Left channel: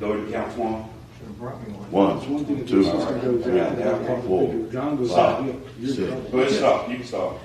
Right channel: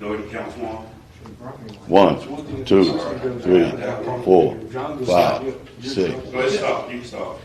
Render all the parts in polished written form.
Go ahead and count one. 1, 2, 3, 4, 5, 6. Go ahead, stop. You can stop.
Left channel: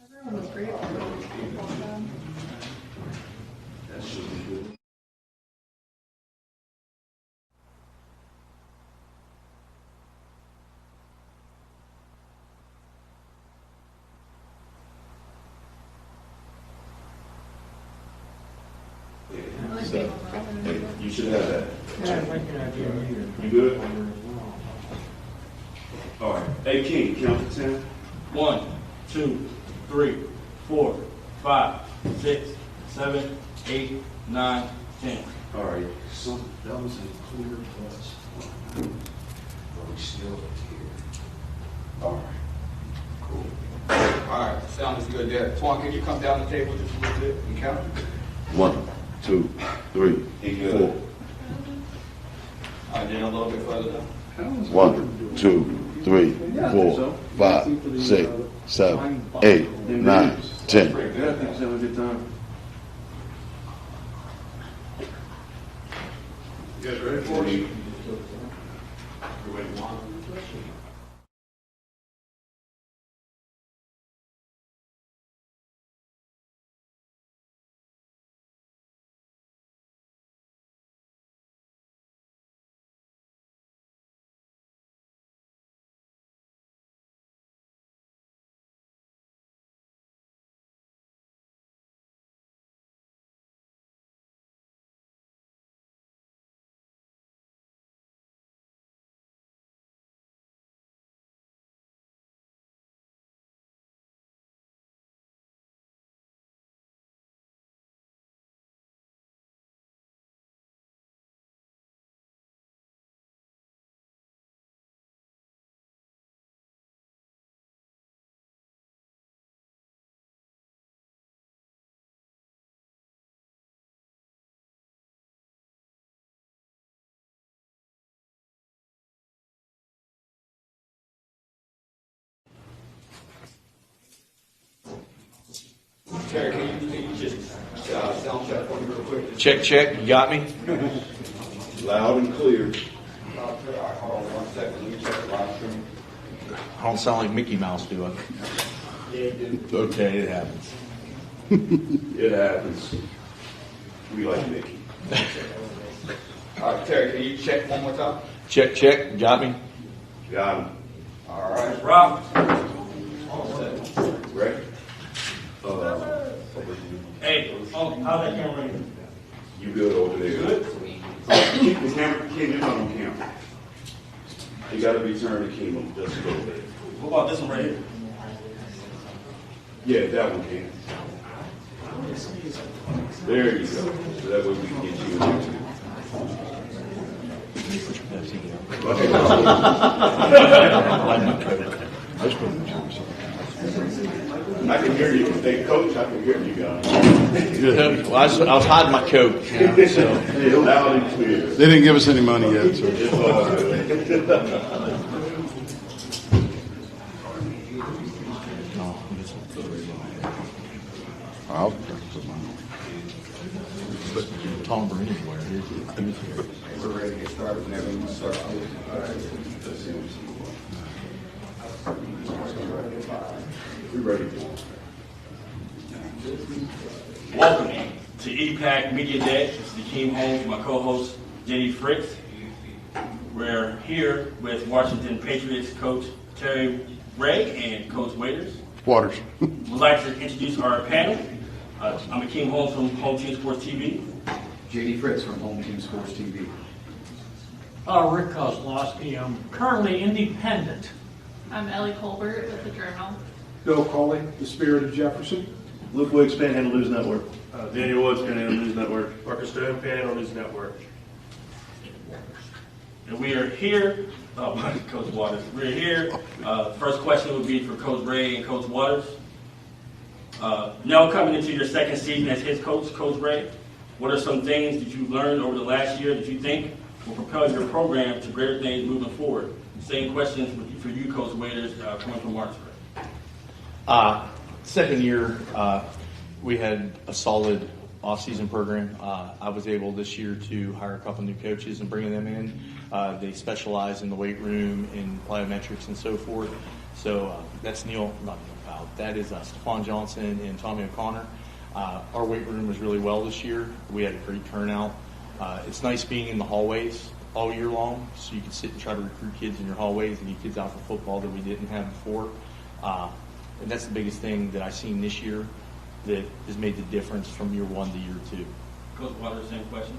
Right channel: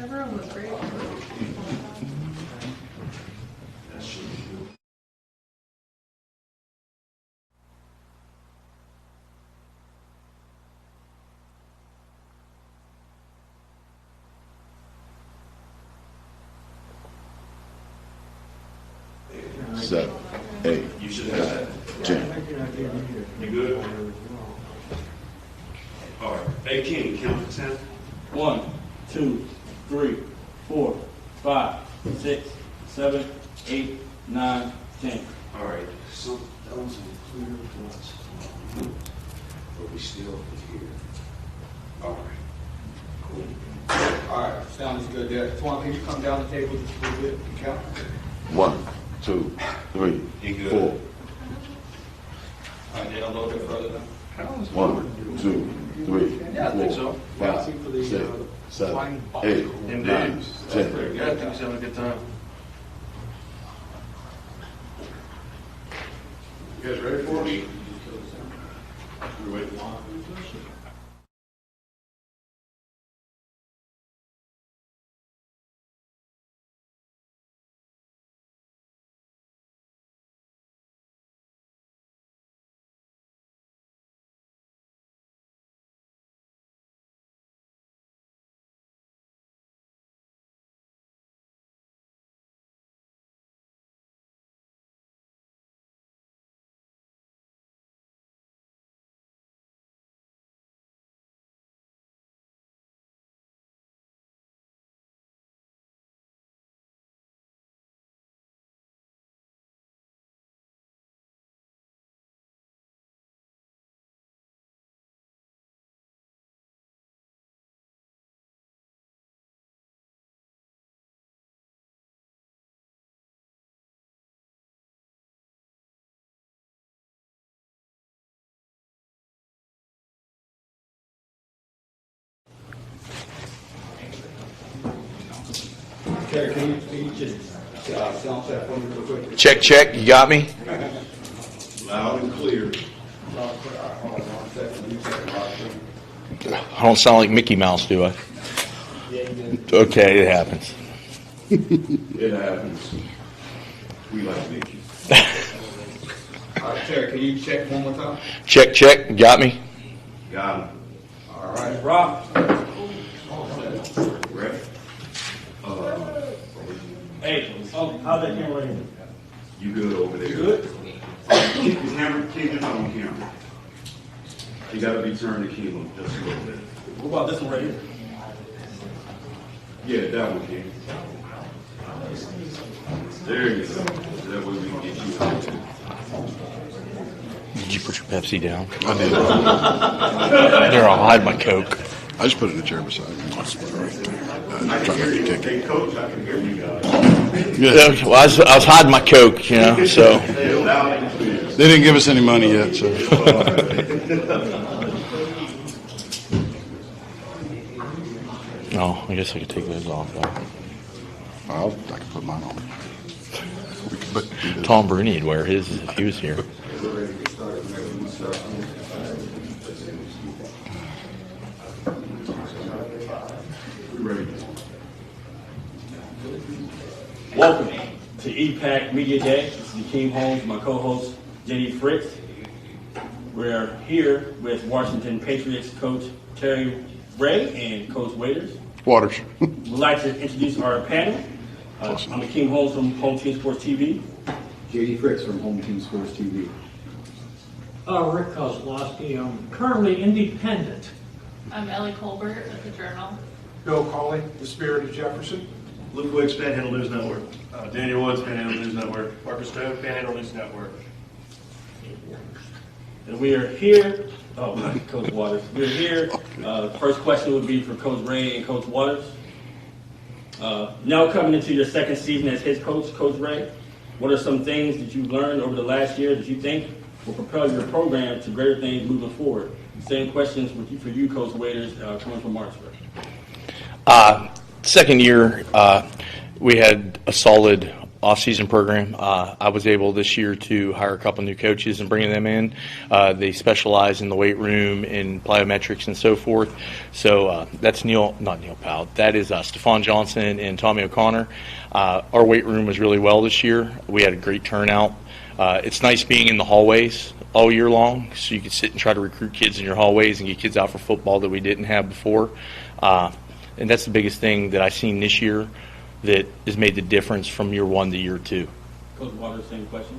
Everyone was great. That should be good. Seven, 8. You should have that. You good? All right. Hey, King, count to 10. 1, 2, 3, 4, 5, 6, 7, 8, 9, 10. All right. So thumbs and clear points. But we still here. All right. Cool. All right, sounds good there. Twan, can you come down the table just a little bit and count? 1, 2, 3, You good? 4. All right, then a little bit further down. 1, 2, 3, Yeah, I think 4, so. 5, 6, 7, 8, 9, 10. Pretty good. I think he's having a good time. You guys ready for me? Terry, can you just sound check for me real quick? Check, check. You got me? Loud and clear. Hold on 1 second. Let me check the live stream. I don't sound like Mickey Mouse, do I? Okay, it happens. It happens. We like Mickey. All right, Terry, can you check one more time? Check, check. You got me? Got him. All right, Rob. Ready? Hey, how's that camera right here? You good over there? Good? Keep the camera, King, just on the camera. You gotta be turned to King just a little bit. What about this one right here? Yeah, that one, King. There you go. So that way we can get you in there too. Did you put your Pepsi down? Here, I'll hide my Coke. I just put it in the chair beside I can hear you. Hey, Coach, I can hear you guys. Yeah. Well, I was hiding my Coke, you know, so. Yeah, loud and clear. They didn't give us any money yet, so. It's all good. Oh, I guess I could take those off. Yeah. I can put mine on. But Tom Bruni would wear his if he was here. We're ready to get started whenever you start. We're ready. Welcome to EPAC Media Day. This is Akeem Holmes, my co-host, Jenny Fritz. We're here with Washington Patriots coach Terry Ray and Coach Waiters. Waters. We'd like to introduce our panel. I'm Akeem Holmes from Home Team Sports TV. JD Fritz from Home Team Sports TV. Rick Kozlowski. I'm currently independent. I'm Ellie Colbert with the Journal. Bill Coley, The Spirit of Jefferson. Luke Wicks, Panhandle News Network. Daniel Woods, Panhandle News Network. Parker Stone, Panhandle News Network. And we are here, Coach Waters, we're here. First question would be for Coach Ray and Coach Waters. Now coming into your second season as head coach, Coach Ray, what are some things that you've learned over the last year that you think will propel your program to greater things moving forward? Same questions for you, Coach Waiters, coming from Martinsburg. Second year, we had a solid off-season program. I was able this year to hire a couple new coaches and bring them in. They specialize in the weight room, in plyometrics and so forth. So that's not Neil Powell. That is Stephon Johnson and Tommy O'Connor. Our weight room was really well this year. We had a great turnout. It's nice being in the hallways all year long, so you can sit and try to recruit kids in your hallways and get kids out for football that we didn't have before. And that's the biggest thing that I've seen this year that has made the difference from year one to year two. Coach Waters, same question.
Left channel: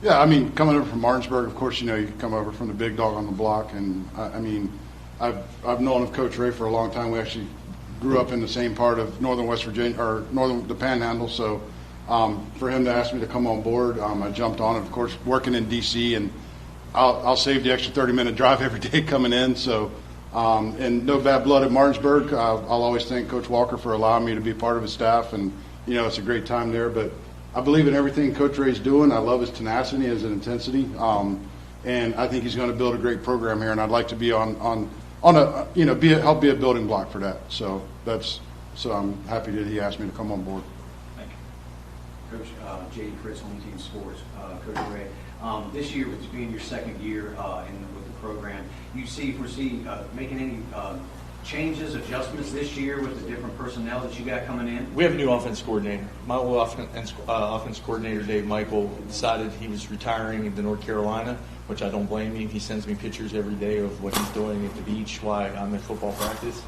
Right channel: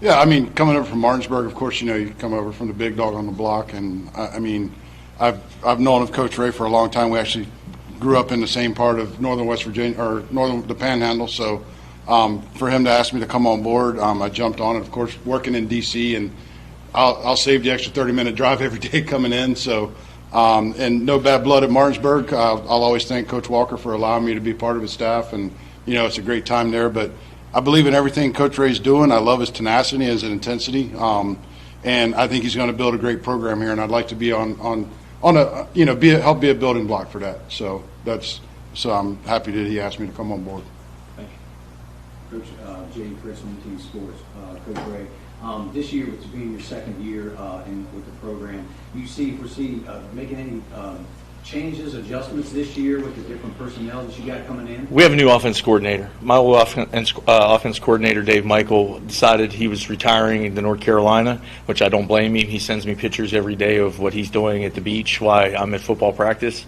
Yeah, I mean, coming over from Martinsburg, of course, you know, you come over from the big dog on the block, and I mean, I've known of Coach Ray for a long time. We actually grew up in the same part of northern West Virginia, or the Panhandle, so for him to ask me to come on board, I jumped on it. Of course, working in D.C., and I'll save the extra 30-minute drive every day coming in, so and no bad blood at Martinsburg. I'll always thank Coach Walker for allowing me to be part of his staff, and you know, it's a great time there. But I believe in everything Coach Ray's doing. I love his tenacity, his intensity, and I think he's going to build a great program here. And I'd like to be on a, you know, help be a building block for that. So I'm happy that he asked me to come on board. Coach JD Fritz, Home Team Sports. Coach Ray, this year, with being your second year with the program, do you foresee making any changes, adjustments this year with the different personnel that you got coming in? We have a new offense coordinator. My old offense coordinator, Dave Michael, decided he was retiring to North Carolina, which I don't blame him. He sends me pictures every day of what he's doing at the beach while I'm at football practice.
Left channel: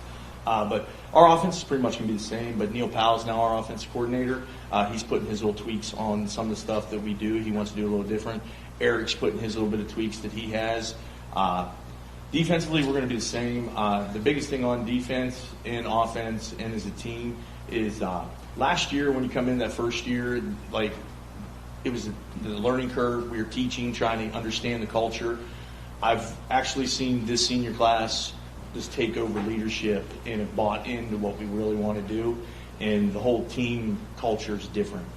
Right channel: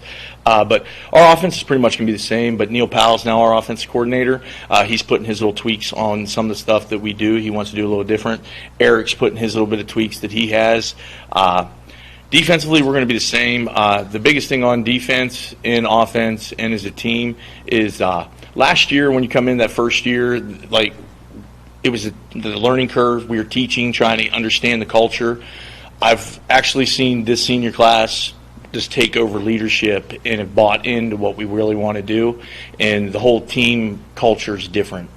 But our offense is pretty much going to be the same, but Neil Powell's now our offense coordinator. He's putting his little tweaks on some of the stuff that we do. He wants to do a little different. Eric's putting his little bit of tweaks that he has. Defensively, we're going to be the same. The biggest thing on defense, in offense, and as a team is last year when you come in that first year, like it was the learning curve. We were teaching, trying to understand the culture. I've actually seen this senior class just take over leadership and have bought into what we really want to do, and the whole team culture is different.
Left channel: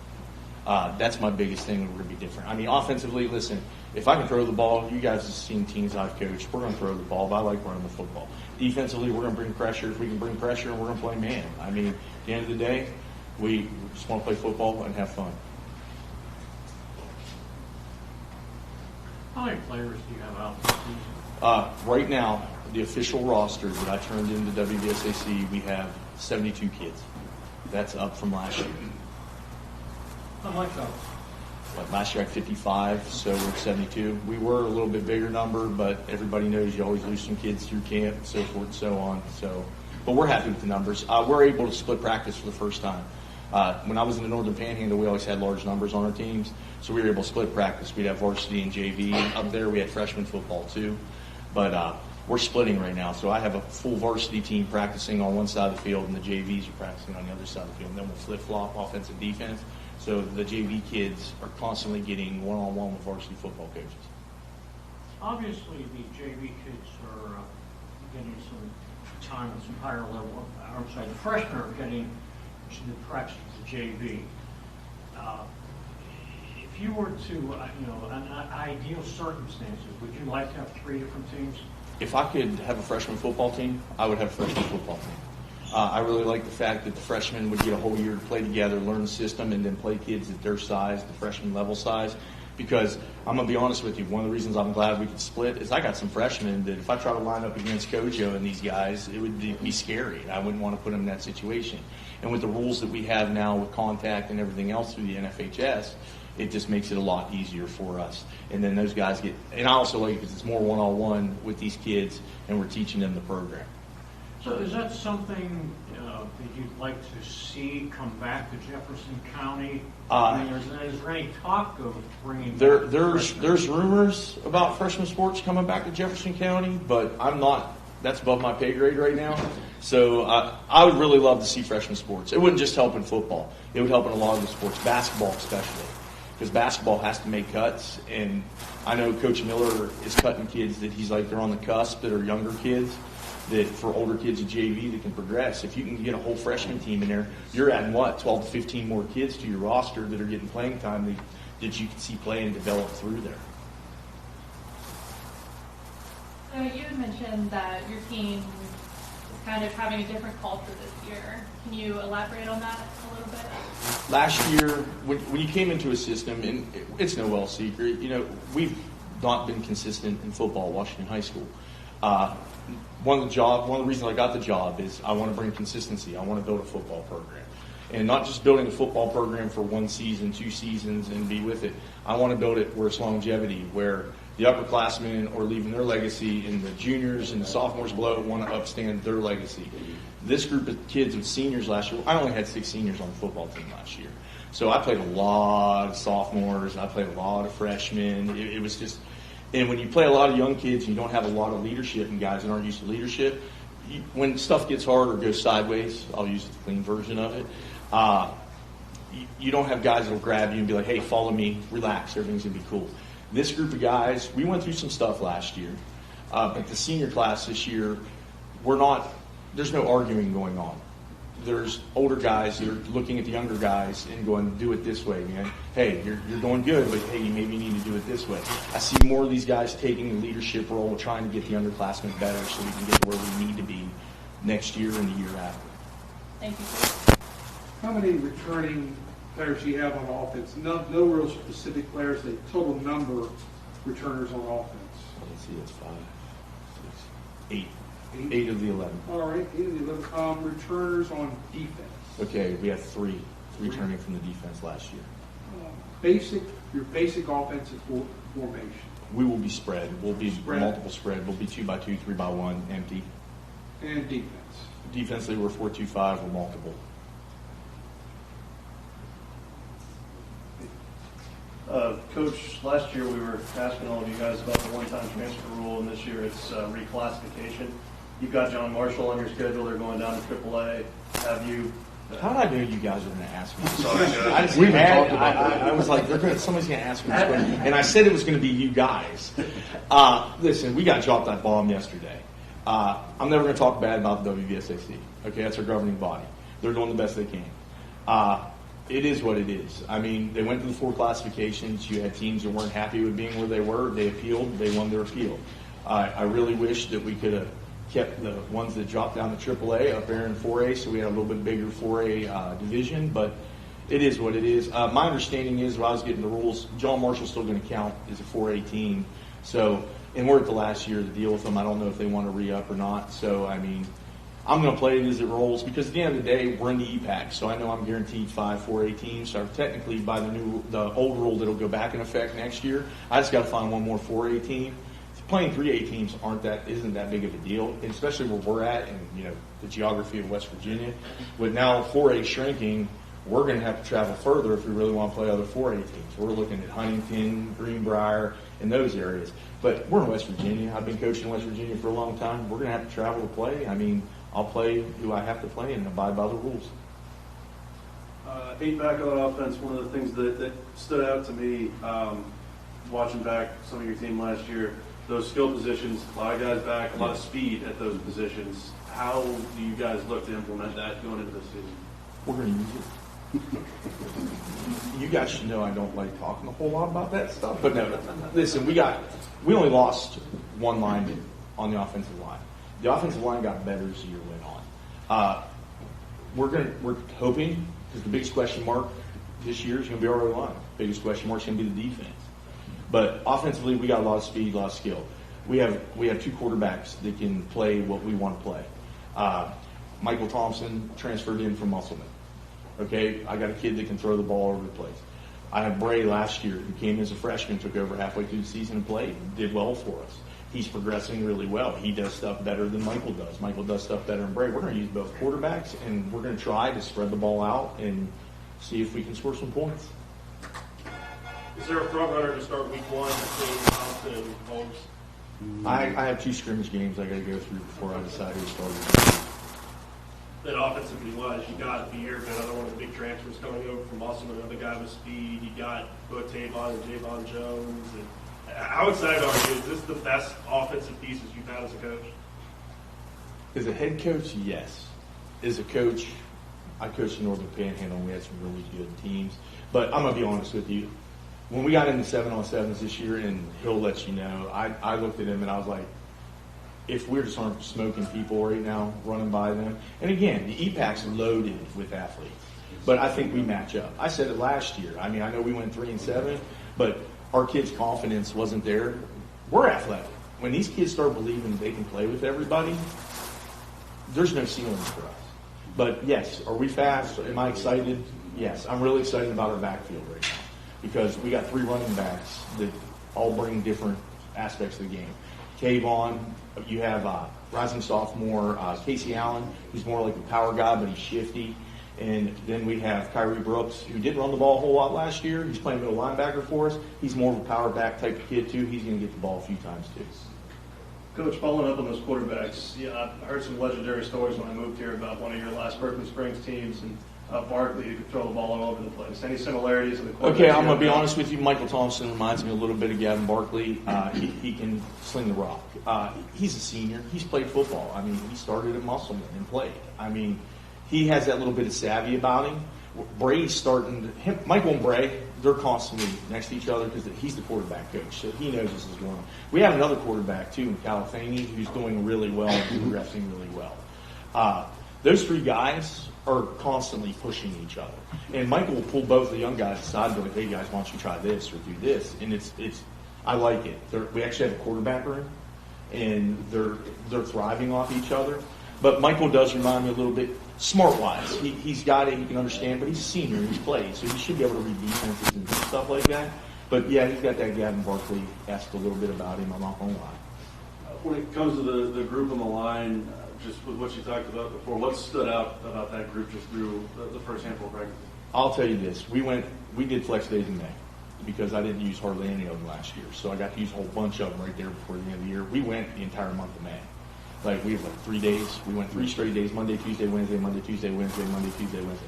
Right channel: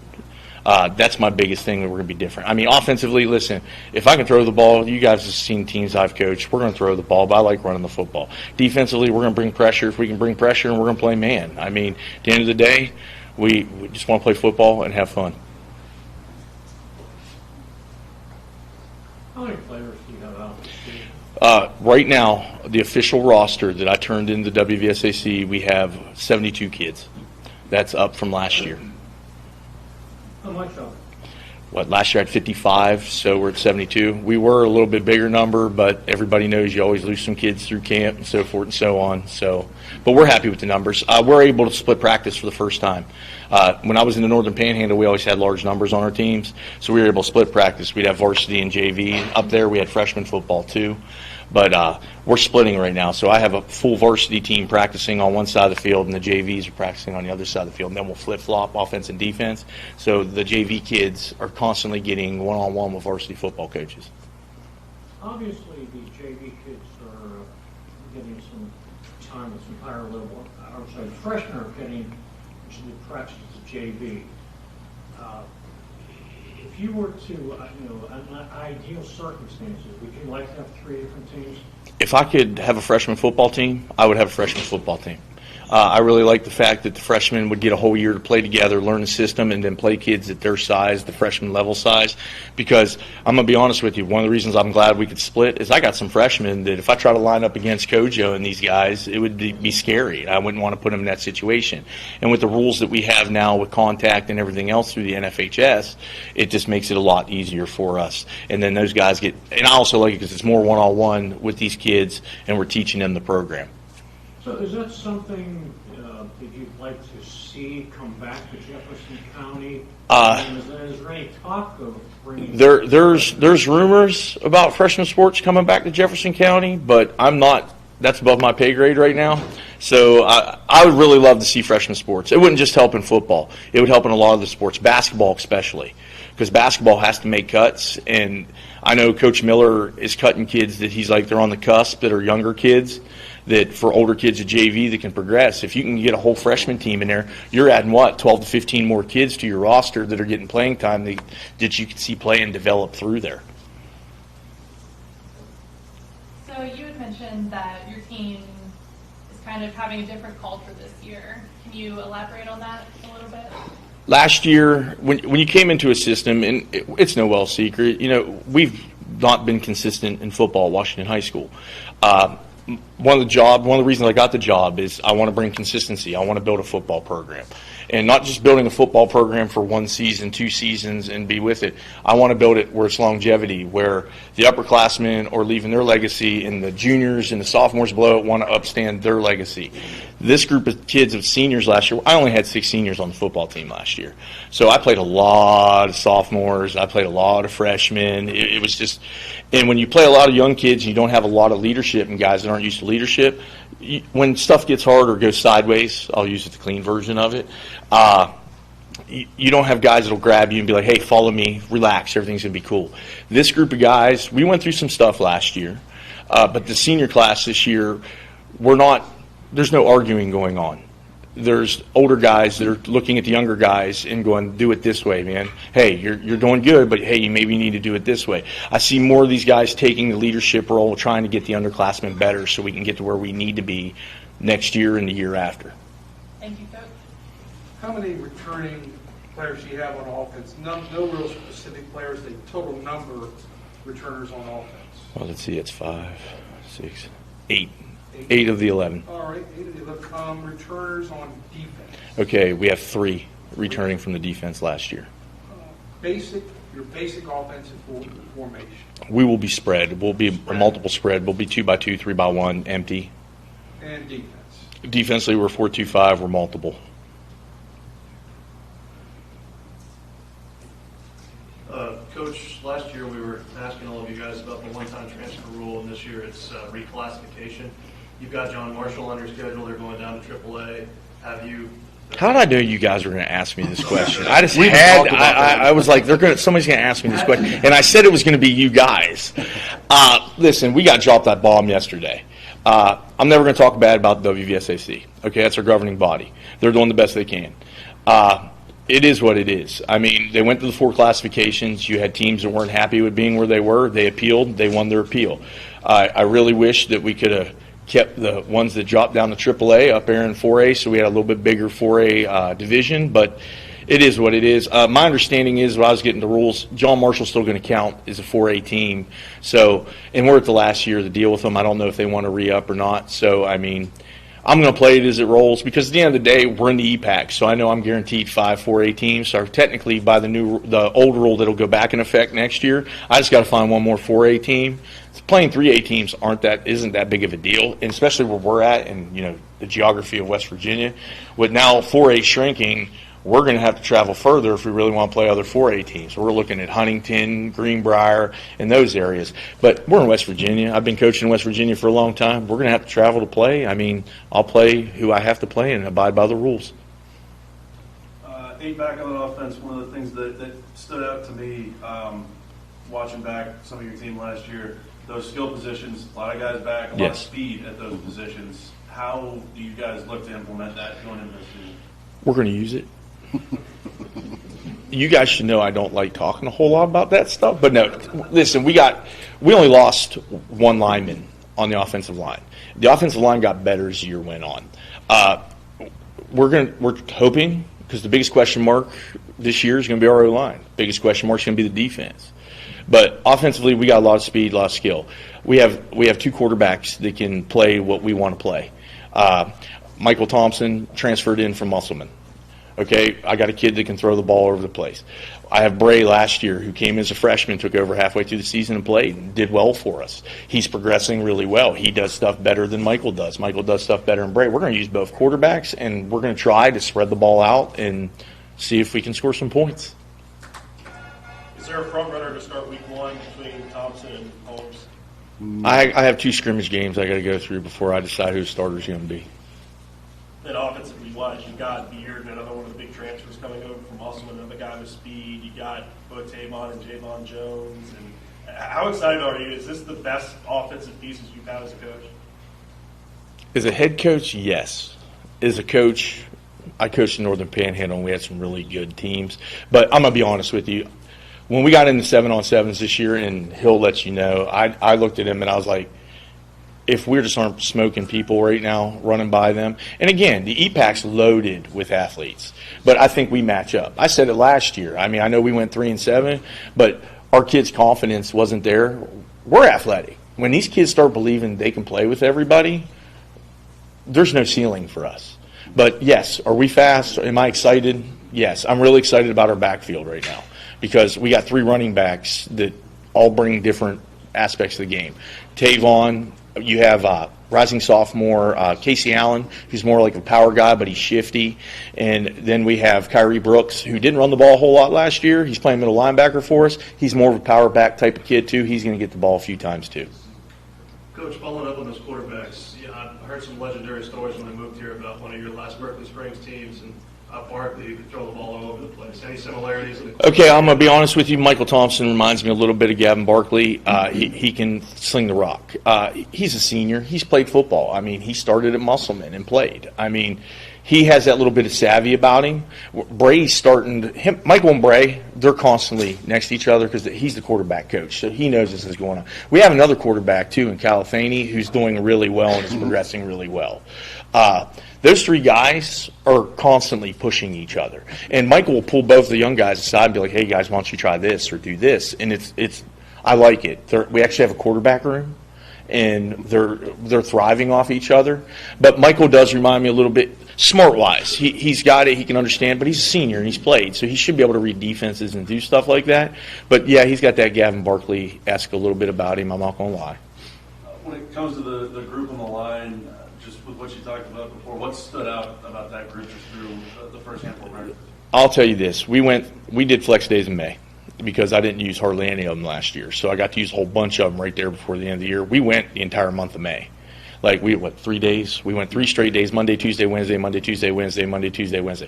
That's my biggest thing that we're going to be different. I mean, offensively, listen, if I can throw the ball, you guys have seen teams I've coached, we're going to throw the ball, but I like running the football. Defensively, we're going to bring pressure. If we can bring pressure, and we're going to play man. I mean, at the end of the day, we just want to play football and have fun. How many players do you have out this season? Right now, the official roster that I turned into WVSAC, we have 72 kids. That's up from last year. How much of it? Last year I had 55, so we're at 72. We were a little bit bigger number, but everybody knows you always lose some kids through camp and so forth and so on. So, but we're happy with the numbers. We're able to split practice for the first time. When I was in the Northern Panhandle, we always had large numbers on our teams, so we were able to split practice. We'd have varsity and JV. Up there, we had freshman football too. But we're splitting right now, so I have a full varsity team practicing on one side of the field, and the JVs are practicing on the other side of the field, and then we'll flip-flop offense and defense. So the JV kids are constantly getting one-on-one with varsity football coaches. Obviously, these JV kids are getting some time at some higher level. I would say the freshmen are getting some good practice at the JV. If you were to, in ideal circumstances, would you like to have 3 different teams? If I could have a freshman football team, I would have a freshman football team. I really like the fact that the freshmen would get a whole year to play together, learn the system, and then play kids at their size, the freshman level size. Because I'm going to be honest with you, one of the reasons I'm glad we could split is I got some freshmen that if I try to line up against Kojo and these guys, it would be scary. I wouldn't want to put them in that situation. And with the rules that we have now with contact and everything else through the NFHS, it just makes it a lot easier for us. And then those guys get, and I also like it because it's more one-on-one with these kids, and we're teaching them the program. So is that something that you'd like to see come back to Jefferson County? Is there any talk of bringing? There's rumors about freshman sports coming back to Jefferson County, but I'm not. That's above my pay grade right now. So I would really love to see freshman sports. It wouldn't just help in football. It would help in a lot of the sports, basketball especially, because basketball has to make cuts. And I know Coach Miller is cutting kids that he's like they're on the cusp that are younger kids. That for older kids at JV that can progress. If you can get a whole freshman team in there, you're adding 12 to 15 more kids to your roster that are getting playing time that you can see play and develop through there. So you had mentioned that your team is kind of having a different culture this year. Can you elaborate on that a little bit? Last year, when you came into a system, and it's no well secret, we've not been consistent in football at Washington High School. One of the reasons I got the job is I want to bring consistency. I want to build a football program. And not just building a football program for 1 season, 2 seasons, and be with it. I want to build it where it's longevity, where the upperclassmen are leaving their legacy and the juniors and the sophomores below it want to upstand their legacy. This group of kids of seniors last year, I only had 6 seniors on the football team last year. So I played a lot of sophomores. I played a lot of freshmen. It was just... And when you play a lot of young kids and you don't have a lot of leadership and guys that aren't used to leadership, when stuff gets hard or goes sideways, I'll use the clean version of it, you don't have guys that will grab you and be like, hey, follow me, relax, everything's going to be cool. This group of guys, we went through some stuff last year, but the senior class this year, there's no arguing going on. There's older guys that are looking at the younger guys and going, do it this way, man. Hey, you're doing good, but hey, you maybe need to do it this way. I see more of these guys taking the leadership role, trying to get the underclassmen better so we can get to where we need to be next year and the year after. Thank you, sir. How many returning players do you have on offense? No real specific players, the total number of returners on offense. Well, let's see, it's 5, 6, 8. 8 of the 11. All right, 8 of the 11. Returners on defense. Okay, we have 3 returning from the defense last year. Your basic offensive formation. We will be spread. We'll be a multiple spread. We'll be 2x2, 3x1, empty. And defense. Defensively, we're 4-2-5. We're multiple. Coach, last year we were asking all of you guys about the one-time transfer rule, and this year it's reclassification. You've got John Marshall on your schedule. They're going down to AAA. Have you? How did I know you guys were going to ask me this question? I just had. I was like, somebody's going to ask me this question, and I said it was going to be you guys. Listen, we got dropped that bomb yesterday. I'm never going to talk bad about the WVSAC. Okay, that's our governing body. They're doing the best they can. It is what it is. I mean, they went to the 4 classifications. You had teams that weren't happy with being where they were. They appealed. They won their appeal. I really wish that we could have kept the ones that dropped down to AAA up there in 4A, so we had a little bit bigger 4A division, but it is what it is. My understanding is, when I was getting the rules, John Marshall's still going to count as a 4A team. So, and we're at the last year of the deal with them. I don't know if they want to re-up or not. So, I mean, I'm going to play it as it rolls because at the end of the day, we're in the EPAC, so I know I'm guaranteed 5 4A teams. So technically, by the old rule that'll go back in effect next year, I just got to find one more 4A team. Playing 3A teams isn't that big of a deal, and especially where we're at and the geography of West Virginia. With now 4A shrinking, we're going to have to travel further if we really want to play other 4A teams. So we're looking at Huntington, Greenbrier, and those areas. But we're in West Virginia. I've been coaching in West Virginia for a long time. We're going to have to travel to play. I mean, I'll play who I have to play and abide by the rules. Being back on offense, one of the things that stood out to me watching back some of your team last year, those skill positions, a lot of guys back, a lot of speed at those positions. How do you guys look to implement that going into the season? We're going to use it. You guys should know I don't like talking a whole lot about that stuff. But no, listen, we only lost 1 lineman on the offensive line. The offensive line got better as the year went on. we're hoping, because the biggest question mark this year is going to be our O-line. Biggest question mark is going to be the defense. But offensively, we got a lot of speed, a lot of skill. We have 2 quarterbacks that can play what we want to play. Michael Thompson transferred in from Musselman. Okay, I got a kid that can throw the ball over the place. I have Bray last year, who came as a freshman, took over halfway through the season and played, did well for us. He's progressing really well. He does stuff better than Michael does. Michael does stuff better than Bray. We're going to use both quarterbacks, and we're going to try to spread the ball out and see if we can score some points. Is there a front runner to start week 1 between Thompson and Holmes? I have 2 scrimmage games I got to go through before I decide who the starter's going to be. And offensively wise, you got Beard, another one of the big transfers coming over from Musselman, another guy with speed. You got Tavon and Javon Jones. And how excited are you? Is this the best offensive pieces you've had as a coach? As a head coach, yes. As a coach, I coached in Northern Panhandle, and we had some really good teams. But I'm going to be honest with you. When we got into 7-on-7s this year, and he'll let you know, I looked at him and I was like, if we're just aren't smoking people right now, running by them. And again, the EPAC's loaded with athletes, but I think we match up. I said it last year. I mean, I know we went 3-7, but our kids' confidence wasn't there. We're athletic. When these kids start believing they can play with everybody, there's no ceiling for us. But yes, are we fast? Am I excited? Yes, I'm really excited about our backfield right now because we got 3 running backs that all bring different aspects of the game. Tavon, you have rising sophomore Casey Allen, who's more like a power guy, but he's shifty. And then we have Kyrie Brooks, who didn't run the ball a whole lot last year. He's playing middle linebacker for us. He's more of a power back type of kid, too. He's going to get the ball a few times, too. Coach, following up on those quarterbacks, I heard some legendary stories when I moved here about one of your last Berkeley Springs teams and Barkley, who could throw the ball all over the place. Any similarities? Okay, I'm going to be honest with you. Michael Thompson reminds me a little bit of Gavin Barkley. He can sling the rock. He's a senior. He's played football. I mean, he started at Musselman and played. I mean, he has that little bit of savvy about him. Bray's starting him. Michael and Bray, they're constantly next to each other because he's the quarterback coach, so he knows this is going on. We have another quarterback, too, in Califani, who's doing really well and is progressing really well. Those 3 guys are constantly pushing each other. And Michael will pull both the young guys aside and be like, hey, guys, why don't you try this or do this? And it's I like it. We actually have a quarterback room, and they're thriving off each other. But Michael does remind me a little bit, smart-wise. He's got it. He can understand. But he's a senior, and he's played. So he should be able to read defenses and do stuff like that. But, yeah, he's got that Gavin Barkley-esque a little bit about him. I'm not going to lie. When it comes to the group on the line, just with what you talked about before, what stood out about that group just through the first handful of practice? I'll tell you this. We did flex days in May because I didn't use hardly any of them last year. So I got to use a whole bunch of them right there before the end of the year. We went the entire month of May. Like, 3 days? We went 3 straight days, Monday, Tuesday, Wednesday, Monday, Tuesday, Wednesday, Monday, Tuesday, Wednesday.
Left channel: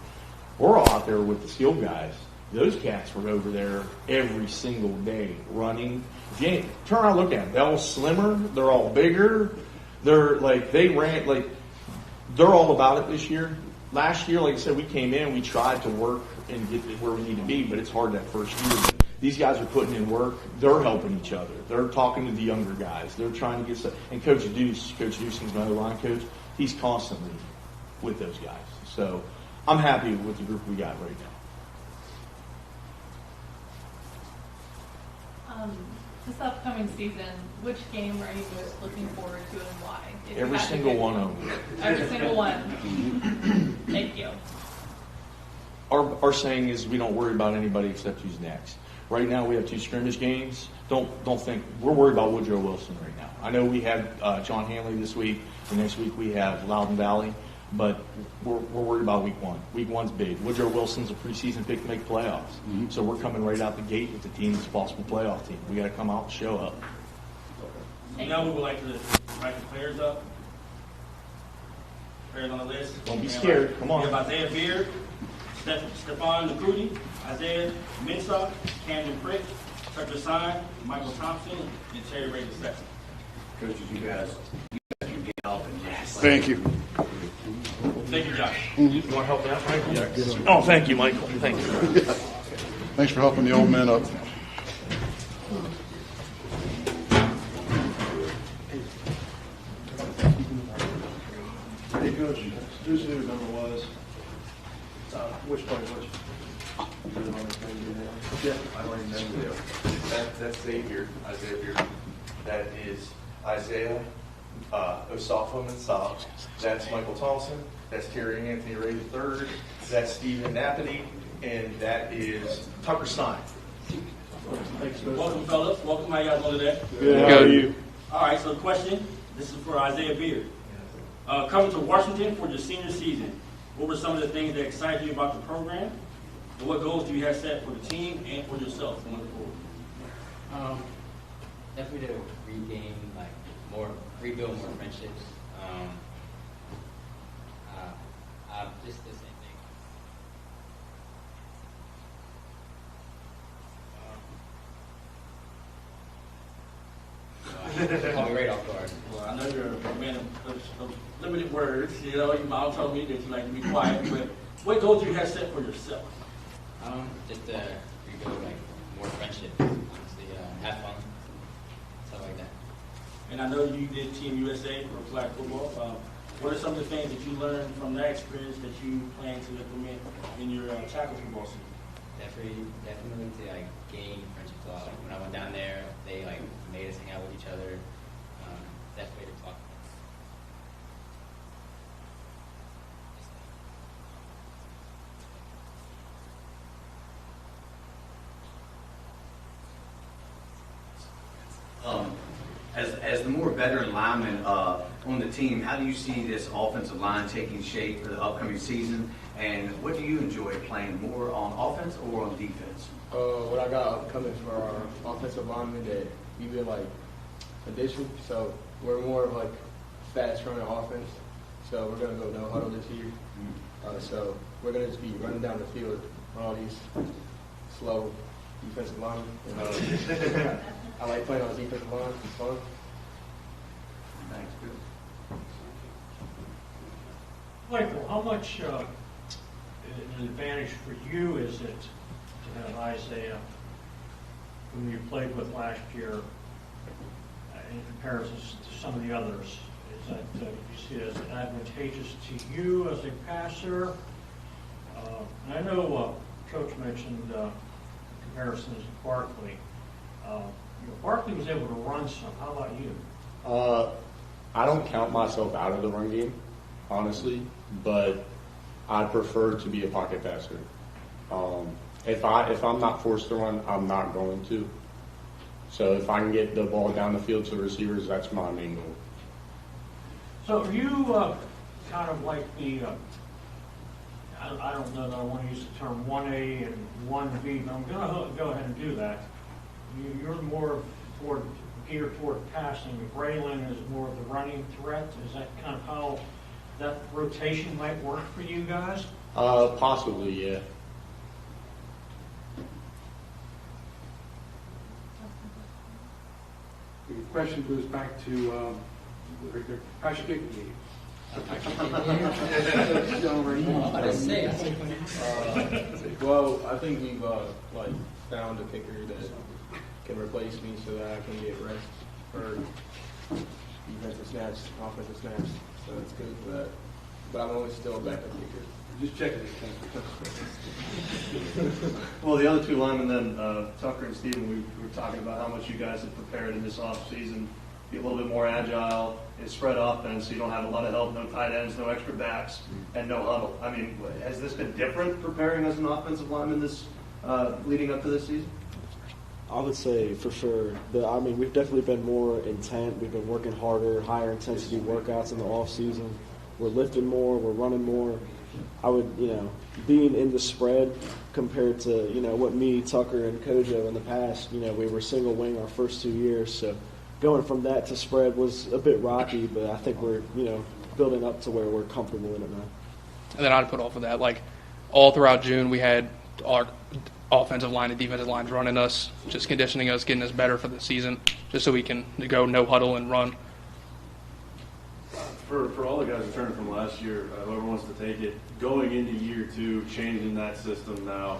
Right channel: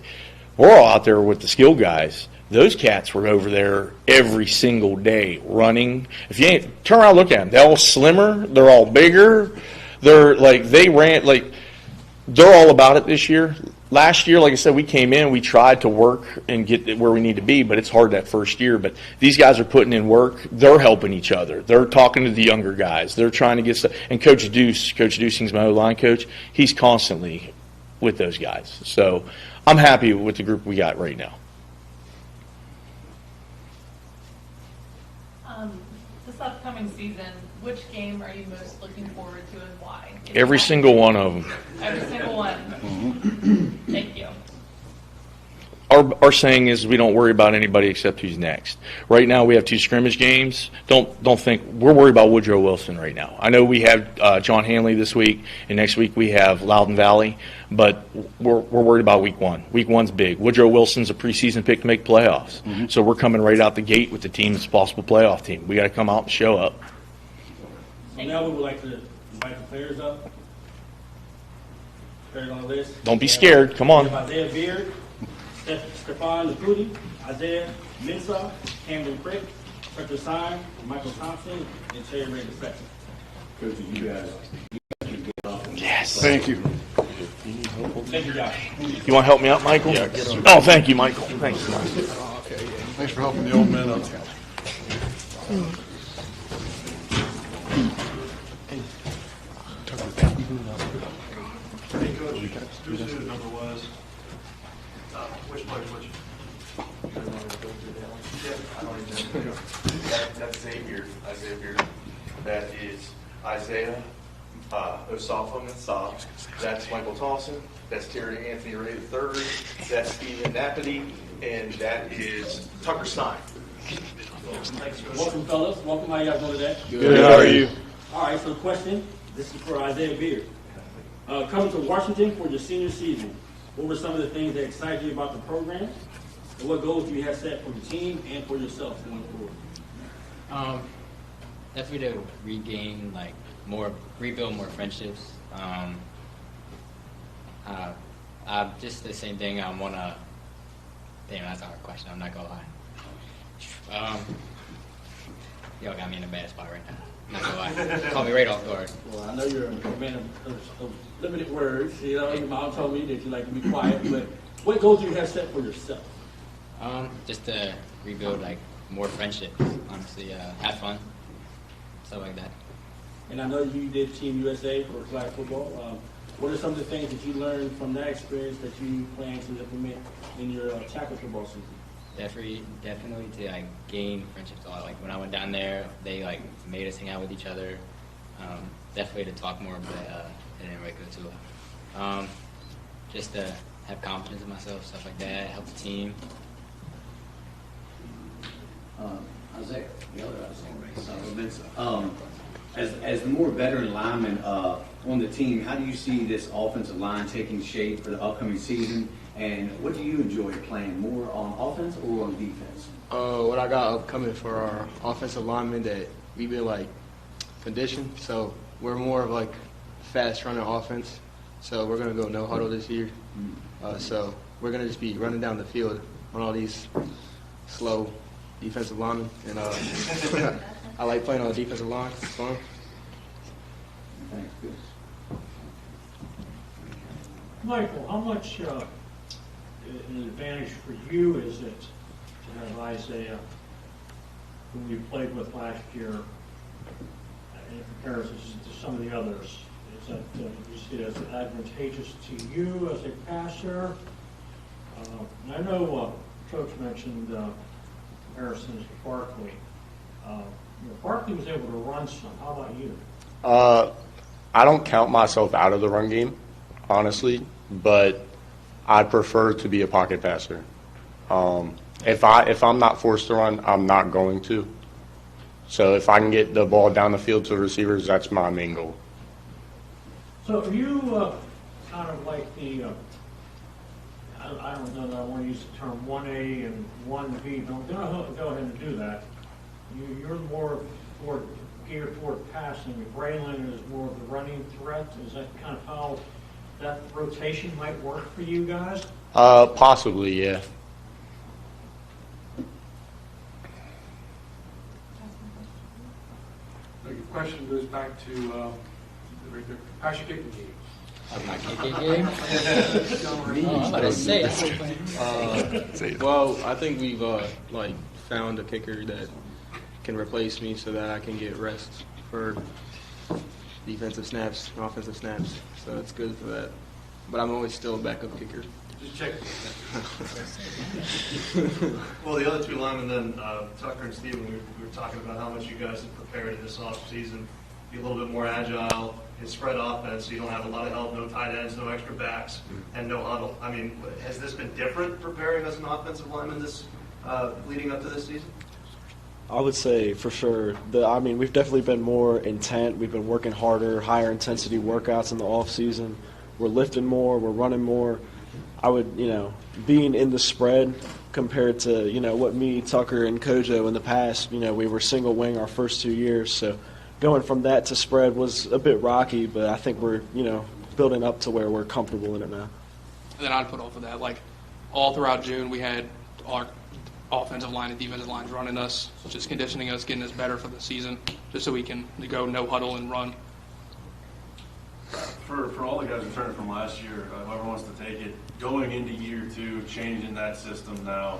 We're all out there with the skill guys. Those cats were over there every single day running. If you ain't, turn around, look at them. They're all slimmer. They're all bigger. They're all about it this year. Last year, like I said, we came in, we tried to work and get where we need to be, but it's hard that first year. But these guys are putting in work. They're helping each other. They're talking to the younger guys. They're trying to get stuff. And Coach Dusing's my O-line coach. He's constantly with those guys. So I'm happy with the group we got right now. This upcoming season, which game are you most looking forward to and why? Every single one of them. Every single one. Thank you. Our saying is we don't worry about anybody except who's next. Right now we have 2 scrimmage games. Don't think we're worried about Woodrow Wilson right now. I know we have John Hanley this week, and next week we have Loudon Valley, but we're worried about week 1. Week 1's big. Woodrow Wilson's a preseason pick to make playoffs, so we're coming right out the gate with the team that's a possible playoff team. We got to come out and show up. Now we would like to invite the players up. Players on the list. Don't be scared. Come on. We have Isaiah Beard, Stephon Lacuti, Isaiah Mensah, Camden Frick, Tucker Sign, Michael Thompson, and Terry Ray II. Coaches, you guys can get up. Yes. Thank you. Thank you, Josh. You want to help me out, Michael? Yeah. Oh, thank you, Michael. Thank you. Thanks for helping the old man up. Hey, Coach, who's the number was? Which players, which? Yeah, I know exactly. That's Xavier. That is Isaiah Osafon and Saab. That's Michael Thompson. That's Terry Anthony Ray III. That's Stephen Napoli. And that is Tucker Stein. Welcome, fellas. Welcome. How you guys doing today? Good. How are you? All right, so question. This is for Isaiah Beard. Coming to Washington for your senior season, what were some of the things that excited you about the program? And what goals do you have set for the team and for yourself going forward? Definitely to regain, rebuild more friendships. Just the same thing. I want to. Damn, that's a hard question. I'm not gonna lie. Y'all got me in a bad spot right now. Not gonna lie. Call me right off guard. Well, I know you're a man of limited words. You know, your mom told me that you like to be quiet, but what goals do you have set for yourself? Just to rebuild more friendships. Honestly, have fun, stuff like that. And I know you did Team USA for flag football. What are some of the things that you learned from that experience that you plan to implement in your tackle football season? Definitely to gain friendships a lot. When I went down there, they made us hang out with each other. Definitely to talk more, but I didn't really go to it. Just to have confidence in myself, stuff like that, help the team. Isaiah, as the more veteran lineman on the team, how do you see this offensive line taking shape for the upcoming season? And what do you enjoy playing, more on offense or on defense? What I got upcoming for our offensive linemen, that we've been conditioned, so we're more of fast running offense. So we're gonna go no huddle this year. So we're gonna just be running down the field on all these slow defensive linemen, and I like playing on the defensive line. It's fun. Thanks, Bill. Michael, how much an advantage for you is it to have Isaiah, whom you played with last year, in comparison to some of the others? Is that you see it as advantageous to you as a passer? I know Coach mentioned comparisons to Barkley. Barkley was able to run some. How about you? I don't count myself out of the run game, honestly, but I prefer to be a pocket passer. If I'm not forced to run, I'm not going to. So if I can get the ball down the field to receivers, that's my main goal. So are you kind of like the, I don't know that I want to use the term 1A and 1B, but I'm going to go ahead and do that. You're more geared toward passing. Braylon is more of the running threat. Is that kind of how that rotation might work for you guys? Possibly, yeah. The question goes back to how's your kicking game? Well, I think we've found a kicker that can replace me so that I can get rest for defensive snaps and offensive snaps. So it's good for that. But I'm always still a backup kicker. Just check it. Well, the other two linemen then, Tucker and Steven, we were talking about how much you guys have prepared in this offseason. Be a little bit more agile and spread offense, so you don't have a lot of help, no tight ends, no extra backs, and no huddle. I mean, has this been different preparing as an offensive lineman this leading up to this season? I would say for sure. We've definitely been more intent. We've been working harder, higher intensity workouts in the off season. We're lifting more. We're running more. I would, being in the spread compared to, what me, Tucker, and Kojo in the past, we were single wing our first 2 years. So going from that to spread was a bit rocky, but I think we're, building up to where we're comfortable in it now. And then I'd put off of that, all throughout June, we had our offensive line and defensive lines running us, just conditioning us, getting us better for the season, just so we can go no huddle and run. For all the guys returning from last year, whoever wants to take it, going into year two, changing that system now,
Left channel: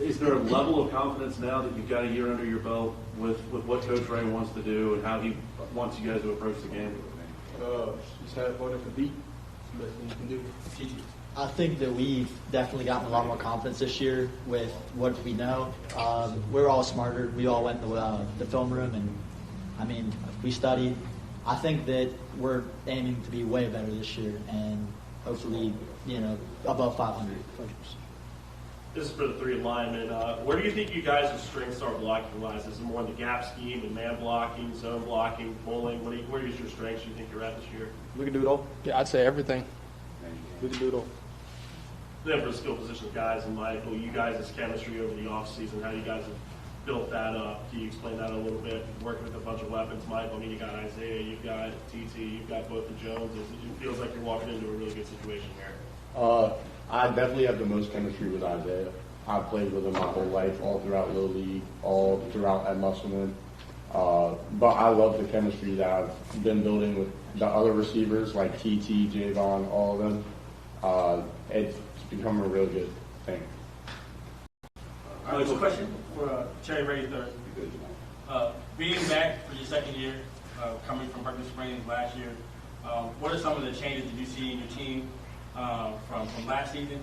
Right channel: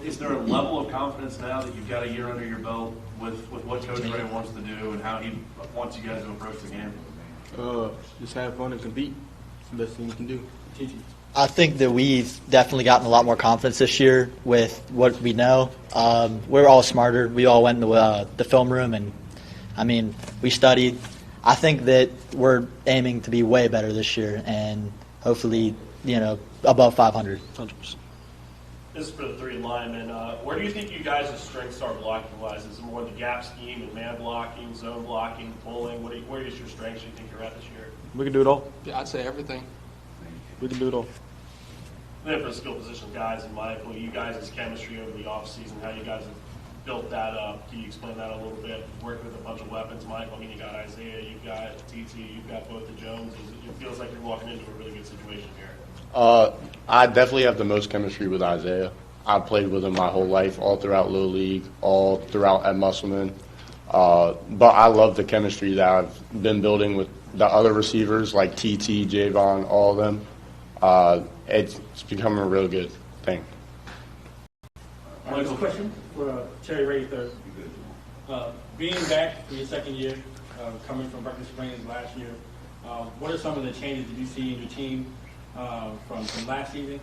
is there a level of confidence now that you've got a year under your belt with what Coach Ray wants to do and how he wants you guys to approach the game? Just have fun and compete. It's the best thing you can do. I think that we've definitely gotten a lot more confidence this year with what we know. We're all smarter. We all went into the film room, and I mean, we studied. I think that we're aiming to be way better this year, and hopefully, above 500. This is for the three linemen. Where do you think you guys' strengths are blocking-wise? Is it more the gap scheme and man blocking, zone blocking, pulling? Where is your strengths you think you're at this year? We can do it all. Yeah, I'd say everything. We can do it all. Then for the skill position guys and Michael, you guys' chemistry over the offseason, how you guys have built that up. Can you explain that a little bit? Working with a bunch of weapons, Michael, I mean, you got Isaiah, you've got TT, you've got both the Joneses. It feels like you're walking into a really good situation here. I definitely have the most chemistry with Isaiah. I've played with him my whole life, all throughout Little League, all throughout at Musselman. But I love the chemistry that I've been building with the other receivers like TT, Javon, all of them. It's becoming a real good thing. All right, so question for Terry Ray third. Being back for your second year, coming from Perkins Springs last year, what are some of the changes that you see in your team from last season?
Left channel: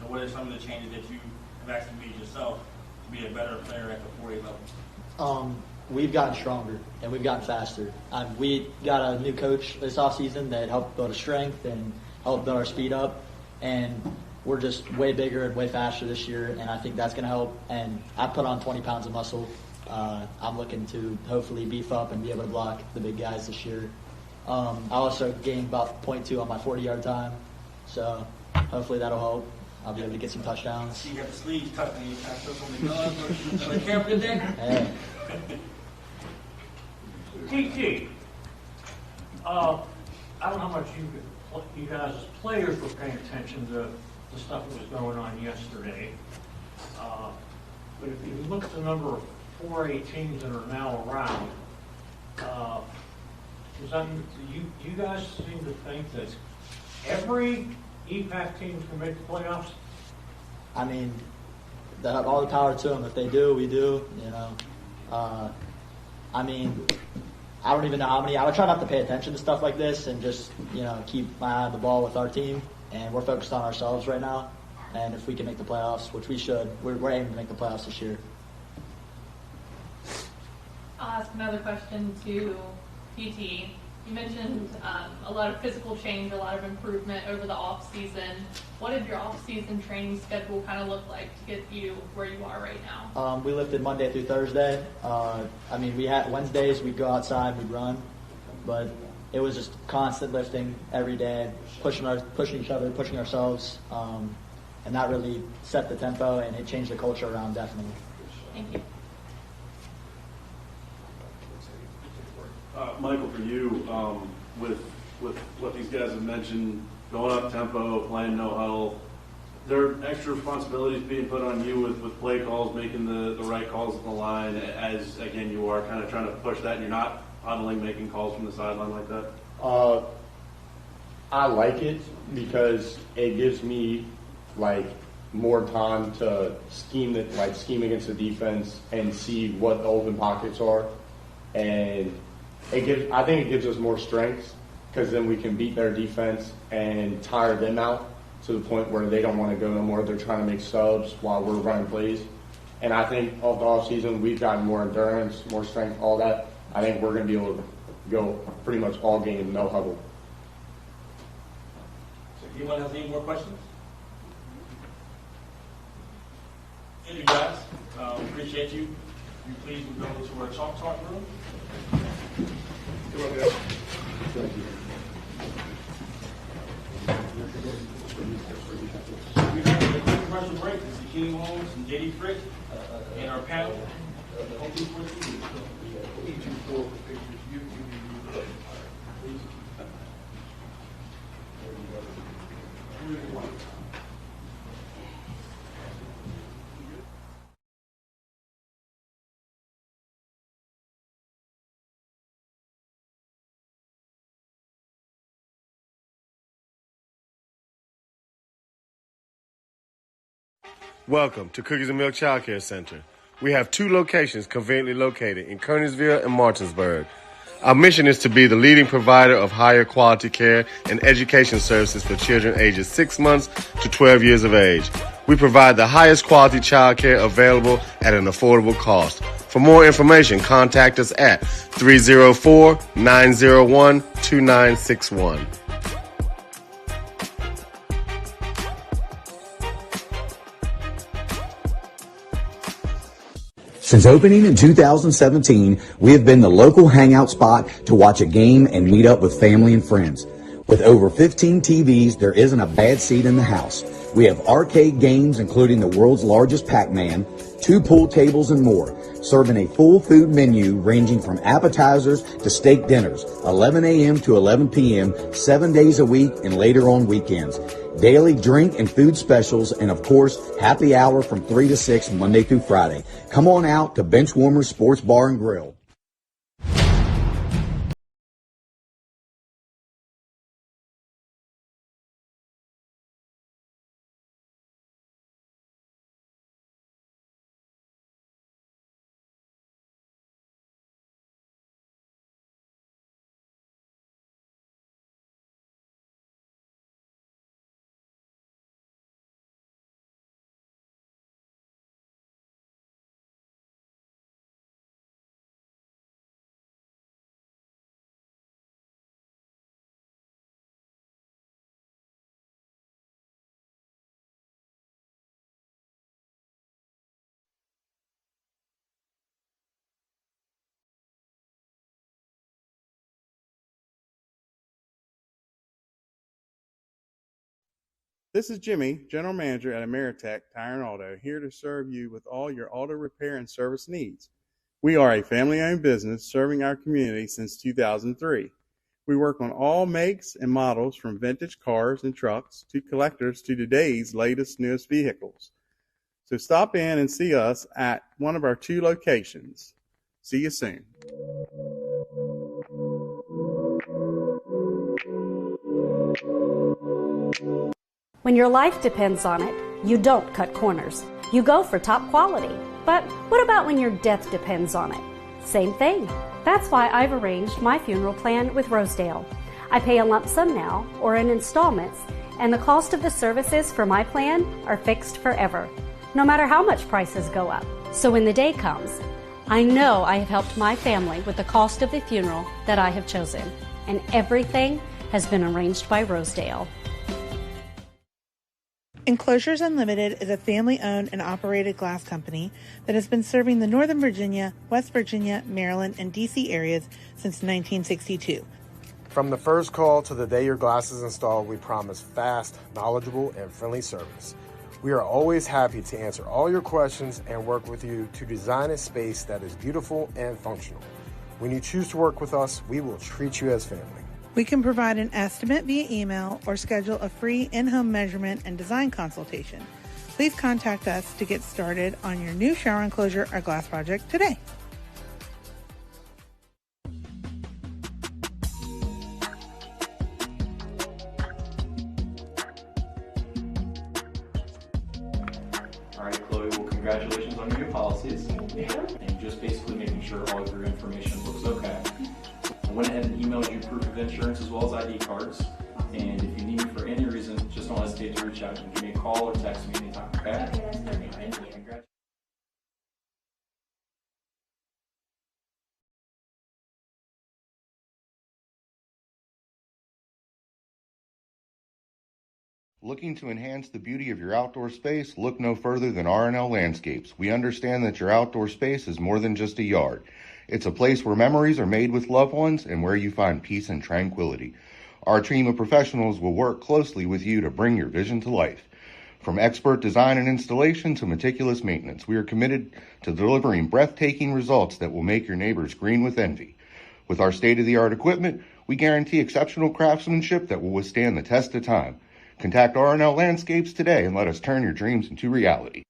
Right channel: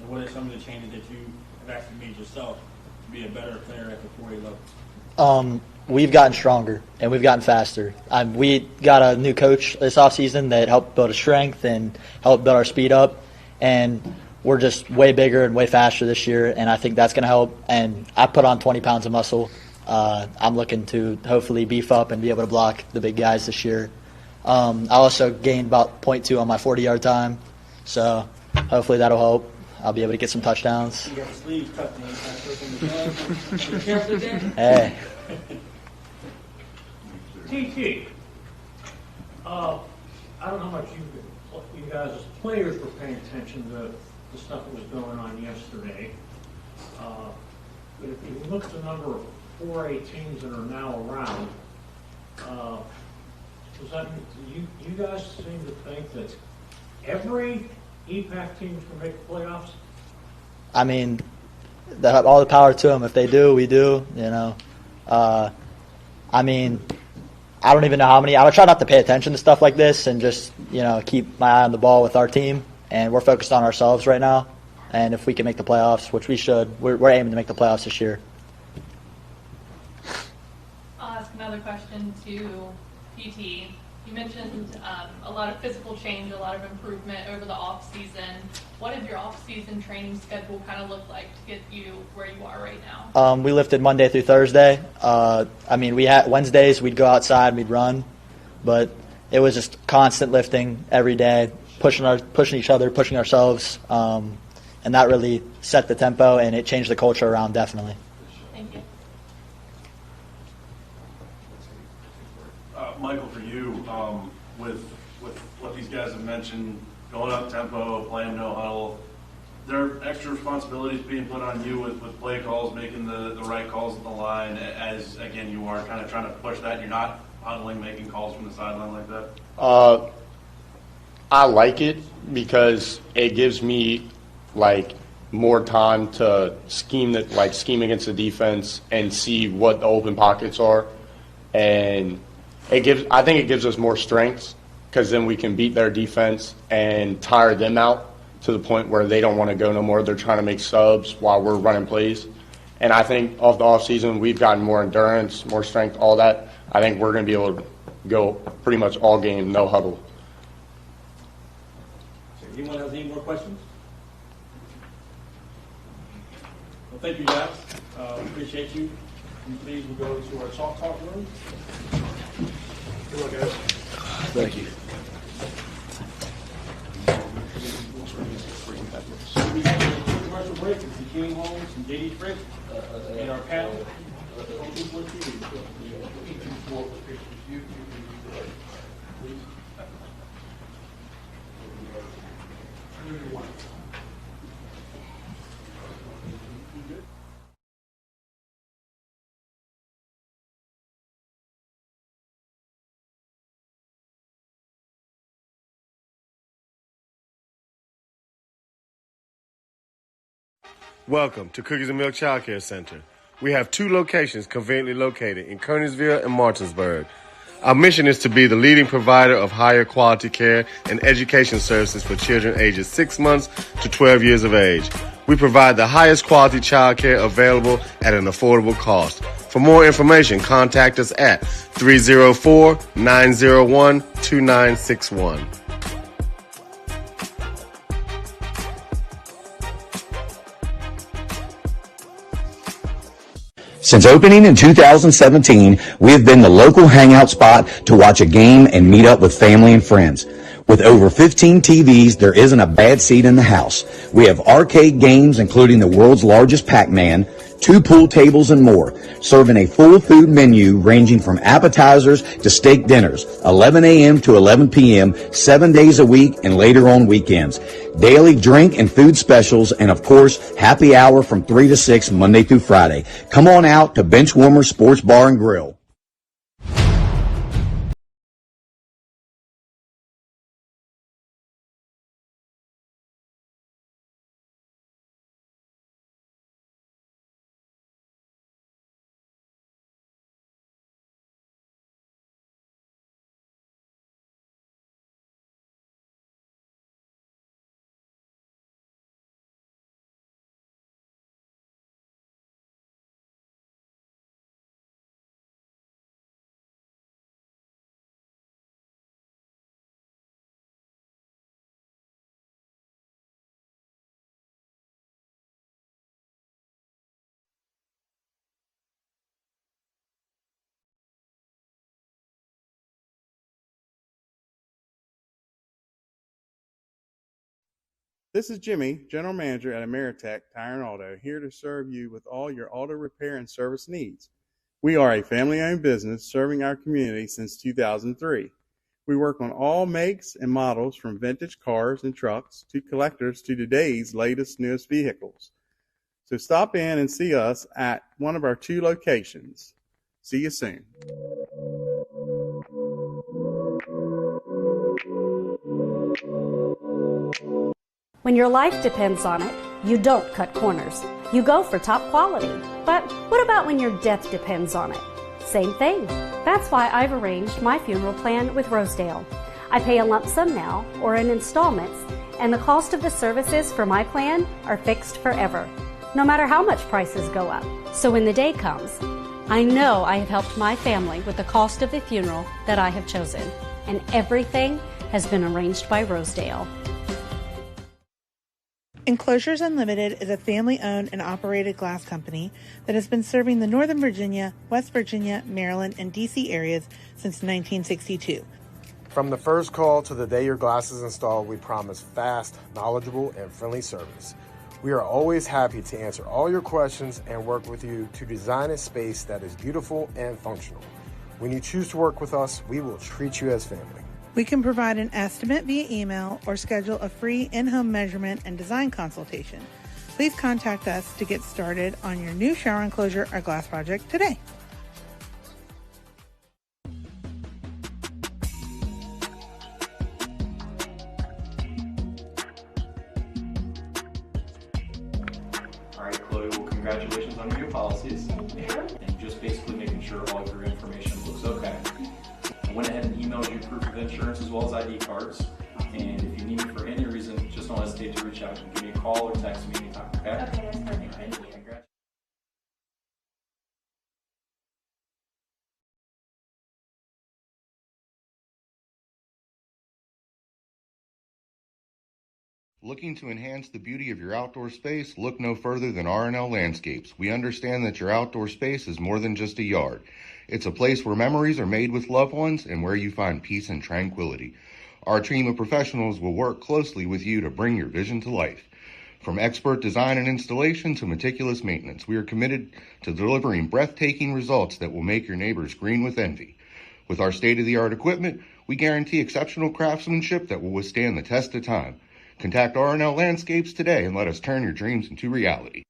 And what are some of the changes that you have actually made yourself to be a better player at the 4A level? We've gotten stronger and we've gotten faster. We got a new coach this offseason that helped build our strength and helped build our speed up, and we're just way bigger and way faster this year, and I think that's going to help. And I put on 20 pounds of muscle. I'm looking to hopefully beef up and be able to block the big guys this year. I also gained about 0.2 on my 40-yard time, so hopefully that'll help. I'll be able to get some touchdowns. You got the sleeves tucked in, you got to throw some careful there. Hey. TT, I don't know how much you guys as players were paying attention to the stuff that was going on yesterday. But if you look at the number of 4A teams that are now around, does that you guys seem to think that every EPAC team can make the playoffs? I mean, all the power to them. If they do, we do. I mean, I don't even know how many. I would try not to pay attention to stuff like this and just, keep my eye on the ball with our team. And we're focused on ourselves right now. And if we can make the playoffs, which we should, we're aiming to make the playoffs this year. I'll ask another question to PT. You mentioned a lot of physical change, a lot of improvement over the off season. What did your off season training schedule kind of look like to get you where you are right now? We lifted Monday through Thursday. We had Wednesdays we'd go outside, we'd run, but it was just constant lifting every day, pushing each other, pushing ourselves, and that really set the tempo and it changed the culture around definitely. Thank you. Michael, for you, with what these guys have mentioned, going up tempo, playing no huddle, there are extra responsibilities being put on you with play calls, making the right calls on the line, as again you are kind of trying to push that, and you're not huddling, making calls from the sideline like that. I like it because it gives me more time to scheme against the defense and see what the open pockets are, and I think it gives us more strengths because then we can beat their defense and tire them out to the point where they don't want to go no more. They're trying to make subs while we're running plays. And I think off the offseason, we've gotten more endurance, more strength, all that. I think we're going to be able to go pretty much all game, no huddle. So anyone has any more questions? Well, thank you, guys. Appreciate you. Please, we'll go to our talk room. Thank you. We have a commercial break. It's the King Holmes and JD Frick in our panel. Welcome to Cookies and Milk Child Care Center. We have 2 locations conveniently located in Kernersville and Martinsburg. Our mission is to be the leading provider of higher quality care and education services for children ages 6 months to 12 years of age. We provide the highest quality child care available at an affordable cost. For more information, contact us at 304-901-2961. Since opening in 2017, we have been the local hangout spot to watch a game and meet up with family and friends. With over 15 TVs, there isn't a bad seat in the house. We have arcade games, including the world's largest Pac-Man, 2 pool tables, and more, serving a full food menu ranging from appetizers to steak dinners, 11 a.m. to 11 p.m., 7 days a week and later on weekends. Daily drink and food specials, and of course, happy hour from 3 to 6 Monday through Friday. Come on out to Benchwarmer Sports Bar and Grill. This is Jimmy, General Manager at Ameritech Tire and Auto, here to serve you with all your auto repair and service needs. We are a family-owned business serving our community since 2003. We work on all makes and models from vintage cars and trucks to collectors to today's latest, newest vehicles. So stop in and see us at one of our 2 locations. See you soon. When your life depends on it, you don't cut corners. You go for top quality. But what about when your death depends on it? Same thing. That's why I've arranged my funeral plan with Rosedale. I pay a lump sum now or in installments, and the cost of the services for my plan are fixed forever, no matter how much prices go up. So when the day comes, I know I have helped my family with the cost of the funeral that I have chosen, and everything has been arranged by Rosedale. Enclosures Unlimited is a family-owned and operated glass company that has been serving the Northern Virginia, West Virginia, Maryland, and D.C. areas since 1962. From the first call to the day your glass is installed, we promise fast, knowledgeable, and friendly service. We are always happy to answer all your questions and work with you to design a space that is beautiful and functional. When you choose to work with us, we will treat you as family. We can provide an estimate via email or schedule a free in-home measurement and design consultation. Please contact us to get started on your new shower enclosure or glass project today. All right, Chloe, well, congratulations on your new policies. And just basically making sure all of your information looks okay. I went ahead and emailed you proof of insurance as well as ID cards. And if you need me for any reason, just don't hesitate to reach out. You can give me a call or text me anytime, okay? Okay, that's perfect. Thank you. Looking to enhance the beauty of your outdoor space? Look no further than R&L Landscapes. We understand that your outdoor space is more than just a yard. It's a place where memories are made with loved ones and where you find peace and tranquility. Our team of professionals will work closely with you to bring your vision to life. From expert design and installation to meticulous maintenance, we are committed to delivering breathtaking results that will make your neighbors green with envy. With our state-of-the-art equipment, we guarantee exceptional craftsmanship that will withstand the test of time. Contact R&L Landscapes today and let us turn your dreams into reality.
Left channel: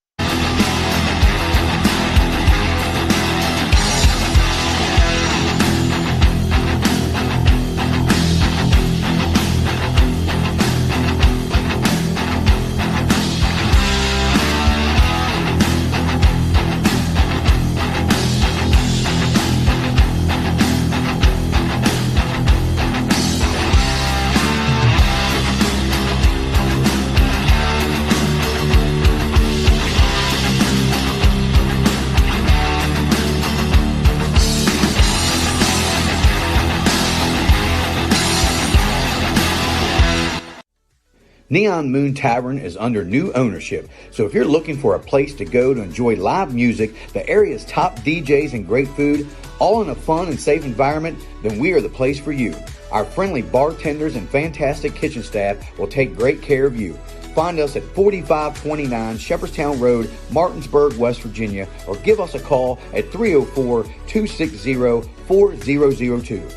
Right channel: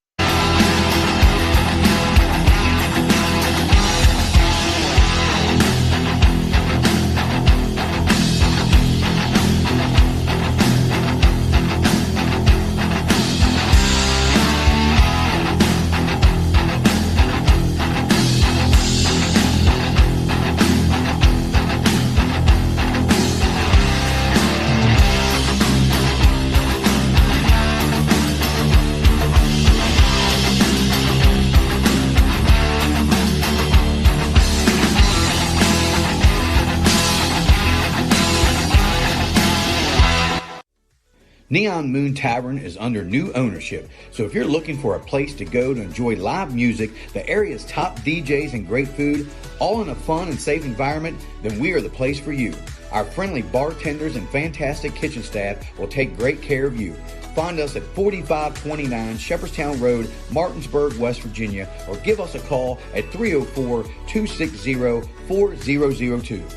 Neon Moon Tavern is under new ownership, so if you're looking for a place to go to enjoy live music, the area's top DJs and great food, all in a fun and safe environment, then we are the place for you. Our friendly bartenders and fantastic kitchen staff will take great care of you. Find us at 4529 Shepherdstown Road, Martinsburg, West Virginia, or give us a call at 304-260-4002.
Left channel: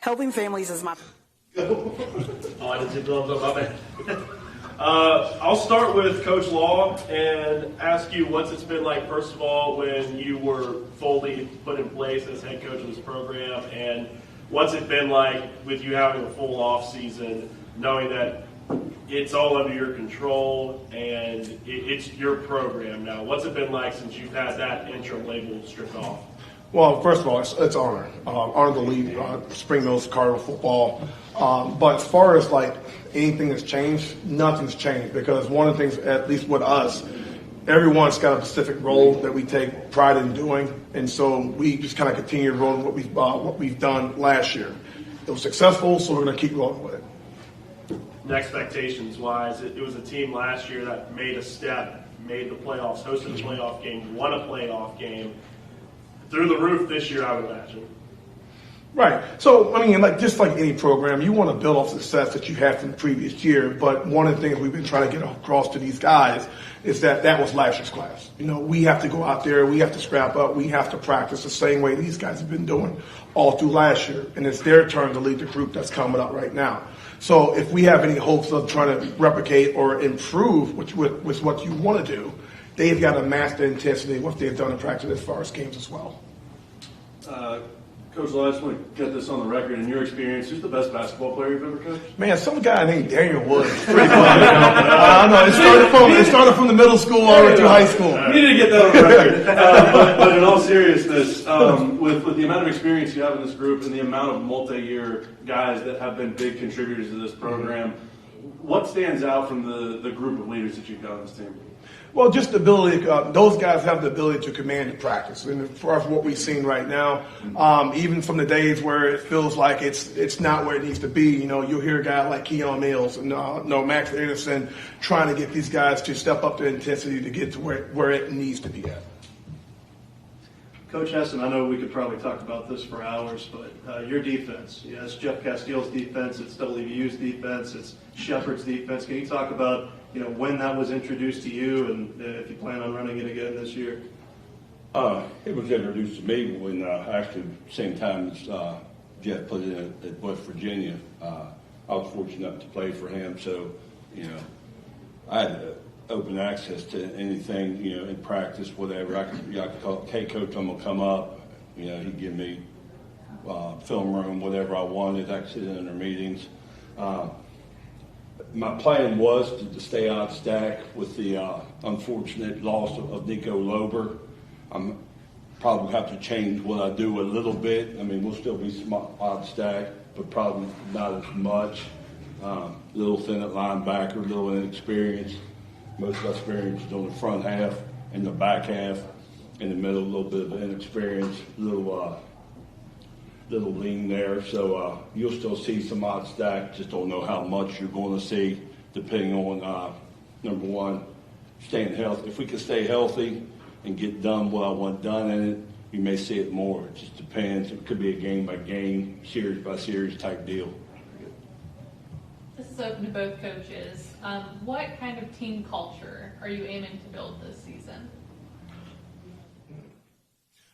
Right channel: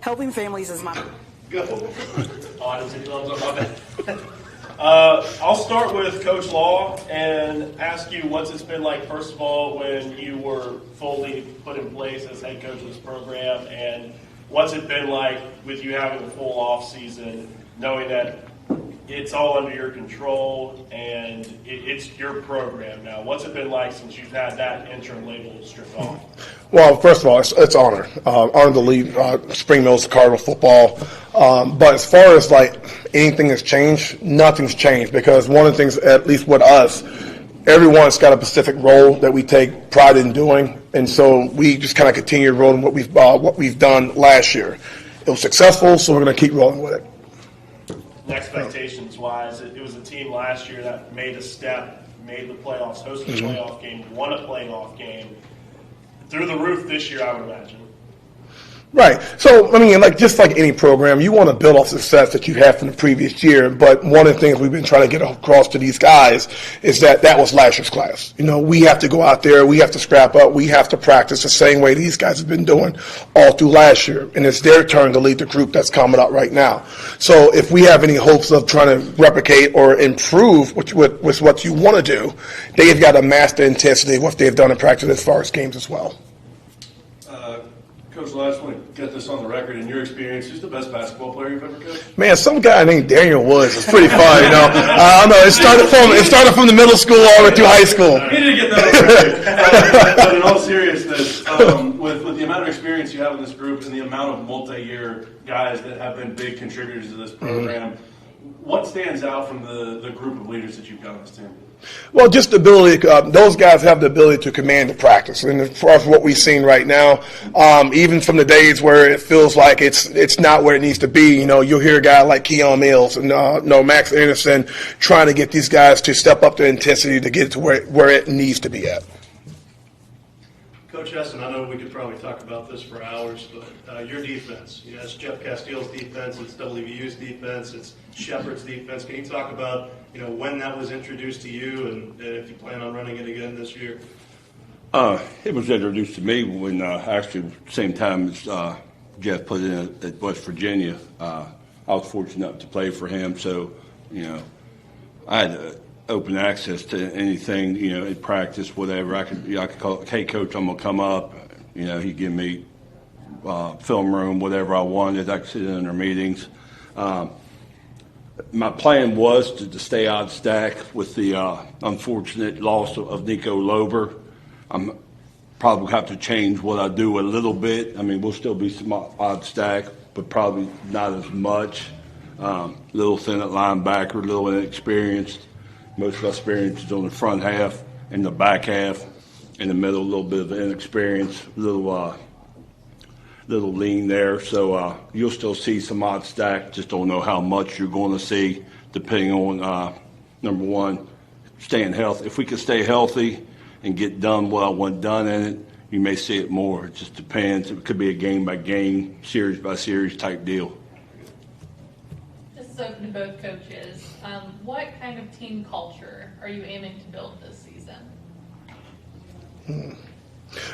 Helping families is my... Go. Oh, I didn't see thumbs up, my bad. I'll start with Coach Law and ask you what's it's been like, first of all, when you were fully put in place as head coach of this program, and what's it been like with you having a full off season, knowing that it's all under your control and it's your program now. What's it been like since you've had that interim label stripped off? Well, first of all, it's an honor. Honor to lead Spring Mills Cardinal football. But as far as like anything that's changed, nothing's changed, because one of the things, at least with us, everyone's got a specific role that we take pride in doing, and so we just kind of continue rolling what we've done last year. It was successful, so we're going to keep rolling with it. Expectations-wise, it was a team last year that made a step, made the playoffs, hosted a playoff game, won a playoff game. Through the roof this year, I would imagine. Right. So, I mean, just like any program, you want to build off success that you had from the previous year. But one of the things we've been trying to get across to these guys is that was last year's class. You know, we have to go out there, we have to scrap up, we have to practice the same way these guys have been doing all through last year. And it's their turn to lead the group that's coming up right now. So if we have any hopes of trying to replicate or improve with what you want to do, they've got to match the intensity of what they've done in practice as far as games as well. Coach, I just want to get this on the record. In your experience, who's the best basketball player you've ever coached? Man, some guy named Daniel Woods is pretty fun, you know. I know it started from the middle school all the way through high school. We need to get that on the record. But in all seriousness, with the amount of experience you have in this group and the amount of multi-year guys that have been big contributors to this program, what stands out from the group of leaders that you've got on this team? Well, just the ability, those guys have the ability to command the practice. And as far as what we've seen right now, even from the days where it feels like it's not where it needs to be, you know, you'll hear a guy like Keon Mills and Max Anderson trying to get these guys to step up the intensity to get to where it needs to be at. Coach Hessen, I know we could probably talk about this for hours, but your defense, it's Jeff Castile's defense, it's WVU's defense, it's Shepherd's defense. Can you talk about, when that was introduced to you and if you plan on running it again this year? It was introduced to me when actually same time as Jeff put it in at West Virginia. I was fortunate enough to play for him, so I had open access to anything, in practice, whatever. I could call, hey, coach, I'm gonna come up. He'd give me film room, whatever I wanted. I could sit in their meetings. My plan was to stay on stack with the unfortunate loss of Nico Lober. I'm probably have to change what I do a little bit. I mean, we'll still be some odd stack, but probably not as much. Little thin at linebacker, little inexperienced. Most of our experience is on the front half and the back half. In the middle, a little bit of inexperience, little lean there. So you'll still see some odd stack. Just don't know how much you're going to see, depending on number one, staying healthy. If we can stay healthy and get done what I want done in it, you may see it more. It just depends. It could be a game by game, series by series type deal. This is open to both coaches. What kind of team culture are you aiming to build this season?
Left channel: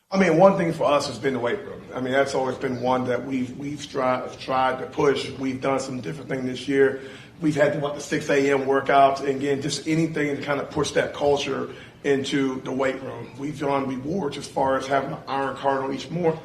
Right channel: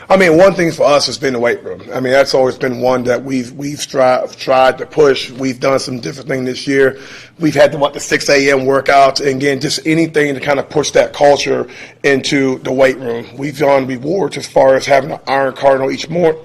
I mean, one thing for us has been the weight room. I mean, that's always been one that we've tried to push. We've done some different things this year. We've had the 6 a.m. workouts, and again, just anything to kind of push that culture into the weight room. We've done rewards as far as having an Iron Cardinal each month,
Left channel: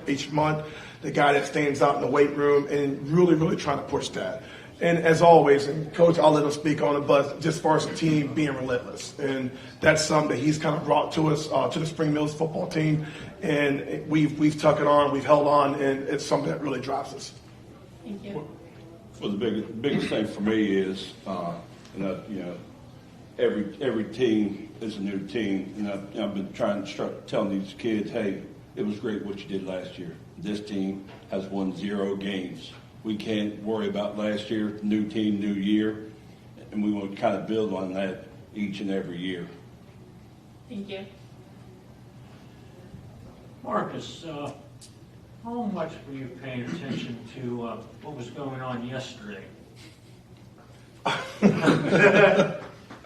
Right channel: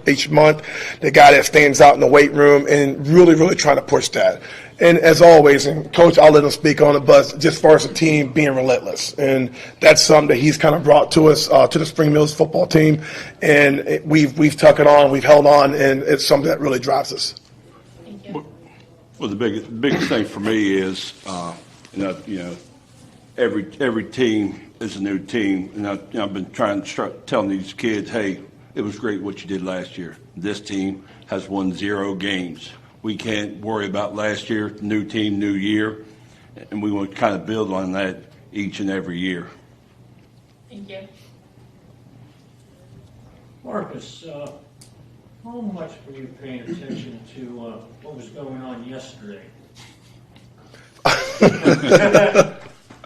the guy that stands out in the weight room, and really, really trying to push that. And as always, and Coach, I'll let him speak on it, but just as far as the team being relentless. And that's something that he's kind of brought to us, to the Spring Mills football team. And we've tuck it on, we've held on, and it's something that really drives us. Thank you. Well, the biggest thing for me is, every team is a new team. And I've been telling these kids, hey, it was great what you did last year. This team, has won 0 games. We can't worry about last year, new team, new year, and we want to kind of build on that each and every year. Thank you. Marcus, how much were you paying attention to what was going on yesterday?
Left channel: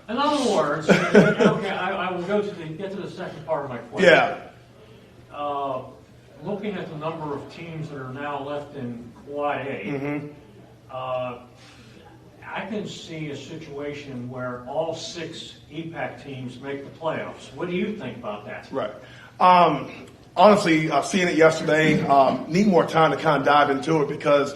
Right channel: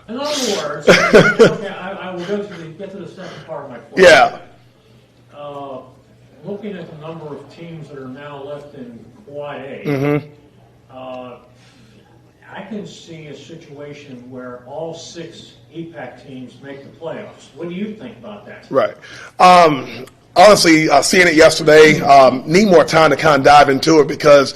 In other words, okay, I will get to the second part of my question. Yeah. Looking at the number of teams that are now left in Quad A, Mm-hmm. I can see a situation where all 6 EPAC teams make the playoffs. What do you think about that? Right. Honestly, seeing it yesterday, need more time to kind of dive into it because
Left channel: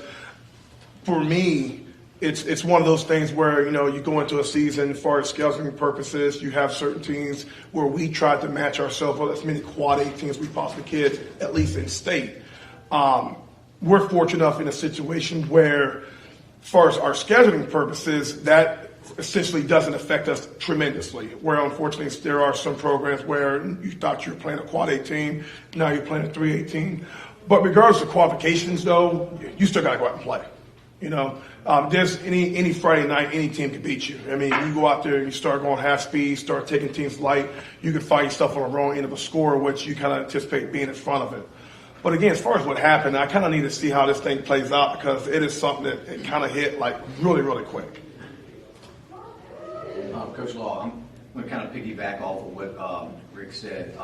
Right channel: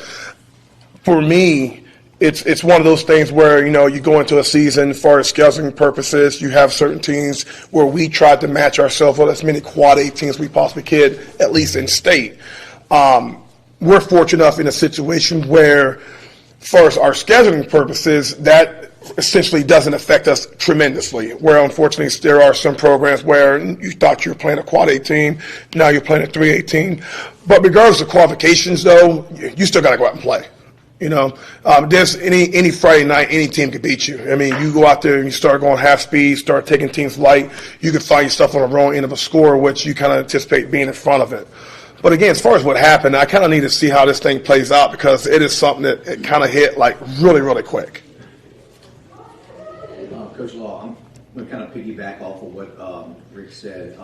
for me, it's one of those things where, you know, you go into a season for scheduling purposes, you have certain teams where we tried to match ourselves with as many Quad A teams we possibly could, at least in state. We're fortunate enough in a situation where, for our scheduling purposes, that essentially doesn't affect us tremendously. Where unfortunately there are some programs where you thought you were playing a Quad A team, now you're playing a 3A team. But regardless of qualifications, though, you still got to go out and play. You know, there's any Friday night, any team could beat you. I mean, you go out there and you start going half speed, start taking teams light, you could find yourself on the wrong end of a score, which you kind of anticipate being in front of it. But again, as far as what happened, I kind of need to see how this thing plays out because it is something that it kind of hit like really, really quick. Coach Law, I'm going to kind of piggyback off of what Rick said.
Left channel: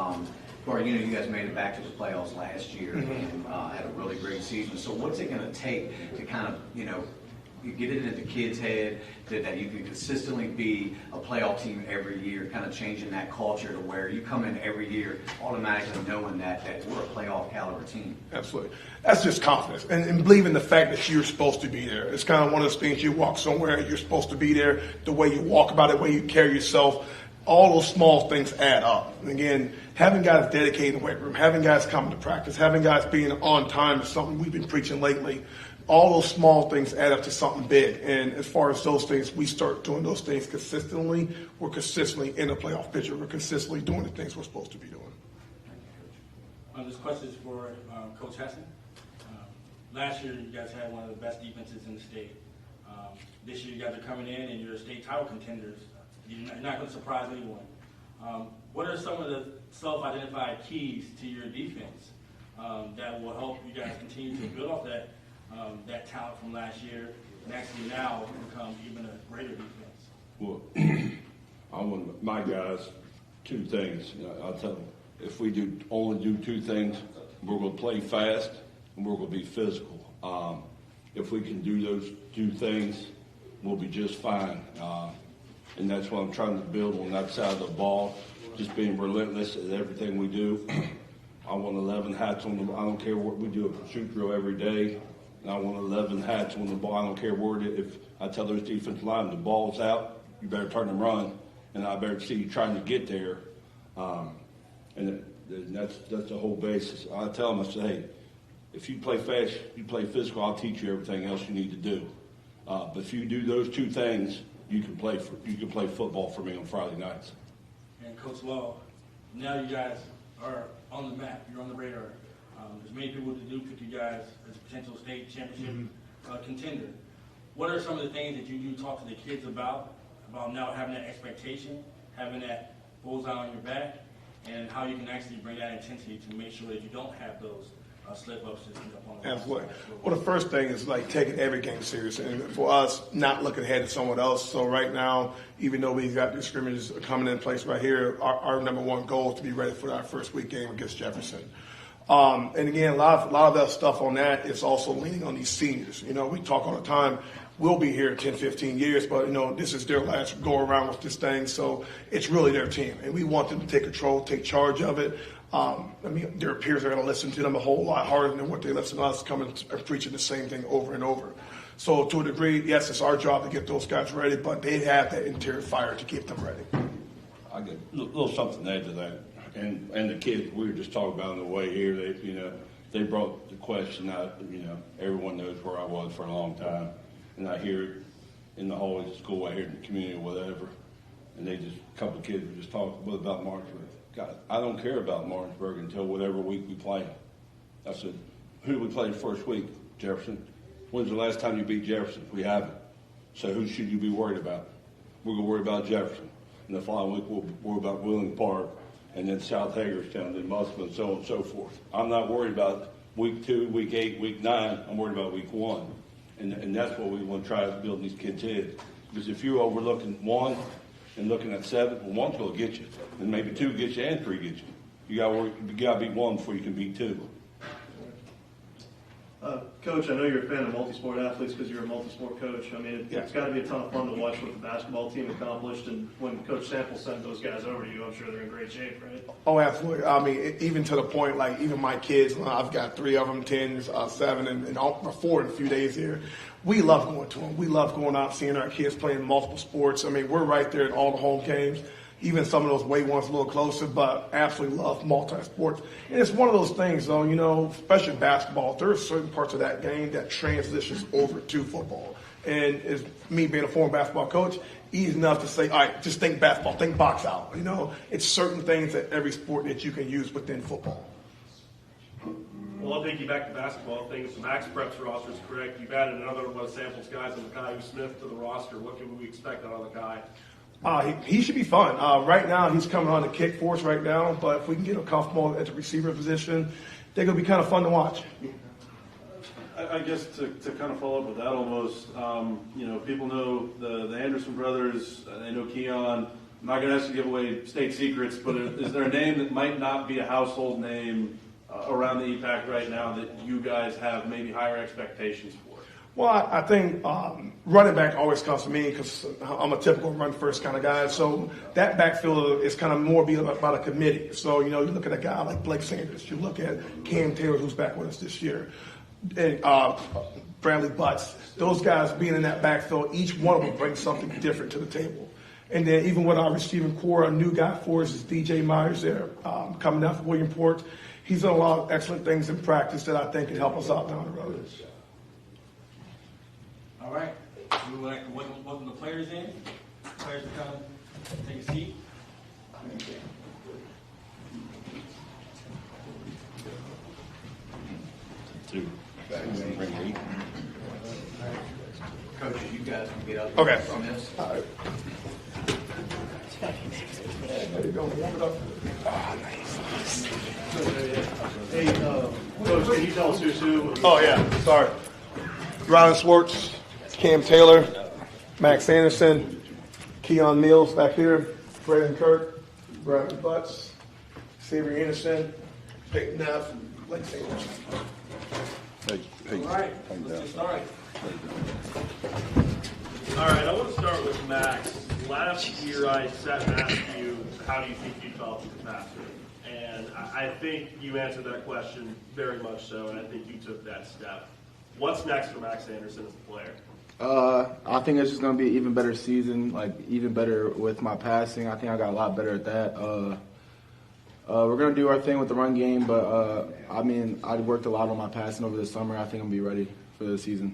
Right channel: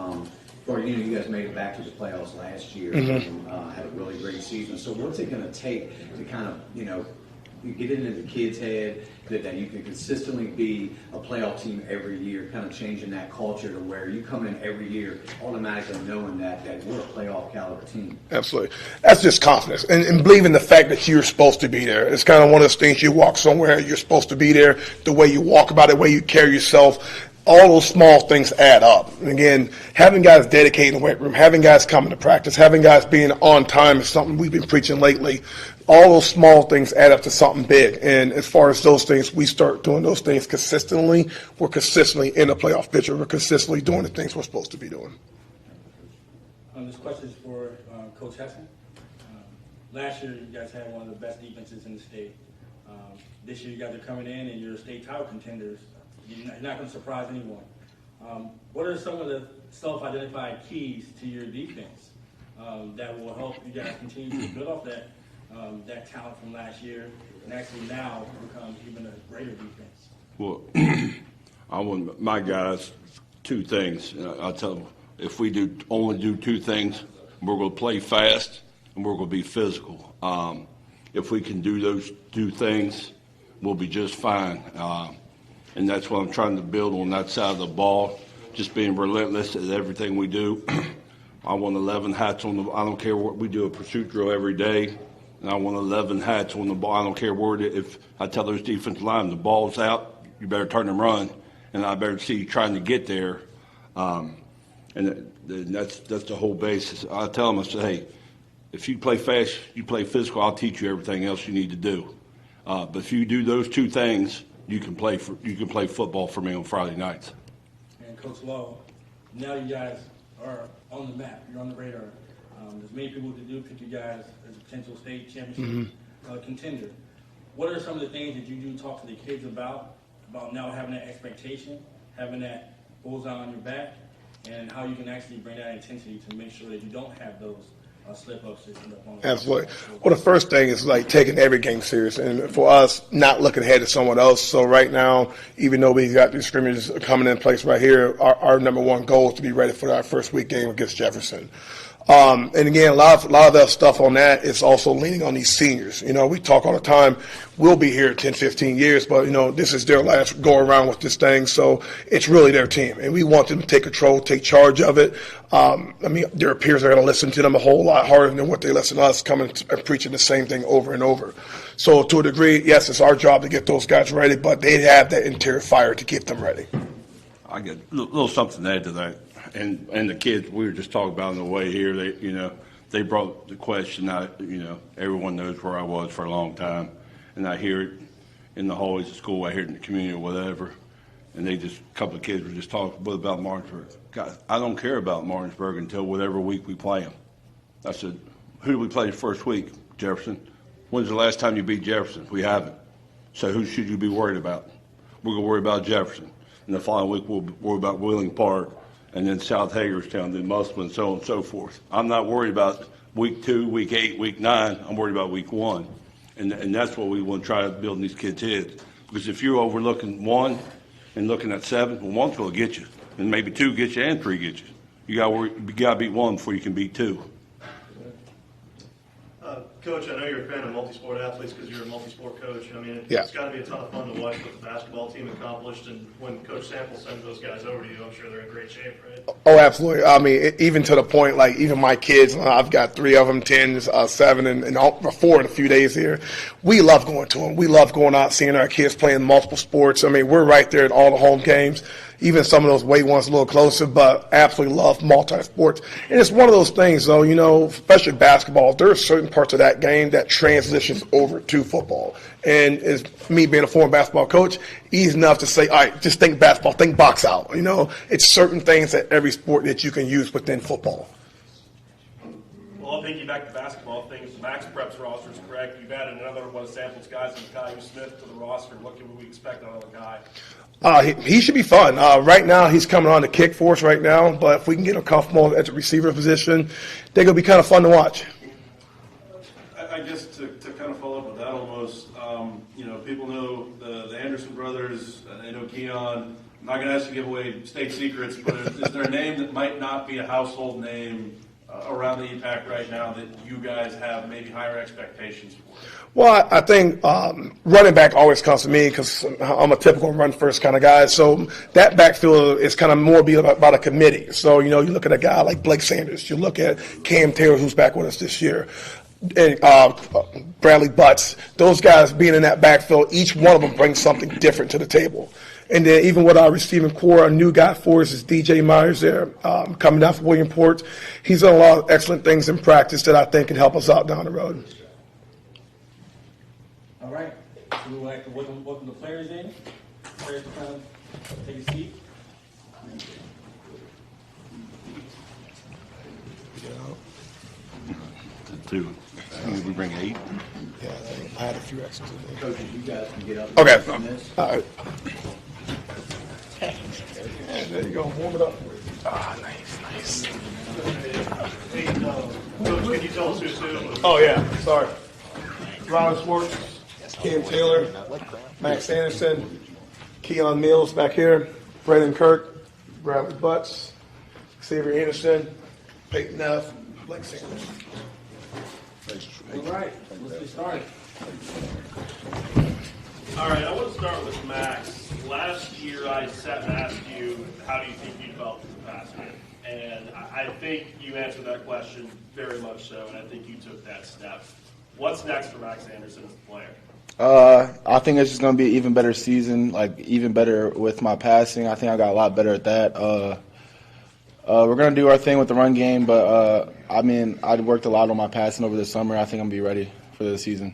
You guys made it back to the playoffs last year and had a really great season. So what's it going to take to kind of, you get it into kids' head that you can consistently be a playoff team every year, kind of changing that culture to where you come in every year automatically knowing that we're a playoff caliber team? Absolutely. That's just confidence and believing the fact that you're supposed to be there. It's kind of one of those things you walk somewhere, you're supposed to be there, the way you walk about it, the way you carry yourself. All those small things add up. And again, having guys dedicated in the weight room, having guys coming to practice, having guys being on time is something we've been preaching lately. All those small things add up to something big. And as far as those things, we start doing those things consistently. We're consistently in the playoff picture. We're consistently doing the things we're supposed to be doing. This question is for Coach Hesson. Last year, you guys had one of the best defenses in the state. This year, you guys are coming in and you're state title contenders. You're not going to surprise anyone. What are some of the self-identified keys to your defense that will help you guys continue to build off that talent from last year and actually now become even a greater defense? Well, I want my guys 2 things. I'll tell them, if we only do 2 things, we're going to play fast and we're going to be physical. If we can do those 2 things, we'll be just fine. And that's what I'm trying to build on that side of the ball, just being relentless at everything we do. I want 11 hats on the ball. I don't care what we do, a pursuit drill every day, and I want 11 hats on the ball. I don't care where it is. If I tell those defensive linemen the ball's out, you better turn and run, and I better see you trying to get there. And that's the whole basis. I tell them, I say, hey, if you play fast, you play physical, I'll teach you everything else you need to do. But if you do those 2 things, you can play football for me on Friday nights. And Coach Law, now you guys are on the map. You're on the radar. There's many people that do pick you guys as a potential state championship contender. What are some of the things that you do talk to the kids about now having that expectation, having that bullseye on your back, and how you can actually bring that intensity to make sure that you don't have those slip-ups that end up on the Absolutely. Well, the first thing is like taking every game serious, and for us, not looking ahead to someone else. So right now, even though we got these scrimmages coming in place right here, our number 1 goal is to be ready for our first week game against Jefferson. And again, a lot of that stuff on that is also leaning on these seniors. We talk all the time, we'll be here 10, 15 years, but, this is their last go around with this thing. So it's really their team. And we want them to take control, take charge of it. Their peers are going to listen to them a whole lot harder than what they listen to us coming and preaching the same thing over and over. So to a degree, yes, it's our job to get those guys ready, but they have that interior fire to keep them ready. I get a little something to add to that. And the kids, we were just talking about on the way here, they brought the question out, everyone knows where I was for a long time. And I hear it in the hallways of school, I hear it in the community or whatever. And a couple of kids were just talking about Martinsburg. God, I don't care about Martinsburg until whatever week we play them. I said, Who did we play the first week? Jefferson. When's the last time you beat Jefferson? We haven't. So who should you be worried about? We're going to worry about Jefferson. And the following week, we'll worry about Wheeling Park, and then South Hagerstown, then Musselman, and so on and so forth. I'm not worried about week 2, week 8, week 9. I'm worried about week 1. And that's what we want to try to build in these kids' heads. Because if you're overlooking 1 and looking at 7, well, 1's going to get you. And maybe 2 get you and 3 get you. You got to beat 1 before you can beat 2. Coach, I know you're a fan of multi-sport athletes because you're a multi-sport coach. I mean, Yeah. it's got to be a ton of fun to watch what the basketball team accomplished. And when Coach Sample sent those guys over to you, I'm sure they're in great shape, right? Oh, absolutely. I mean, even to the point, like, even my kids, I've got 3 of them, 10, 7, and 4 in a few days here. We love going to them. We love going out, seeing our kids playing multiple sports. I mean, we're right there at all the home games. Even some of those way ones a little closer, but absolutely love multi-sports. And it's one of those things, though, you know, especially basketball, there are certain parts of that game that transitions over to football. And it's me being a former basketball coach, easy enough to say, all right, just think basketball, think box out. You know, it's certain things at every sport that you can use within football. Well, I'll piggyback to basketball things. Max Prep's roster is correct. You've added another one of Sample's guys and Kyle Smith to the roster. What can we expect out of the guy? He should be fun. Right now, he's coming on to kick for us right now, but if we can get him comfortable at the receiver position, they're going to be kind of fun to watch. I guess to kind of follow up with that almost, you know, people know the Anderson brothers, they know Keon. I'm not going to ask you to give away state secrets, but is there a name that might not be a household name around the EPAC right now that you guys have maybe higher expectations for? Well, I think running back always comes to me because I'm a typical run first kind of guy. So that backfield is kind of more be about a committee. So, you know, you look at a guy like Blake Sanders. You look at Cam Taylor, who's back with us this year. And Bradley Butts. Those guys being in that backfield, each one of them brings something different to the table. And then even with our receiving core, a new guy for us is DJ Myers there, coming down from Williamport. He's done a lot of excellent things in practice that I think can help us out down the road. All right. We would like to welcome the players in. Players to come take a seat. Two. We bring 8. Yeah, I had a few extras. Coaches, you guys can get up. Okay. On this. All right. There you go. Warm it up. Ah, nice. Hey, Coach, can you tell us who's who? Oh, yeah. Sorry. Rylan Swartz, Cam Taylor, Max Anderson, Keon Mills back here, Braden Kirk, Bradley Butts, Xavier Anderson, Peyton Neff, Blake Sanders. All right, let's get started. All right, I want to start with Max. Last year I sat and asked you, how do you think you felt as a passer? And I think you answered that question very much so, and I think you took that step. What's next for Max Anderson as a player? I think it's just going to be an even better season, like even better with my passing. I think I got a lot better at that. We're going to do our thing with the run game, but I mean, I worked a lot on my passing over the summer. I think I'm going to be ready for the season.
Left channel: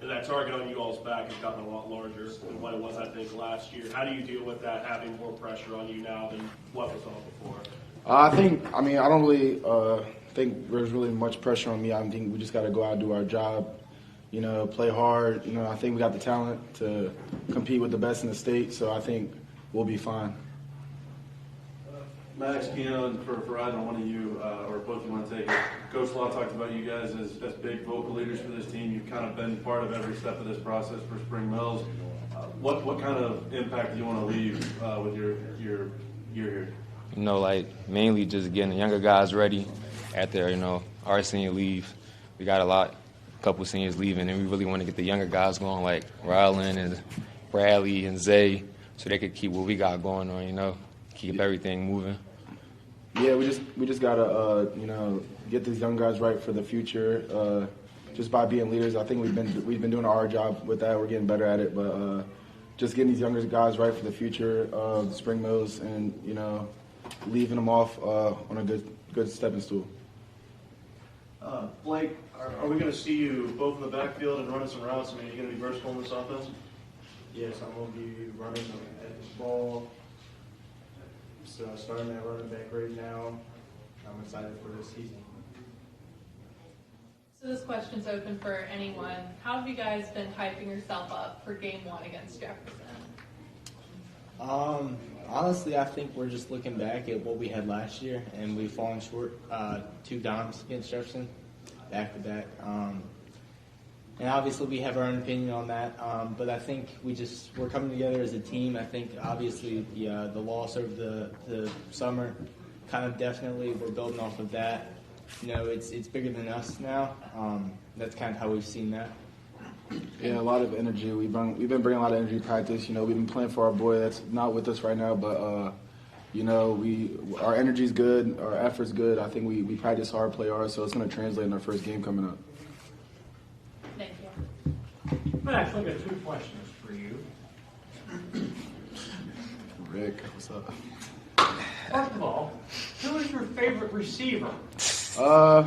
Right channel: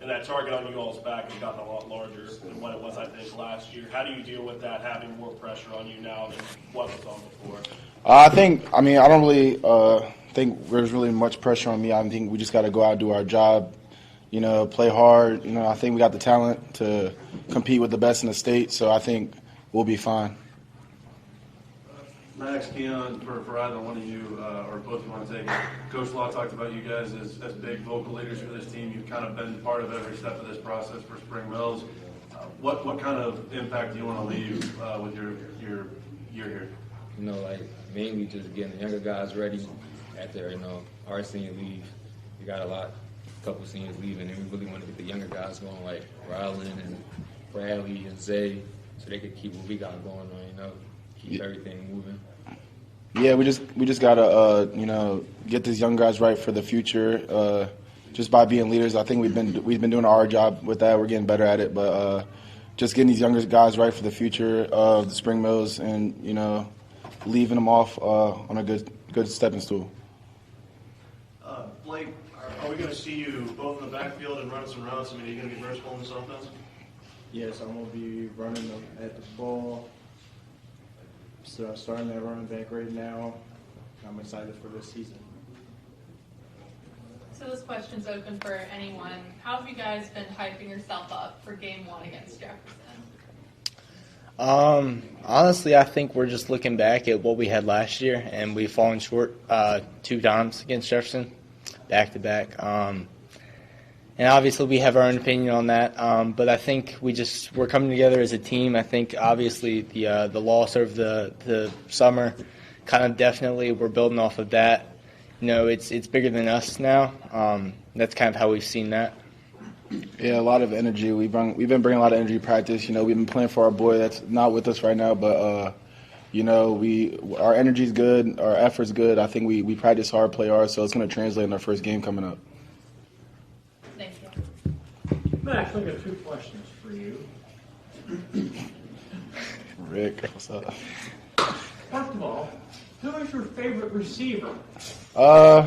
And that target on you all's back has gotten a lot larger than what it was, I think, last year. How do you deal with that, having more pressure on you now than what was on before? I don't really think there's really much pressure on me. I think we just got to go out and do our job, you know, play hard. You know, I think we got the talent to compete with the best in the state, so I think we'll be fine. Max, Keon, for either one of you, or both of you want to take it. Coach Law talked about you guys as big vocal leaders for this team. You've kind of been part of every step of this process for Spring Mills. What kind of impact do you want to leave with your year here? You know, like mainly just getting the younger guys ready after, you know, our senior leave. We got a couple seniors leaving, and we really want to get the younger guys going, like Rylan and Bradley and Zay, so they could keep what we got going on, you know, keep everything moving. Yeah, we just gotta you know, get these young guys right for the future. Just by being leaders, I think we've been doing our job with that. We're getting better at it, but just getting these younger guys right for the future of the Spring Mills, and you know, leaving them off on a good stepping stool. Blake, are we going to see you both in the backfield and running some routes? I mean, are you going to be versatile in this offense? Yes, I'm going to be running at the ball. So starting at running back right now. I'm excited for this season. So this question's open for anyone. How have you guys been hyping yourself up for game 1 against Jefferson? Honestly, I think we're just looking back at what we had last year, and we've fallen short 2 times against Jefferson, back to back. And obviously, we have our own opinion on that. But I think we're coming together as a team. I think obviously the loss over the summer, kind of definitely we're building off of that. You know, it's bigger than us now. That's kind of how we've seen that. Yeah, a lot of energy. We've been bringing a lot of energy to practice. You know, we've been playing for our boy that's not with us right now, but you know, our energy's good, our effort's good. I think we practice hard, play hard, so it's going to translate in our first game coming up. Thank you. Max, I've got 2 questions for you. Rick, what's up? First of all, who is your favorite receiver? I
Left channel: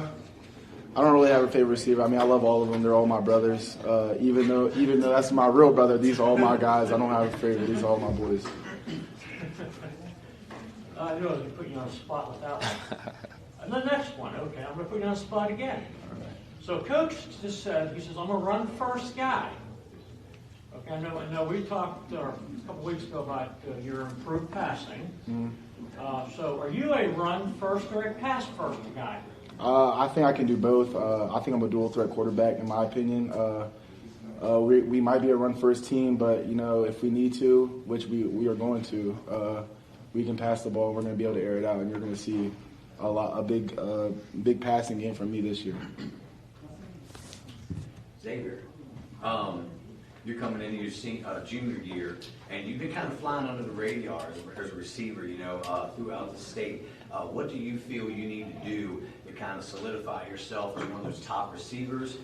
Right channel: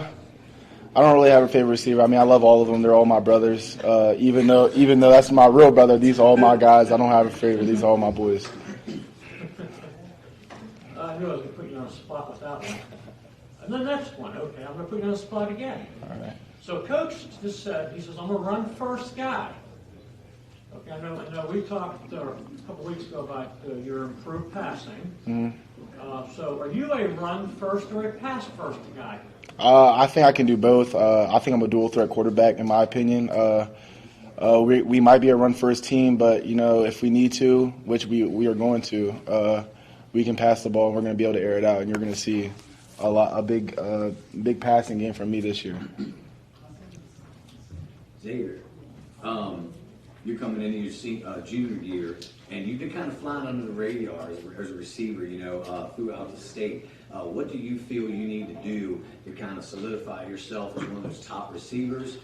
don't really have a favorite receiver. I mean, I love all of them. They're all my brothers. Even though that's my real brother, these are all my guys. I don't have a favorite. These are all my boys. I knew I was going to put you on the spot with that one. And the next one, okay, I'm going to put you on the spot again. All right. So Coach just said, he says, I'm a run-first guy. Okay, I know we talked a couple weeks ago about your improved passing. Mm-hmm. So are you a run-first or a pass-first guy? I think I can do both. I think I'm a dual-threat quarterback, in my opinion. We might be a run-first team, but, you know, if we need to, which we are going to, we can pass the ball, and we're going to be able to air it out, and you're going to see a big passing game from me this year. Xavier, you're coming into your junior year, and you've been kind of flying under the radar as a receiver, you know, throughout the state. What do you feel you need to do to kind of solidify yourself as one of those top receivers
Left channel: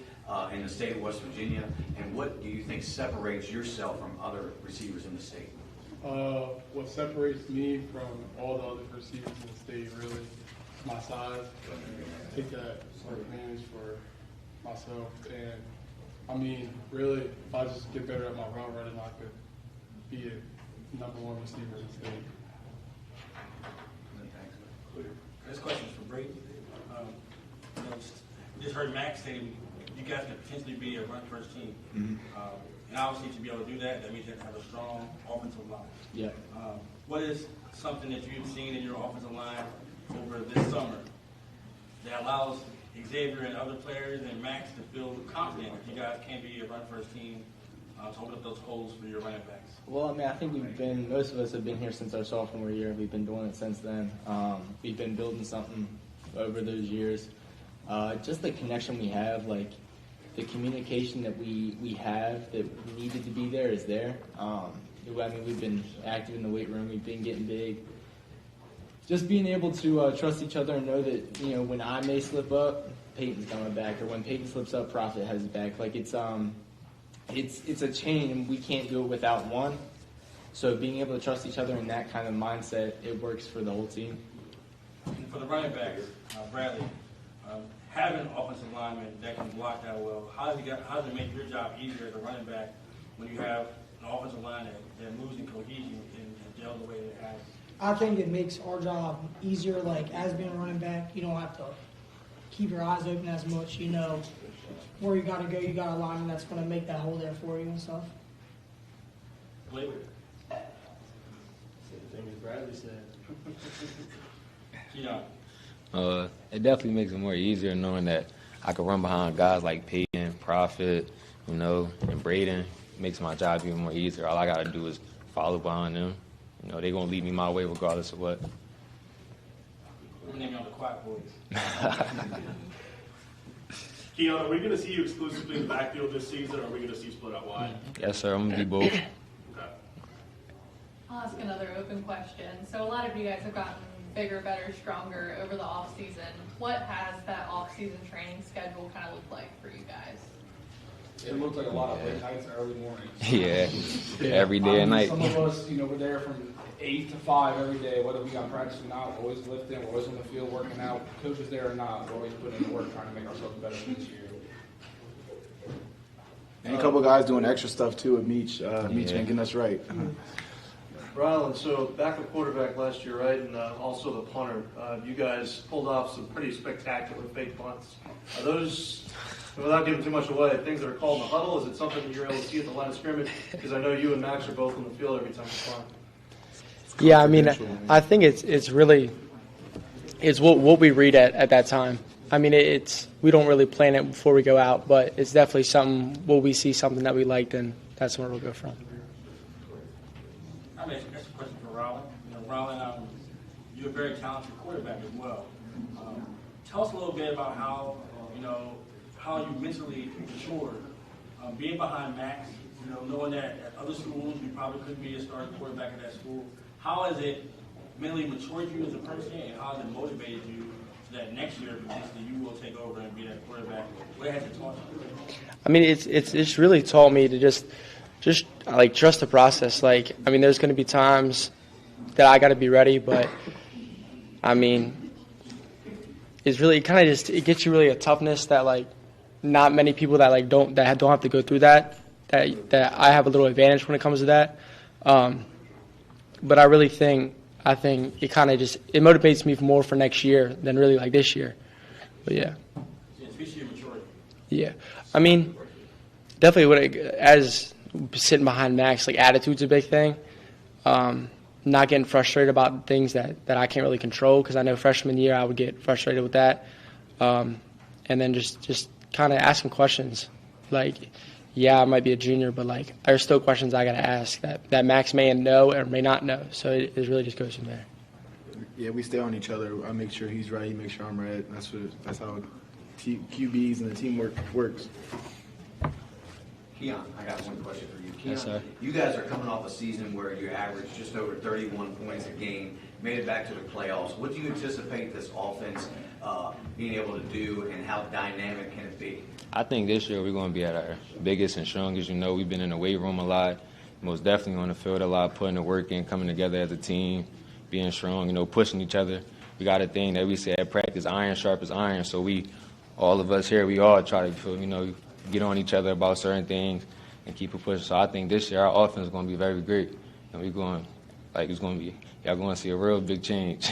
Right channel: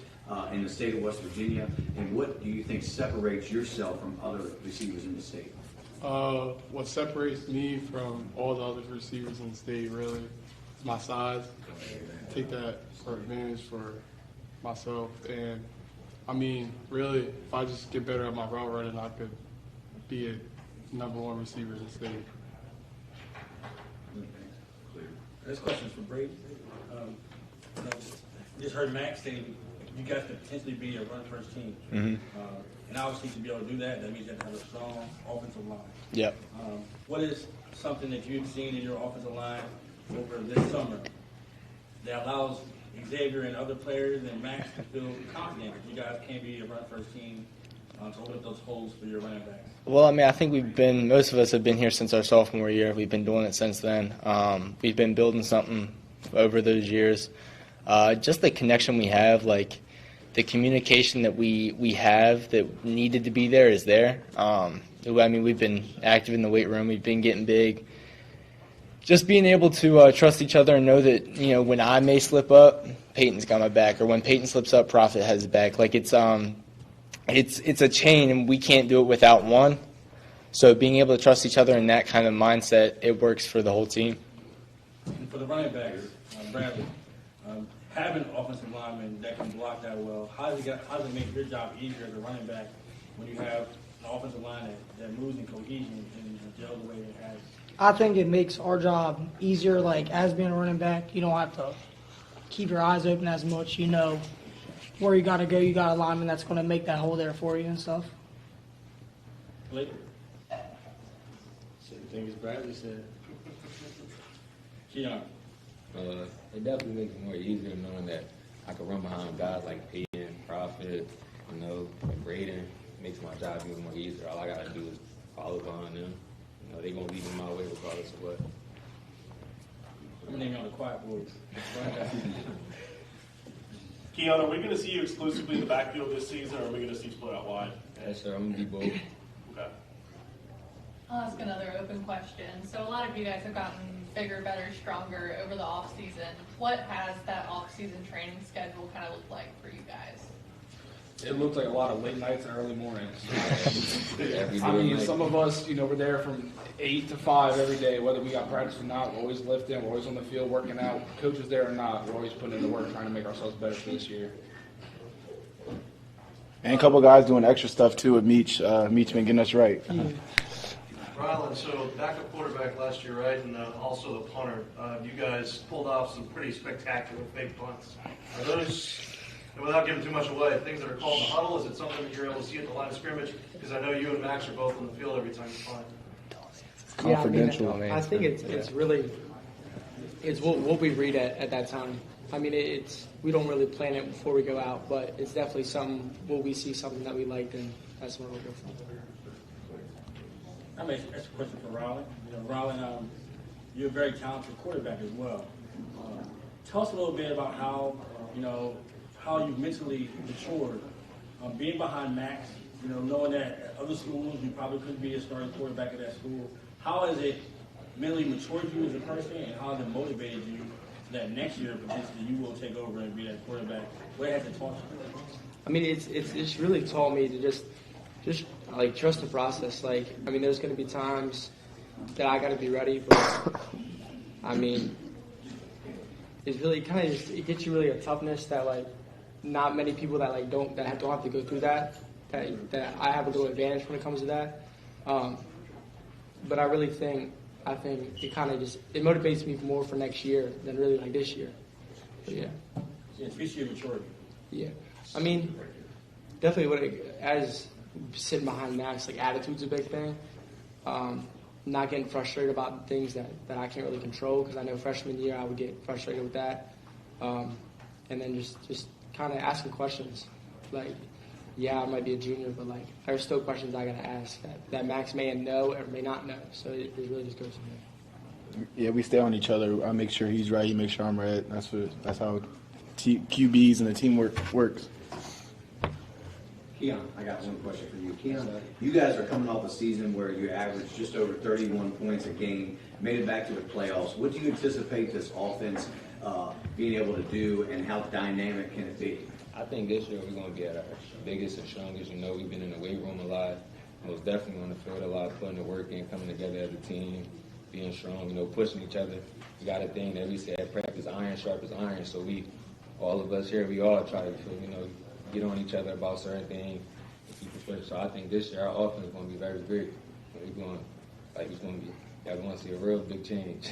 in the state of West Virginia? And what do you think separates yourself from other receivers in the state? What separates me from all the other receivers in the state really is my size. Take that for advantage for myself. And I mean, really, if I just get better at my route running, I could be a #1 receiver in the state. This question is for Brady. You know, just heard Max say you guys could potentially be a run-first team. Mm-hmm. And obviously to be able to do that, that means you have to have a strong offensive line. Yep. What is something that you've seen in your offensive line over this summer that allows Xavier and other players and Max to feel confident that you guys can be a run-first team to hold up those holes for your running backs? Well, I mean, I think most of us have been here since our sophomore year. We've been doing it since then. We've been building something over those years. Just the connection we have, like the communication that we have that needed to be there is there. I mean, we've been active in the weight room. We've been getting big. Just being able to trust each other and know that, you know, when I may slip up, Peyton's got my back, or when Peyton slips up, Prophet has his back. Like it's a chain, and we can't do it without one. So being able to trust each other in that kind of mindset, it works for the whole team. And for the running backs, Bradley, having offensive linemen that can block that well, how does it make your job easier as a running back when you have an offensive line that moves in cohesion and gels the way it has? I think it makes our job easier, like as being a running back, you don't have to keep your eyes open as much. You know where you got to go. You got a lineman that's going to make that hole there for you and stuff. Labor. Same thing as Bradley said. Yeah. It definitely makes it more easier knowing that I can run behind guys like Peyton, Prophet, you know, and Braden. It makes my job even more easier. All I got to do is follow behind them. You know, they're going to lead me my way regardless of what. I'm naming on the quiet boys. Keon, are we going to see you exclusively in the backfield this season, or are we going to see you split out wide? Yes, sir. I'm going to be both. Okay. I'll ask another open question. So a lot of you guys have gotten bigger, better, stronger over the off season. What has that off season training schedule kind of looked like for you guys? It looked like a lot of late nights and early mornings. Yeah, every day and night. Some of us, you know, we're there from 8 to 5 every day, whether we got practice or not. We're always lifting, we're always on the field working out. Coach is there or not, we're always putting in the work trying to make ourselves better for this year. And a couple of guys doing extra stuff too with Meach. Meach been getting us right. Rylan, so backup quarterback last year, right, and also the punter. You guys pulled off some pretty spectacular fake punts. Are those And without giving too much away, things that are called in the huddle, is it something that you're able to see at the line of scrimmage? Because I know you and Max are both on the field every time you play. Yeah, I mean, I think it's really what we read at that time. I mean, we don't really plan it before we go out, but it's definitely something. Will we see something that we like, then that's where we'll go from. I mean, that's a question for Rowland. Rowland, you're a very talented quarterback as well. Tell us a little bit about how you mentally matured, being behind Max. Knowing that at other schools you probably couldn't be a starting quarterback at that school. How has it mentally matured you as a person, and how has it motivated you so that next year potentially you will take over and be that quarterback? What has it taught you? I mean, it's really taught me to just like trust the process. Like, I mean, there's going to be times that I got to be ready, but I mean, it's really it gets you really a toughness that like not many people that don't have to go through that I have a little advantage when it comes to that. But I really think it kind of it motivates me more for next year than really like this year. But yeah. It's your maturity. Yeah, I mean, definitely as sitting behind Max, like attitude's a big thing. Not getting frustrated about things that I can't really control, because I know freshman year I would get frustrated with that. And then just kind of asking questions. Like, yeah, I might be a junior, but like there's still questions I got to ask that Max may know or may not know. So it really just goes from there. Yeah, we stay on each other. I make sure he's right. He makes sure I'm right. That's how QBs and the teamwork works. Keon, I got one question for you. Keon, Yes, sir. you guys are coming off a season where you averaged just over 31 points a game, made it back to the playoffs. What do you anticipate this offense being able to do, and how dynamic can it be? I think this year we're going to be at our biggest and strongest. We've been in the weight room a lot, most definitely on the field a lot, putting the work in, coming together as a team, being strong, pushing each other. We got a thing that we say at practice, iron sharp as iron. So all of us here, we all try to, get on each other about certain things and keep it pushing. So I think this year our offense is going to be very great. And y'all going to see a real big change.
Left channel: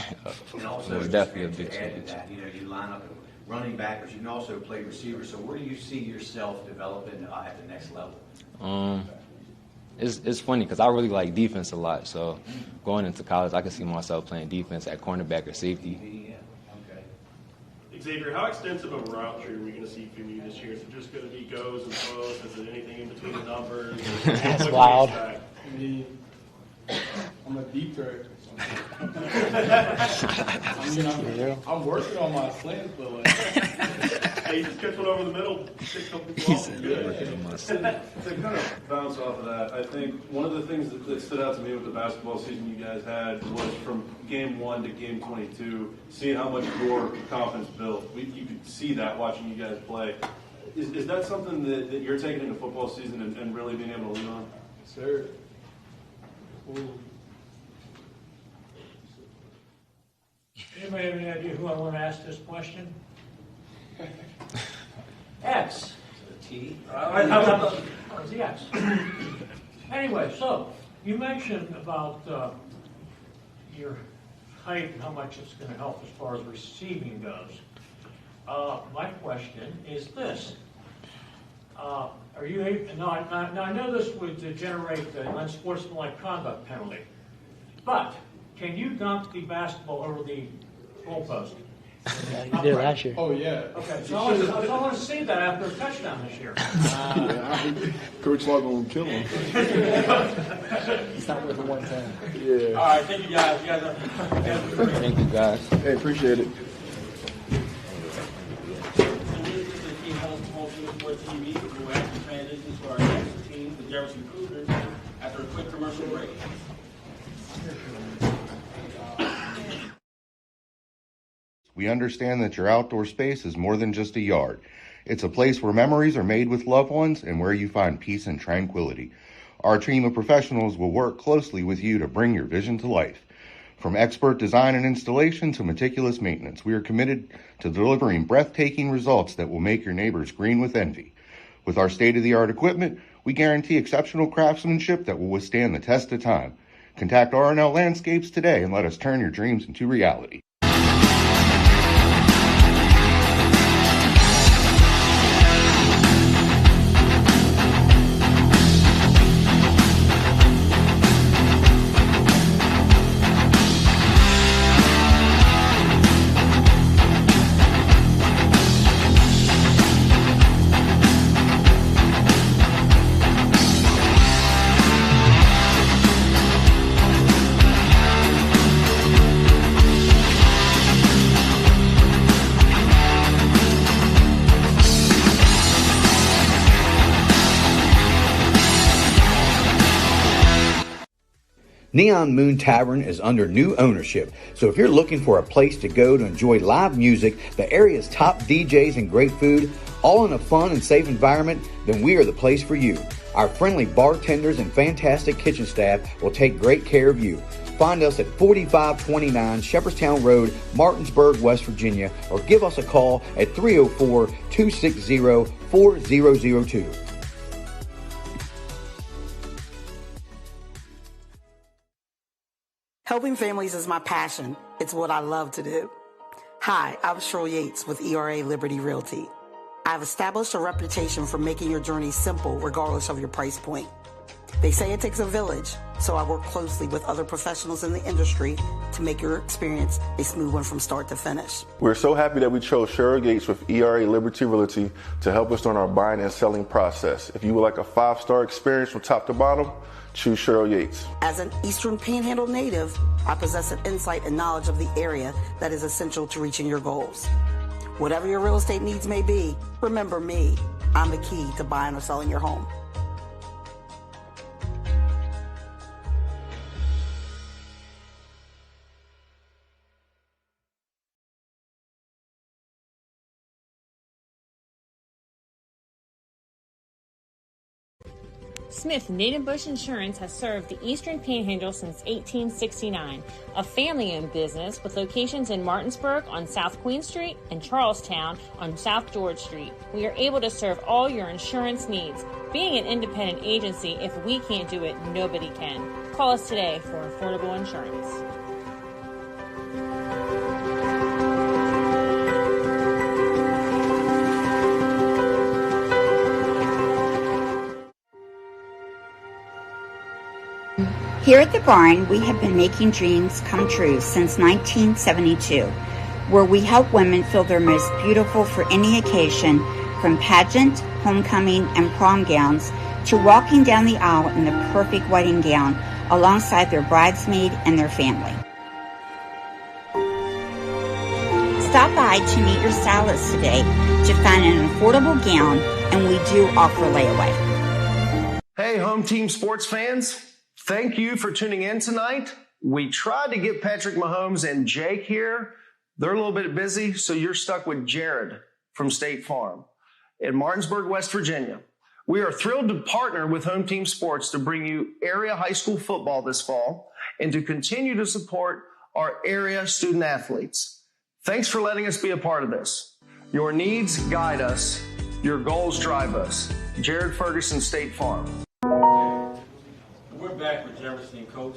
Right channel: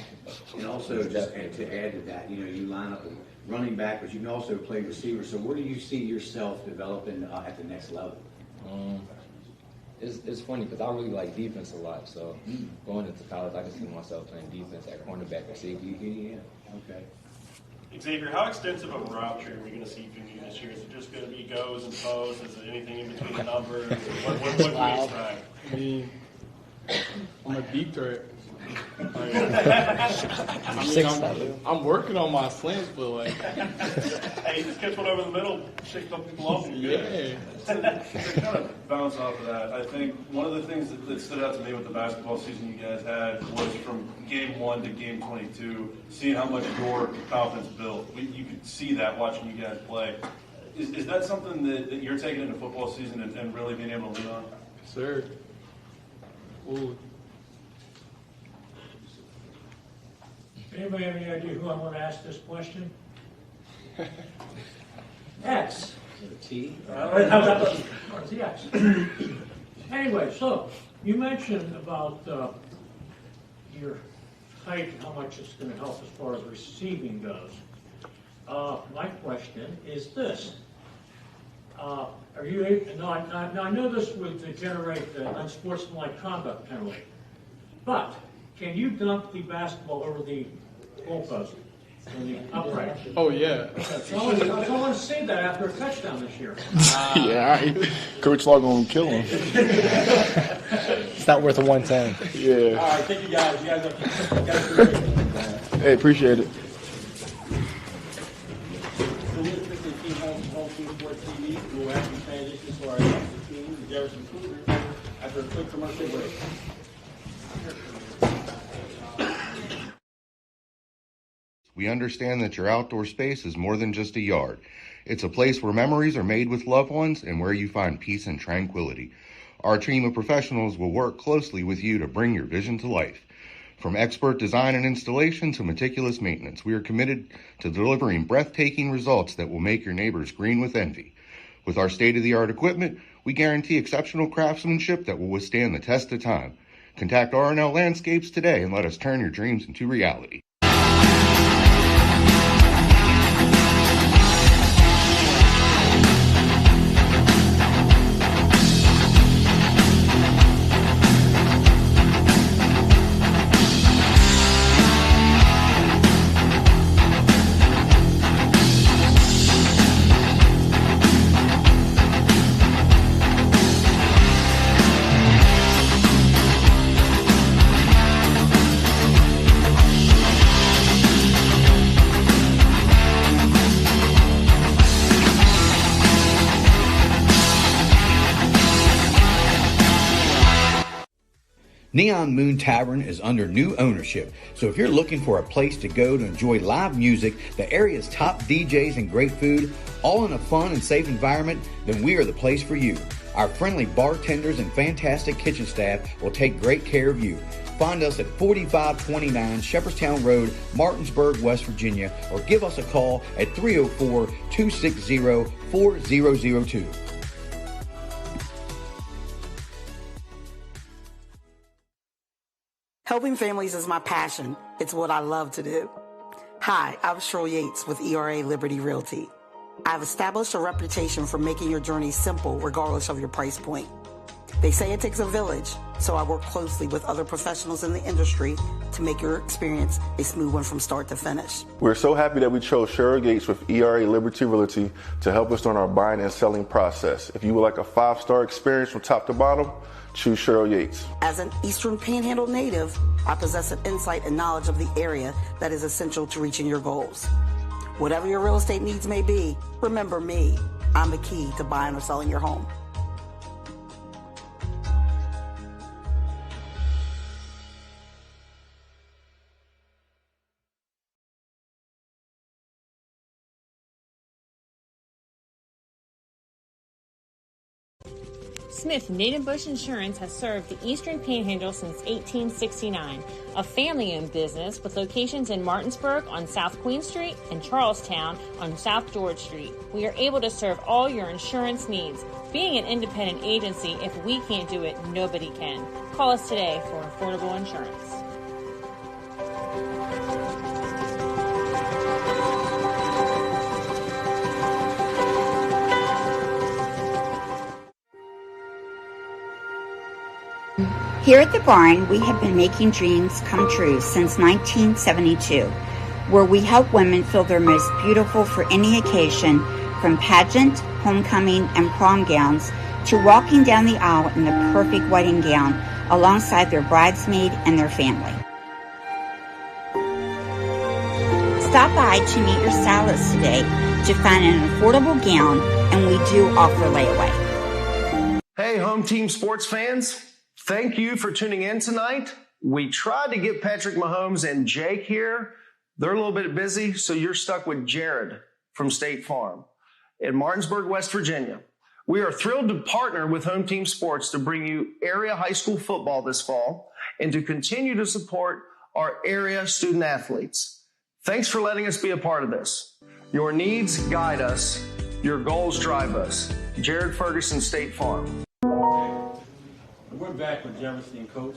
And also, just to add to that, you line up running back, but you can also play receiver. So where do you see yourself developing at the next level? It's funny because I really like defense a lot. So going into college, I can see myself playing defense at cornerback or safety. Okay. Xavier, how extensive of a route tree are we going to see from you this year? Is it just going to be goes and pros? Is it anything in between the numbers? That's wild. I mean, I'm a deep threat. I'm working on my slants, but like, hey, just catch one over the middle, take a couple people off. To kind of bounce off of that, I think one of the things that stood out to me with the basketball season you guys had was from game 1 to game 22, seeing how much your confidence built. You could see that watching you guys play. Is that something that you're taking into football season and really being able to lean on? sir. Ooh. Anybody have any idea who I want to ask this question? X. T? No, it's the X. Anyway, so you mentioned about your height and how much it's going to help as far as receiving goes. My question is this. Are you able, now I know this would generate the unsportsmanlike conduct penalty, but can you dunk the basketball over the goalpost? Yeah, last year. Oh, yeah. Okay, so I want to see that after a touchdown this year. Yeah, Coach Law gonna kill him. It's not worth a 110. Yeah. All right, thank you guys. You guys Thank you, guys. Hey, appreciate it. We'll have to transition to our next team, the Jefferson Cougars, after a quick commercial break. We understand that your outdoor space is more than just a yard. It's a place where memories are made with loved ones and where you find peace and tranquility. Our team of professionals will work closely with you to bring your vision to life. From expert design and installation to meticulous maintenance, we are committed to delivering breathtaking results that will make your neighbors green with envy. With our state-of-the-art equipment, we guarantee exceptional craftsmanship that will withstand the test of time. Contact R&L Landscapes today and let us turn your dreams into reality. Neon Moon Tavern is under new ownership, so if you're looking for a place to go to enjoy live music, the area's top DJs and great food, all in a fun and safe environment, then we are the place for you. Our friendly bartenders and fantastic kitchen staff will take great care of you. Find us at 4529 Shepherdstown Road, Martinsburg, West Virginia, or give us a call at 304-260-4002. Helping families is my passion. It's what I love to do. Hi, I'm Cheryl Yates with ERA Liberty Realty. I've established a reputation for making your journey simple regardless of your price point. They say it takes a village, so I work closely with other professionals in the industry to make your experience a smooth one from start to finish. We're so happy that we chose Cheryl Yates with ERA Liberty Realty to help us during our buying and selling process. If you would like a 5-star experience from top to bottom, choose Cheryl Yates. As an Eastern Panhandle native, I possess an insight and knowledge of the area that is essential to reaching your goals. Whatever your real estate needs may be, remember me. I'm the key to buying or selling your home. Smith Native Bush Insurance has served the Eastern Panhandle since 1869, a family-owned business with locations in Martinsburg on South Queen Street and Charlestown on South George Street. We are able to serve all your insurance needs. Being an independent agency, if we can't do it, nobody can. Call us today for affordable insurance. Here at the barn, we have been making dreams come true since 1972, where we help women feel their most beautiful for any occasion, from pageant, homecoming, and prom gowns to walking down the aisle in the perfect wedding gown alongside their bridesmaid and their family. Stop by to meet your stylist today to find an affordable gown, and we do offer layaway. Hey, home team sports fans. Thank you for tuning in tonight. We tried to get Patrick Mahomes and Jake here. They're a little bit busy, so you're stuck with Jared from State Farm in Martinsburg, West Virginia. We are thrilled to partner with Home Team Sports to bring you area high school football this fall and to continue to support our area student athletes. Thanks for letting us be a part of this. Your needs guide us. Your goals drive us. Jared Ferguson, State Farm. We're back with Jefferson Coach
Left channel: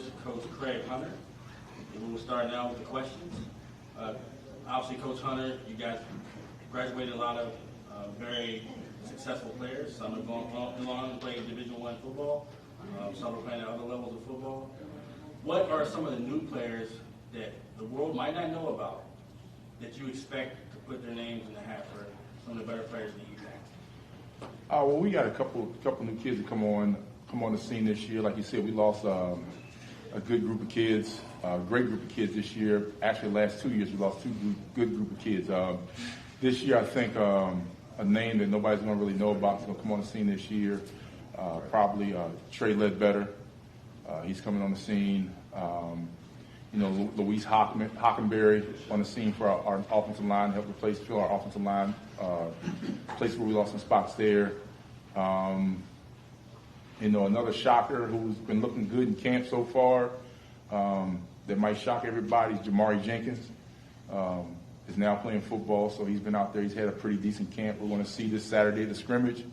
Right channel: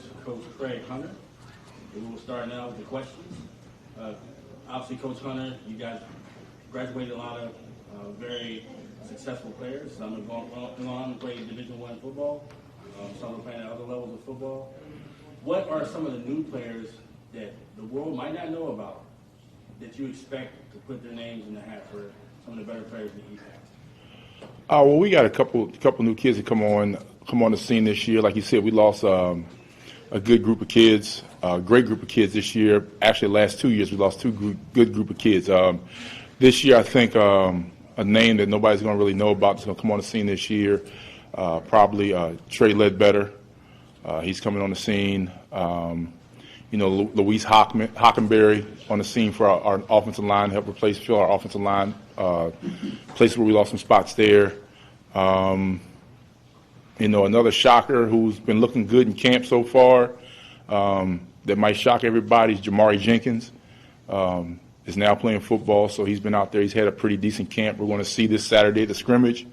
Craig Hunter. And we'll start now with the questions. Obviously, Coach Hunter, you guys graduated a lot of very successful players. Some have gone on to play Division I football. Some are playing at other levels of football. What are some of the new players that the world might not know about that you expect to put their names in the hat for some of the better players in the EPAC? Well, we got a couple new kids that come on the scene this year. Like you said, we lost a good group of kids, a great group of kids this year. Actually, the last 2 years, we lost good group of kids. This year, I think a name that nobody's going to really know about is going to come on the scene this year, probably Trey Ledbetter. He's coming on the scene. Luis Hockenberry on the scene for our offensive line, help fill our offensive line, places where we lost some spots there. Another shocker who's been looking good in camp so far that might shock everybody is Jamari Jenkins. Is now playing football, so he's been out there. He's had a pretty decent camp. We're going to see this Saturday at the scrimmage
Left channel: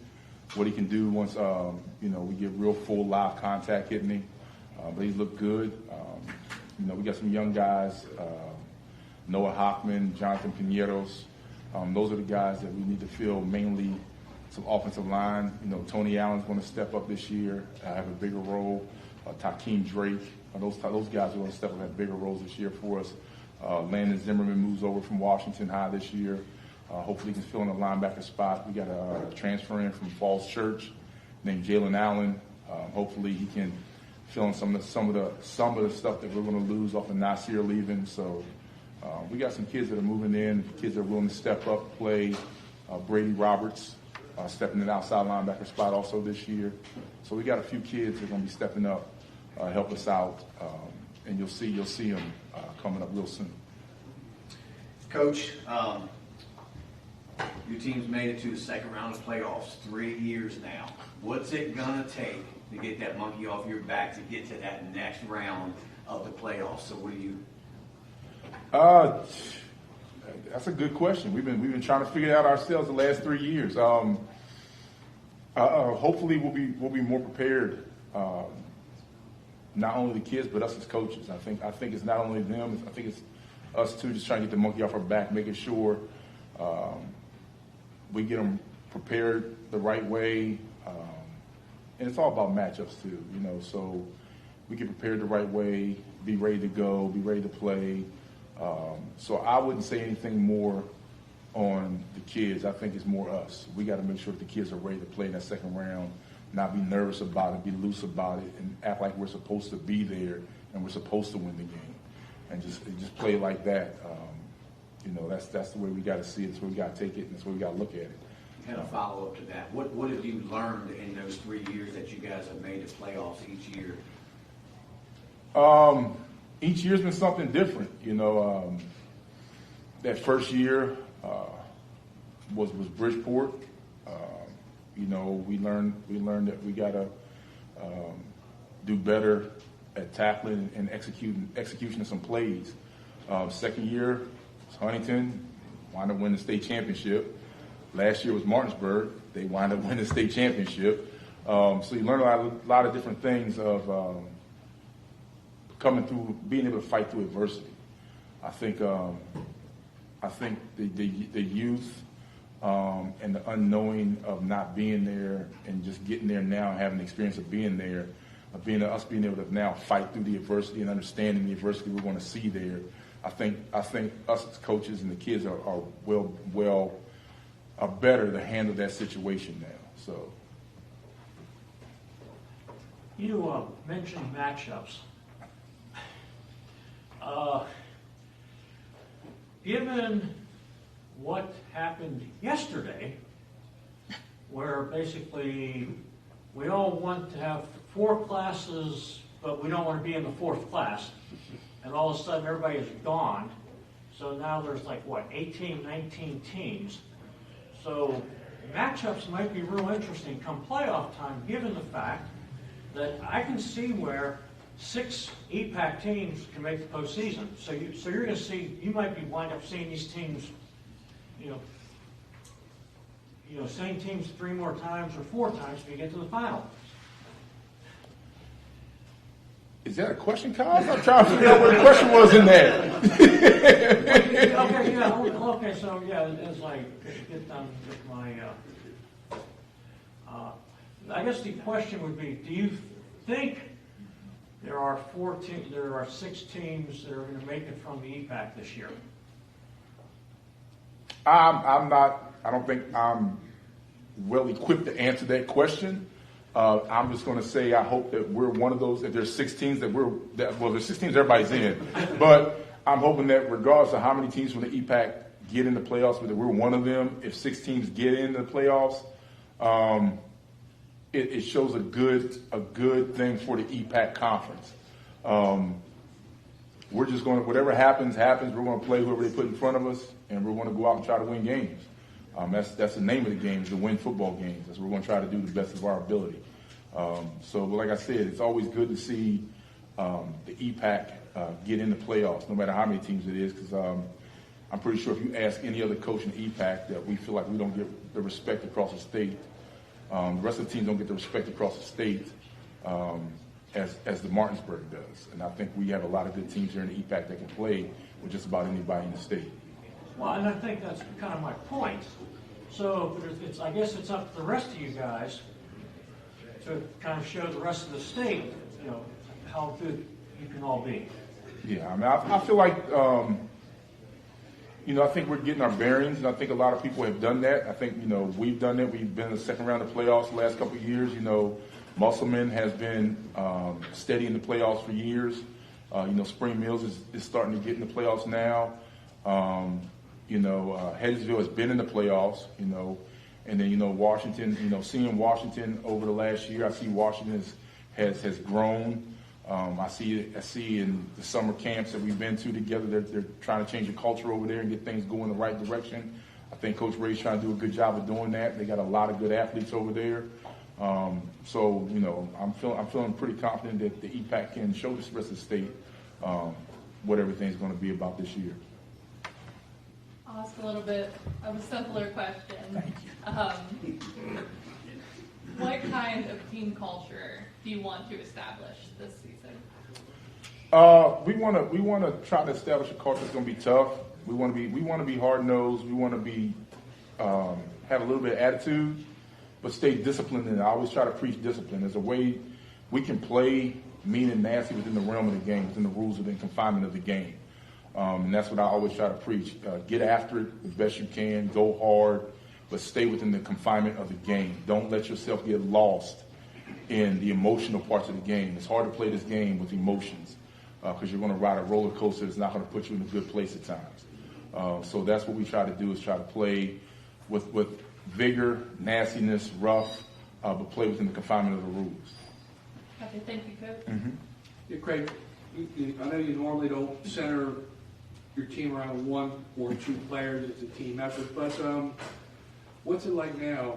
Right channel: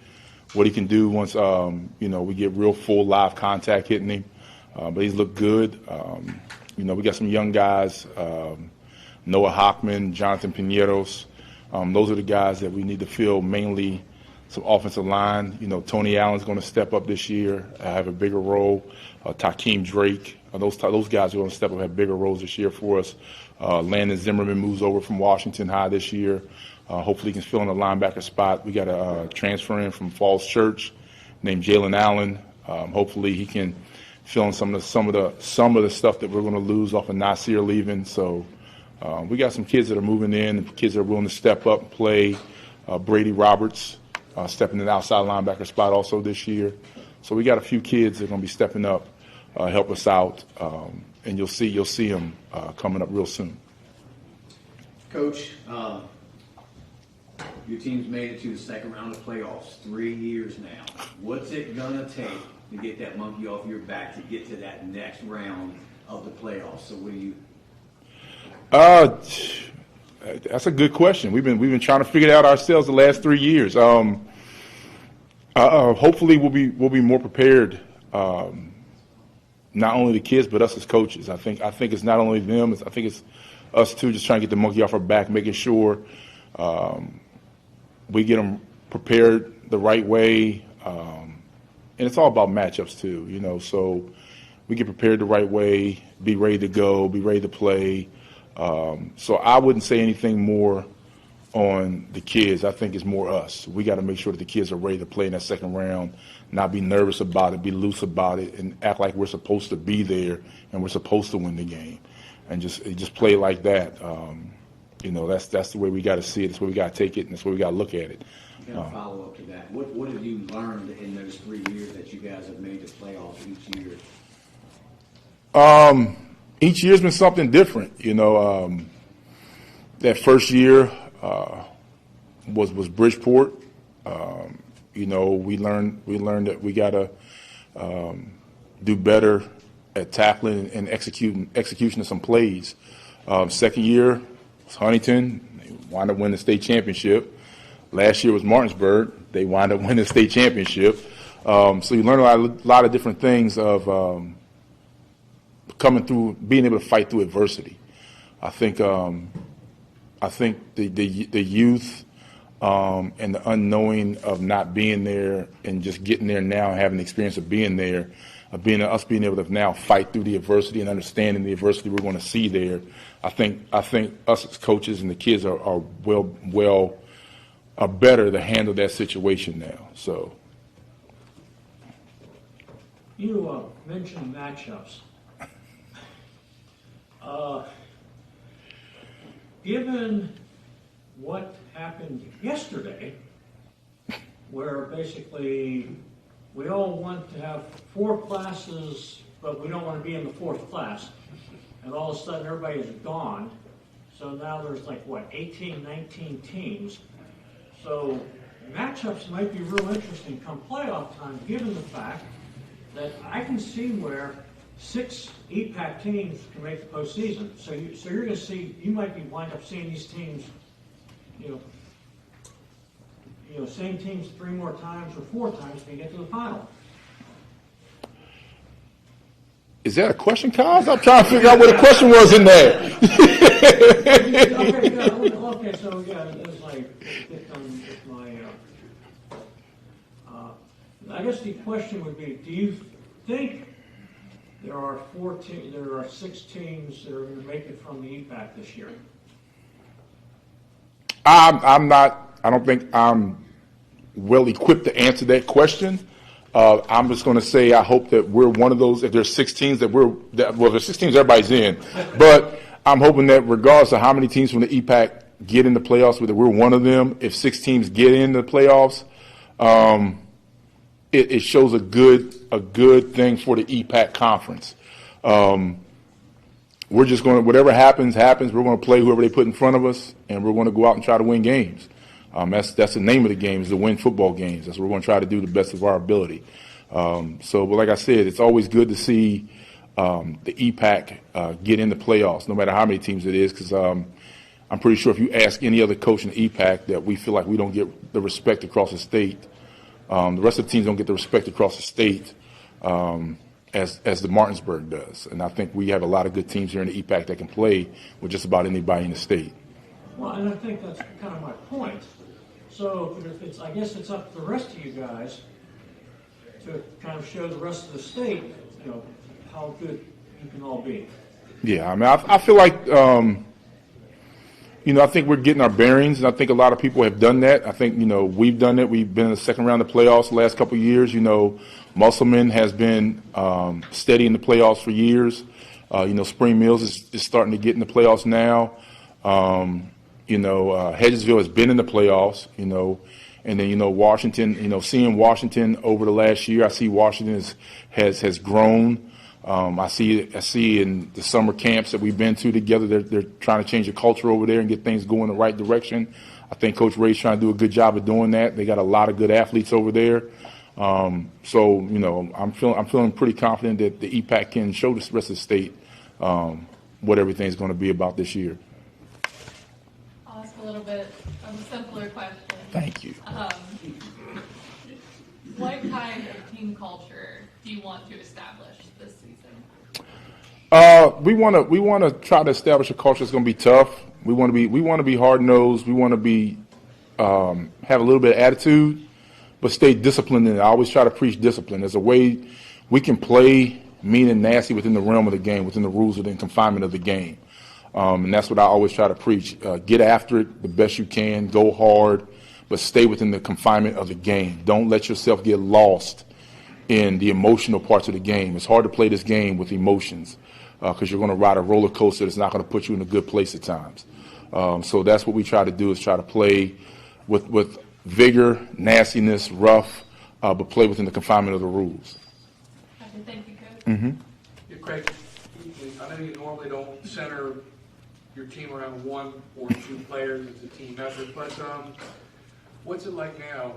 what he can do once we get real full live contact hitting him. But he's looked good. We got some young guys, Noah Hockman, Jonathan Pineros. Those are the guys that we need to fill, mainly some offensive line. Tony Allen's going to step up this year, have a bigger role. Takeem Drake, those guys are going to step up and have bigger roles this year for us. Landon Zimmerman moves over from Washington High this year. Hopefully he can fill in the linebacker spot. We got a transfer in from Falls Church named Jalen Allen. Hopefully he can fill in some of the stuff that we're going to lose off of Nasir leaving. So we got some kids that are moving in, kids that are willing to step up and play. Brady Roberts stepping in the outside linebacker spot also this year. So we got a few kids that are going to be stepping up help us out, and you'll see them coming up real soon. Coach, your team's made it to the second round of playoffs 3 years now. What's it gonna take to get that monkey off your back to get to that next round of the playoffs? So what do you? That's a good question. We've been trying to figure it out ourselves the last 3 years. Hopefully we'll be more prepared. Not only the kids, but us as coaches. I think it's not only them. I think it's us too, just trying to get the monkey off our back, making sure we get them prepared the right way. And it's all about matchups too, So we get prepared the right way, be ready to go, be ready to play. So I wouldn't say anything more on the kids. I think it's more us. We got to make sure that the kids are ready to play in that second round, not be nervous about it, be loose about it, and act like we're supposed to be there and we're supposed to win the game, and just play like that. That's the way we got to see it. That's the way we got to take it, and that's the way we got to look at it. Kind of follow up to that. What have you learned in those 3 years that you guys have made the playoffs each year? Each year's been something different. That first year was Bridgeport. We learned that we got to do better at tackling and execution of some plays. Second year was Huntington. They wound up winning the state championship. Last year was Martinsburg. They wound up winning the state championship. So you learn a lot of different things of coming through, being able to fight through adversity. I think the youth and the unknowing of not being there and just getting there now, having the experience of being there, of us being able to now fight through the adversity and understanding the adversity we're going to see there. I think us as coaches and the kids are better to handle that situation now. So you mentioned matchups. Given what happened yesterday, where basically we all want to have 4 classes, but we don't want to be in the 4th class, and all of a sudden everybody is gone. So now there's 18, 19 teams. So matchups might be real interesting come playoff time, given the fact that I can see where 6 EPAC teams can make the postseason. So you're going to see, you might wind up seeing these teams, same teams 3 more times or 4 times to get to the final. is that a question, Kyle? I'm trying to figure out what the question was in there. Okay, so as I get done with my, I guess the question would be, do you think there are 6 teams that are going to make it from the EPAC this year? I don't think I'm well equipped to answer that question. I'm just going to say I hope that we're one of those. If there's 6 teams there's 6 teams everybody's in, but I'm hoping that regardless of how many teams from the EPAC get in the playoffs, whether we're one of them, if 6 teams get in the playoffs, it shows a good thing for the EPAC conference. We're just going to, whatever happens. We're going to play whoever they put in front of us, and we're going to go out and try to win games. That's the name of the game, is to win football games. That's what we're going to try to do to the best of our ability. But like I said, it's always good to see the EPAC get in the playoffs, no matter how many teams it is, because I'm pretty sure if you ask any other coach in the EPAC that we feel like we don't get the respect across the state. The rest of the teams don't get the respect across the state as the Martinsburg does. And I think we have a lot of good teams here in the EPAC that can play with just about anybody in the state. Well, and I think that's kind of my point. So I guess it's up to the rest of you guys to kind of show the rest of the state, how good you can all be. Yeah, I mean, I feel like, I think we're getting our bearings, and I think a lot of people have done that. I think, we've done it. We've been in the second round of playoffs the last couple of years. Musselman has been steady in the playoffs for years. Spring Mills is starting to get in the playoffs now. Hedgesville has been in the playoffs, and then, Washington, seeing Washington over the last year, I see Washington has grown. I see in the summer camps that we've been to together, they're trying to change the culture over there and get things going in the right direction. I think Coach Ray's trying to do a good job of doing that. They got a lot of good athletes over there. So, you know, I'm feeling pretty confident that the EPAC can show the rest of the state what everything's going to be about this year. I'll ask a little bit of a simpler question. Thank you. What kind of team culture do you want to establish this season? We want to try to establish a culture that's going to be tough. We want to be hard nosed. We want to be have a little bit of attitude, but stay disciplined. And I always try to preach discipline. There's a way we can play mean and nasty within the realm of the game, within the rules, within confinement of the game. And that's what I always try to preach. Get after it the best you can. Go hard, but stay within the confinement of the game. Don't let yourself get lost in the emotional parts of the game. It's hard to play this game with emotions because you're going to ride a roller coaster that's not going to put you in a good place at times. So that's what we try to do, is try to play with vigor, nastiness, rough, but play within the confinement of the rules. Okay, thank you, Coach. Mm-hmm. Yeah, Craig, I know you normally don't center your team around one or two players. It's a team effort. But what's it like now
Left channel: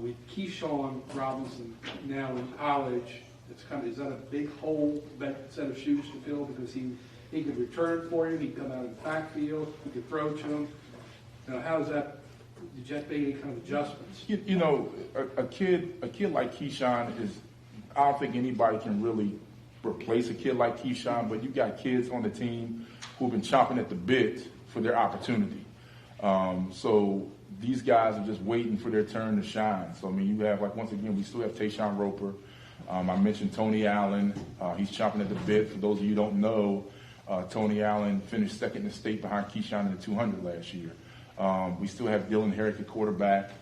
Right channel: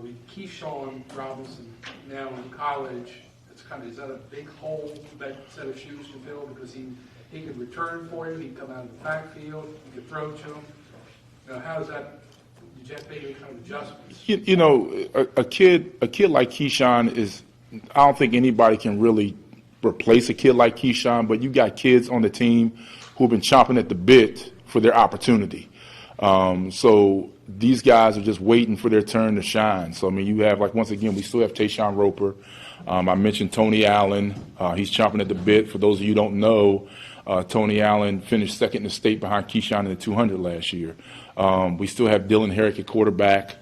with Keyshawn Robinson now in college? Is that a big hole, that set of shoes to fill? Because he could return for you, he'd come out of the backfield, he could throw to him. You know, how does that? Did you have to make any kind of adjustments? You know, a kid like Keyshawn is. I don't think anybody can really replace a kid like Keyshawn, but you got kids on the team who've been chomping at the bit for their opportunity. So these guys are just waiting for their turn to shine. So, I mean, you have, like, once again, we still have Tayshawn Roper. I mentioned Tony Allen. He's chomping at the bit. For those of you who don't know, Tony Allen finished second in the state behind Keyshawn in the 200 last year. We still have Dylan Herrick at quarterback.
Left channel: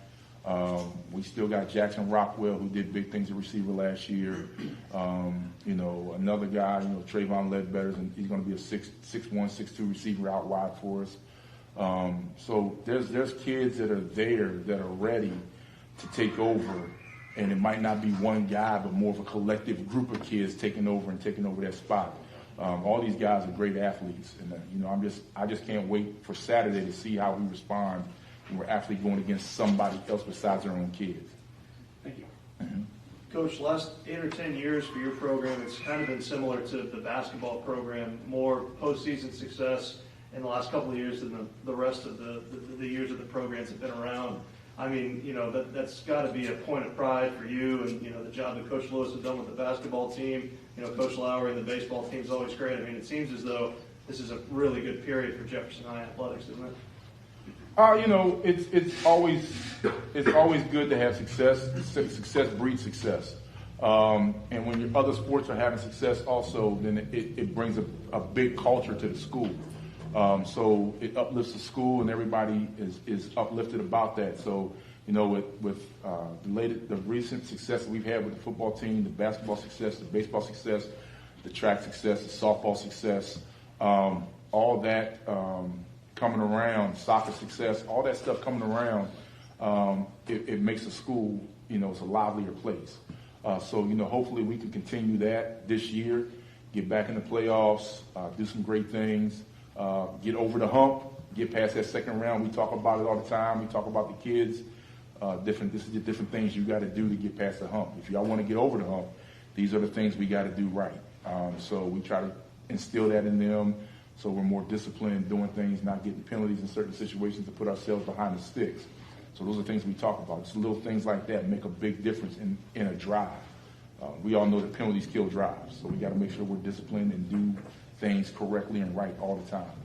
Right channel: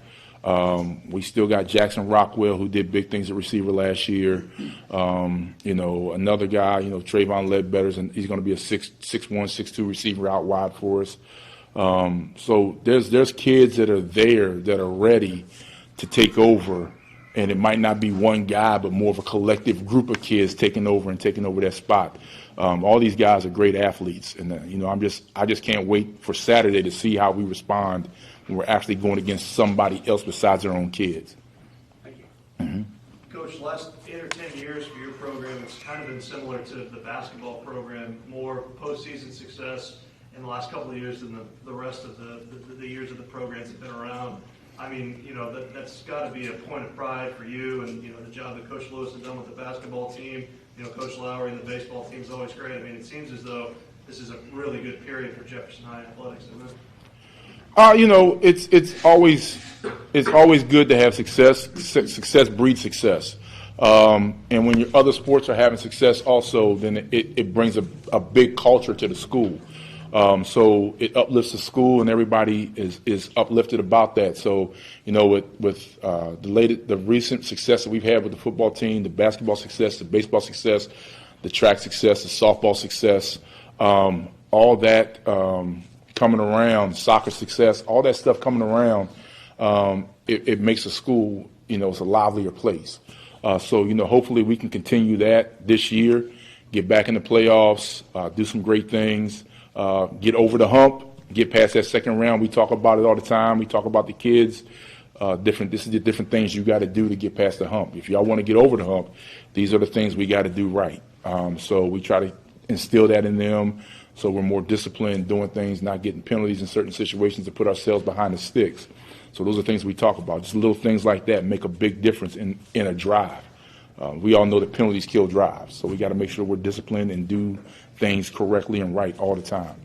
We still got Jackson Rockwell, who did big things at receiver last year. You know, another guy, you know, Trayvon Ledbetter, and he's going to be a 6'1", 6'2" receiver out wide for us. So there's kids that are there that are ready to take over, and it might not be one guy, but more of a collective group of kids taking over that spot. All these guys are great athletes, and you know, I just can't wait for Saturday to see how we respond when we're actually going against somebody else besides our own kids. Thank you. Mm-hmm. Coach, last 8 or 10 years for your program, it's kind of been similar to the basketball program, more postseason success in the last couple of years than the rest of the years of the programs have been around. I mean, you know, that's got to be a point of pride for you, and, you know, the job that Coach Lewis has done with the basketball team, you know, Coach Lowry and the baseball team is always great. I mean, it seems as though this is a really good period for Jefferson High athletics, isn't it? You know, it's always good to have success. Success breeds success. And when your other sports are having success also, then it brings a big culture to the school. So it uplifts the school, and everybody is uplifted about that. So, you know, with the recent success that we've had with the football team, the basketball success, the baseball success, the track success, the softball success, all that coming around, soccer success, all that stuff coming around, it makes the school, you know, it's a livelier place. So, you know, hopefully we can continue that this year, get back in the playoffs, do some great things, get over the hump, get past that second round. We talk about it all the time. We talk about the kids. This is the different things you got to do to get past the hump. If y'all want to get over the hump, these are the things we got to do right. So we try to instill that in them. So we're more disciplined, doing things, not getting penalties in certain situations to put ourselves behind the sticks. So those are things we talk about. Just little things like that make a big difference in a drive. We all know that penalties kill drives, so we got to make sure we're disciplined and do things correctly and right all the time.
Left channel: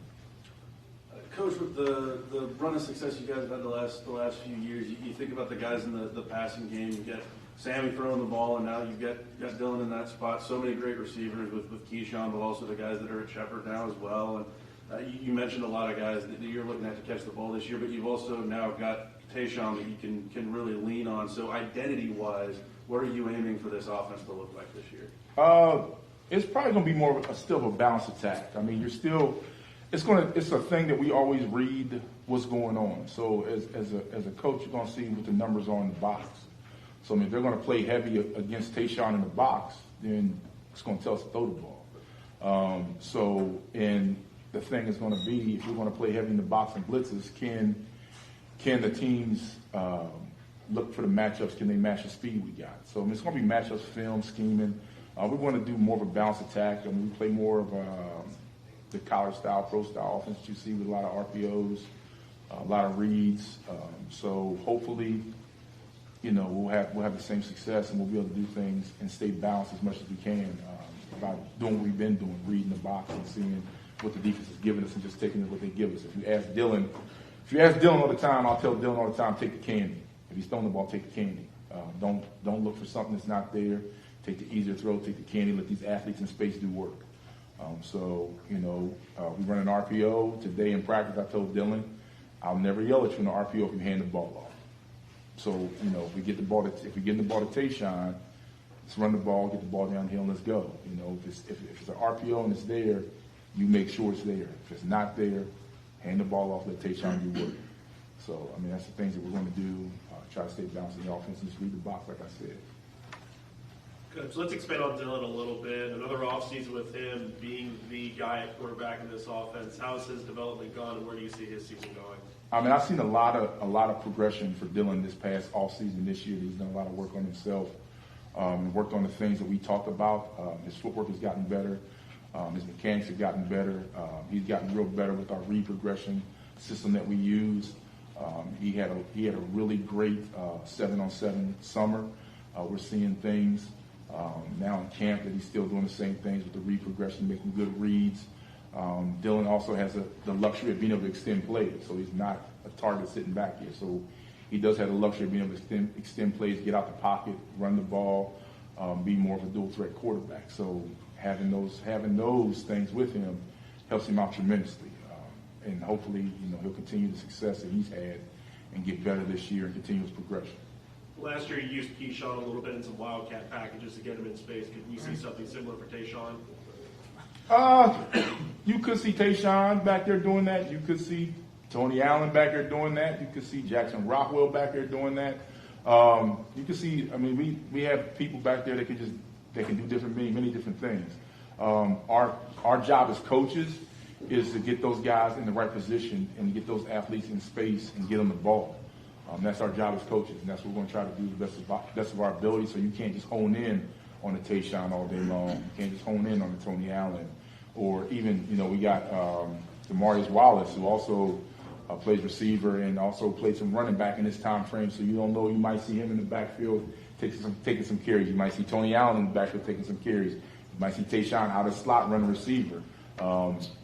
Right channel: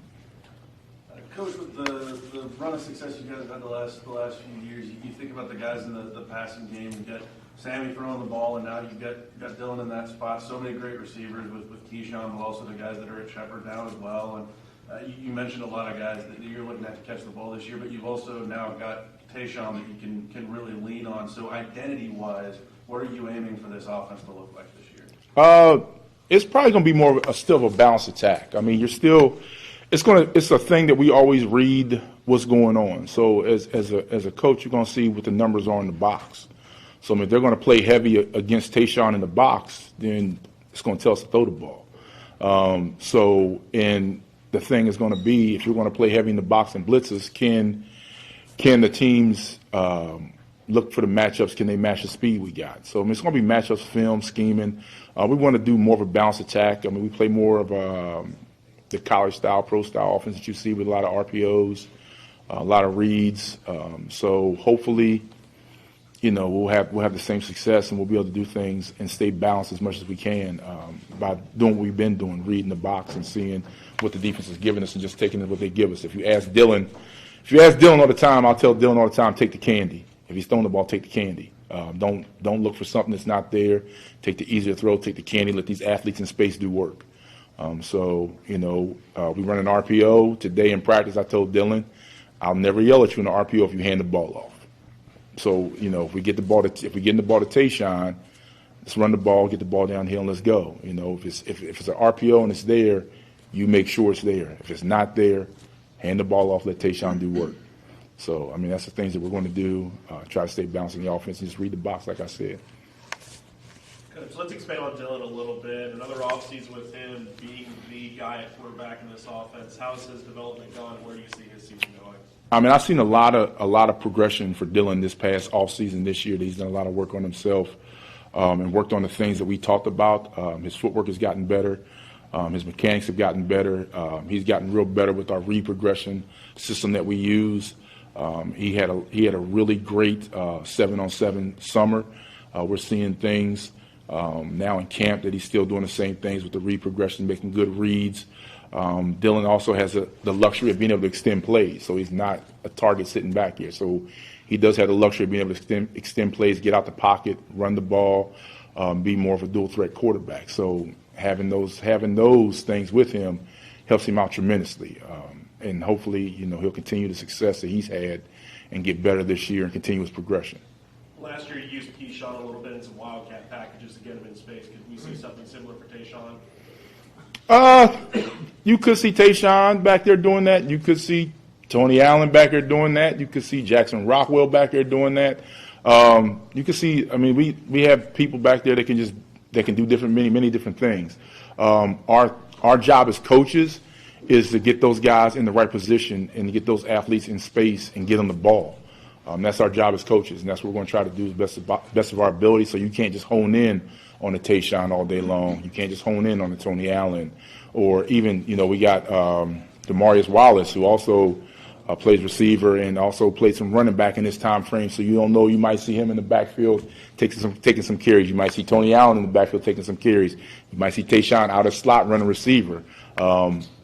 Coach, with the run of success you guys have had the last few years, you think about the guys in the passing game. You've got Sammy throwing the ball, and now you've got Dylan in that spot. So many great receivers with Keyshawn, but also the guys that are at Shepherd now as well. And you mentioned a lot of guys that you're looking at to catch the ball this year, but you've also now got Tayshawn that you can really lean on. So identity-wise, what are you aiming for this offense to look like this year? It's probably going to be more of still a balanced attack. I mean, it's a thing that we always read what's going on. So as a coach, you're going to see what the numbers are in the box. So I mean, if they're going to play heavy against Tayshawn in the box, then It's going to tell us to throw the ball. And the thing is going to be, if you're going to play heavy in the box and blitzes, can the teams look for the matchups? Can they match the speed we got? So I mean, it's going to be matchups, film, scheming. We want to do more of a balanced attack. I mean, we play more of the college style, pro style offense that you see with a lot of RPOs, a lot of reads. So hopefully, we'll have the same success, and we'll be able to do things and stay balanced as much as we can by doing what we've been doing, reading the box and seeing what the defense is giving us and just taking what they give us. If you ask Dylan all the time, I'll tell Dylan all the time, take the candy. If he's throwing the ball, take the candy. Don't look for something that's not there. Take the easier throw, take the candy, let these athletes in space do work. We run an RPO. Today in practice, I told Dylan, I'll never yell at you in an RPO if you hand the ball off. So, if we get the ball to Tayshawn, let's run the ball, get the ball downhill, and let's go. If it's an RPO and it's there, you make sure it's there. If it's not there, hand the ball off, let Tayshawn do work. So, I mean, that's the things that we're going to do, try to stay balanced in the offense and just read the box, like I said. Good. So let's expand on Dylan a little bit. Another offseason with him being the guy at quarterback in this offense. How has his development gone? Where do you see his season going? I mean, I've seen a lot of progression for Dylan this past offseason this year. He's done a lot of work on himself and worked on the things that we talked about. His footwork has gotten better. His mechanics have gotten better. He's gotten real better with our read progression system that we use. He had a really great 7-on-7 summer. We're seeing things now in camp that he's still doing the same things with the read progression, making good reads. Dylan also has the luxury of being able to extend plays, so he's not a target sitting back here. So he does have the luxury of being able to extend plays, get out the pocket, run the ball, be more of a dual threat quarterback. So having those things with him helps him out tremendously. And hopefully, he'll continue the success that he's had and get better this year and continue his progression. Last year, you used Keyshawn a little bit in some Wildcat packages to get him in space. Can we see something similar for Tayshawn? You could see Tayshawn back there doing that. You could see Tony Allen back there doing that. You could see Jackson Rockwell back there doing that. You could see, I mean, we have people back there that can do many different things. Our job as coaches is to get those guys in the right position and to get those athletes in space and get them the ball. That's our job as coaches, and that's what we're going to try to do the best of our ability. So you can't just hone in on the Tayshawn all day long. You can't just hone in on the Tony Allen, or even we got Demarius Wallace, who also plays receiver and also played some running back in this time frame. So you don't know, you might see him in the backfield taking some carries. You might see Tony Allen in the backfield taking some carries. You might see Tayshawn out of slot running receiver.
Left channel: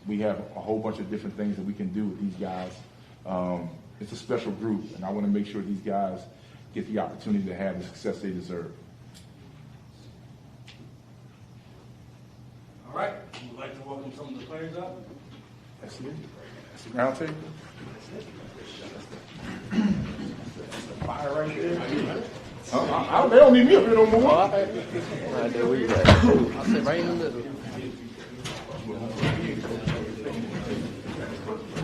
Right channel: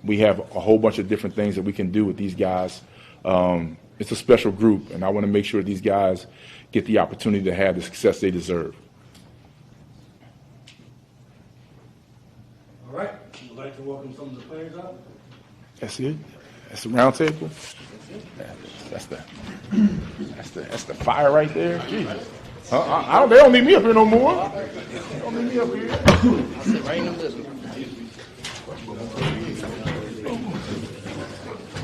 We have a whole bunch of different things that we can do with these guys. It's a special group, and I want to make sure these guys get the opportunity to have the success they deserve. All right. We'd like to welcome some of the players up. That's it. That's the round table. That's the fire right there. They don't need me up here no more.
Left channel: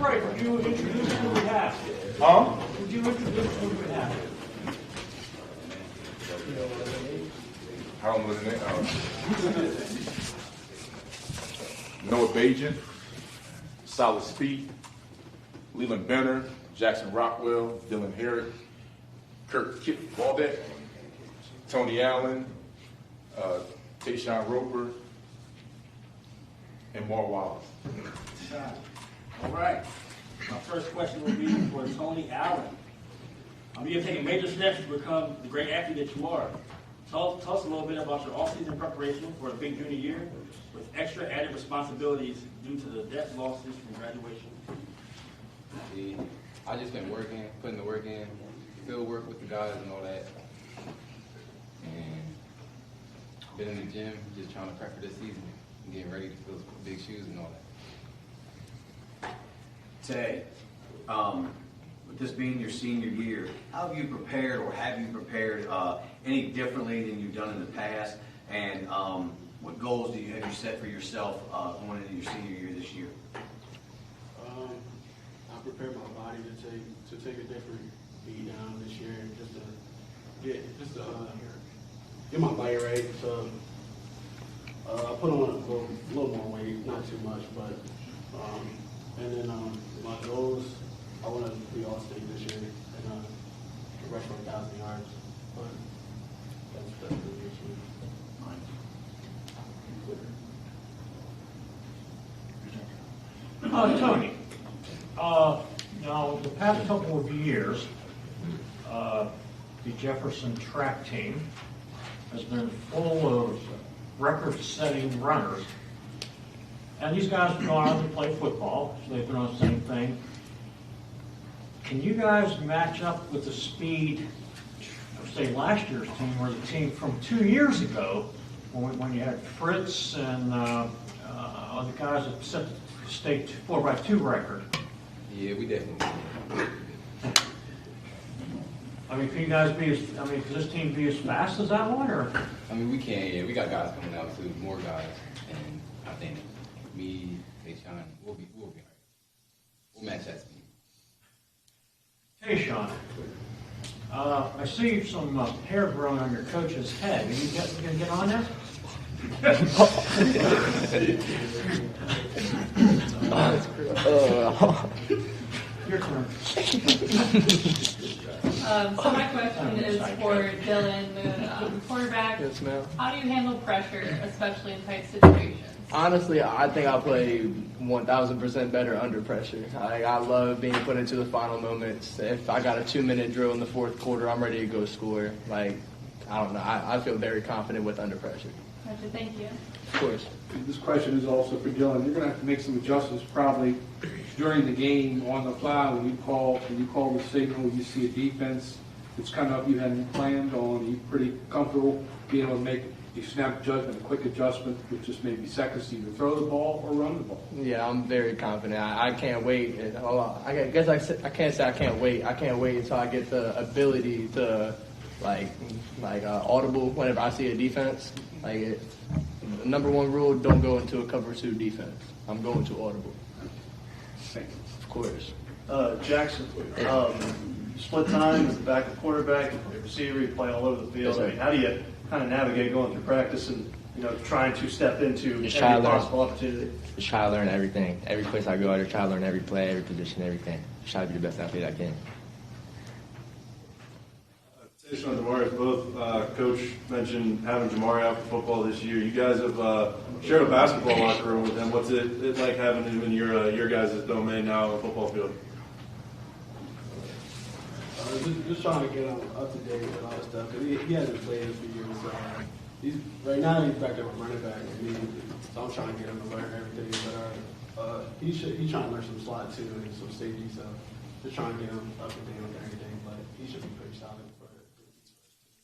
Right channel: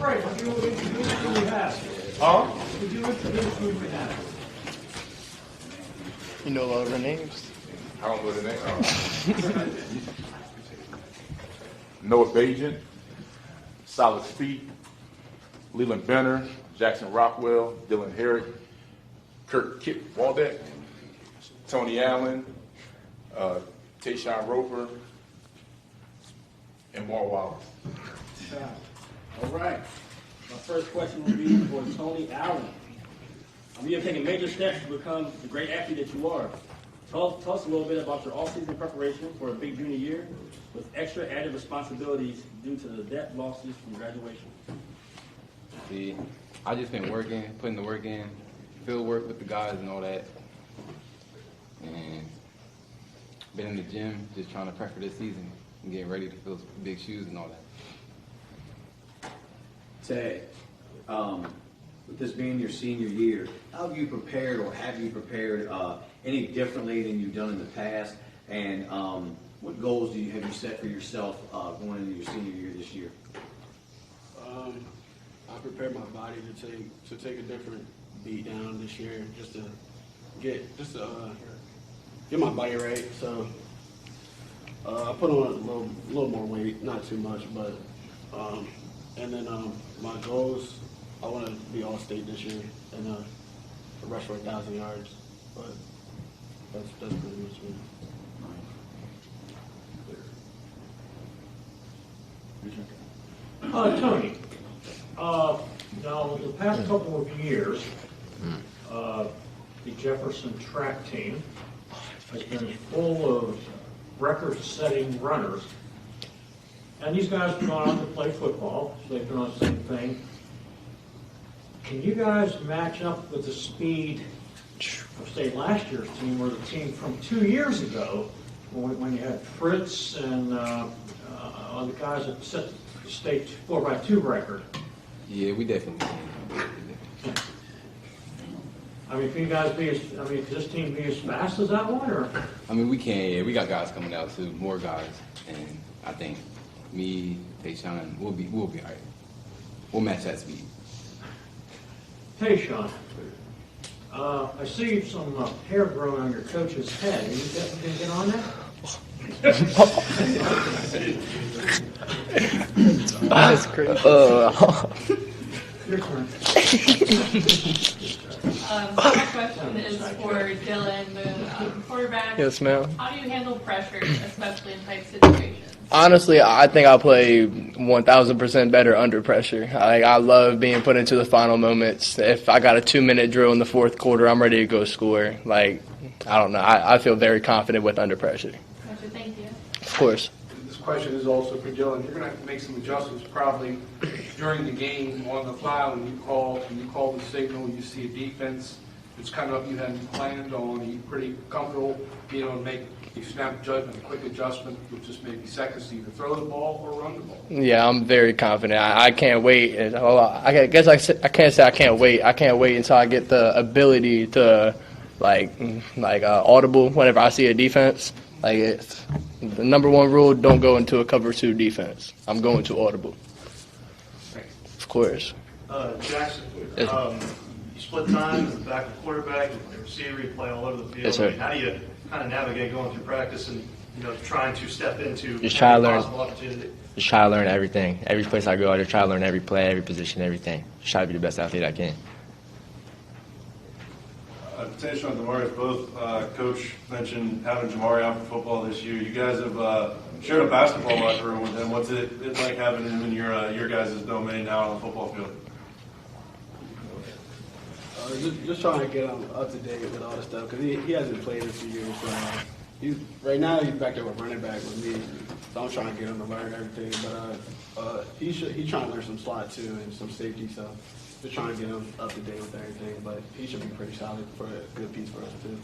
Right, would you introduce who we have? Huh? Would you introduce who we have? You know all the names? I don't know the name. Noah Bajan, Solid Speed, Leland Benner, Jackson Rockwell, Dylan Herrick, Kirk Waldeck, Tony Allen, Tayshawn Roper, and Mar Wallace. All right. My first question will be for Tony Allen. You have taken major steps to become the great athlete that you are. Tell us a little bit about your off-season preparation for a big junior year with extra added responsibilities due to the debt losses from graduation. Yeah, I just been working, putting the work in, field work with the guys and all that. And been in the gym just trying to prep for this season and getting ready to fill big shoes and all that. Today, with this being your senior year, how have you prepared, or have you prepared any differently than you've done in the past? And what goals have you set for yourself going into your senior year this year? I prepared my body to take a different beat down this year, just to get my body right. So I put on a little more weight, not too much, but and then my goals, I want to be all state this year and rush for 1,000 yards. But that's pretty much me. Tony, now the past couple of years, the Jefferson track team has been full of record-setting runners. And these guys have gone out to play football, so they've done the same thing. Can you guys match up with the speed of, say, last year's team or the team from 2 years ago when you had Fritz and the guys that set the state 4x2 record? Yeah, we definitely. I mean, can you guys be can this team be as fast as that one, or? I mean, we can. Yeah, we got guys coming out too, more guys, and I think me, Tayshawn, we'll be all right. We'll match that speed. Tayshawn, I see some hair growing on your coach's head. Are you going to get on that? That's crazy. Your turn. So my question is for Dylan, the quarterback. Yes, ma'am. How do you handle pressure, especially in tight situations? Honestly, I think I play 1,000% better under pressure. I love being put into the final moments. If I got a 2-minute drill in the fourth quarter, I'm ready to go score. I don't know. I feel very confident with under pressure. Gotcha, thank you. Of course. This question is also for Dylan. You're going to have to make some adjustments probably during the game on the fly when you call the signal. You see a defense that's kind of you hadn't planned on. Are you pretty comfortable being able to make a snap judgment, a quick adjustment, which just maybe seconds to either throw the ball or run the ball? Yeah, I'm very confident. I can't wait. I guess I can't say I can't wait. I can't wait until I get the ability to audible whenever I see a defense. It's the number one rule: don't go into a cover 2 defense. I'm going to audible. Of course. Jackson, you split time, back quarterback, receiver, you play all over the field. Yes, sir. How do you kind of navigate going through practice and trying to step into Just try to learn. possible opportunity? Just try to learn everything. Every place I go, I just try to learn every play, every position, everything. Just try to be the best athlete I can. Tayshawn and Jamari, both Coach mentioned having Jamari out for football this year. You guys have shared a basketball locker room with him. What's it like having him in your guys' domain now on the football field? Just trying to get him up to date with all this stuff because he hasn't played in a few years. Right now he's back there with running back with me, so I'm trying to get him to learn everything. But he's trying to learn some slot too and some safety stuff. Just trying to get him up to date with everything, but he should be pretty solid for a good piece for us too.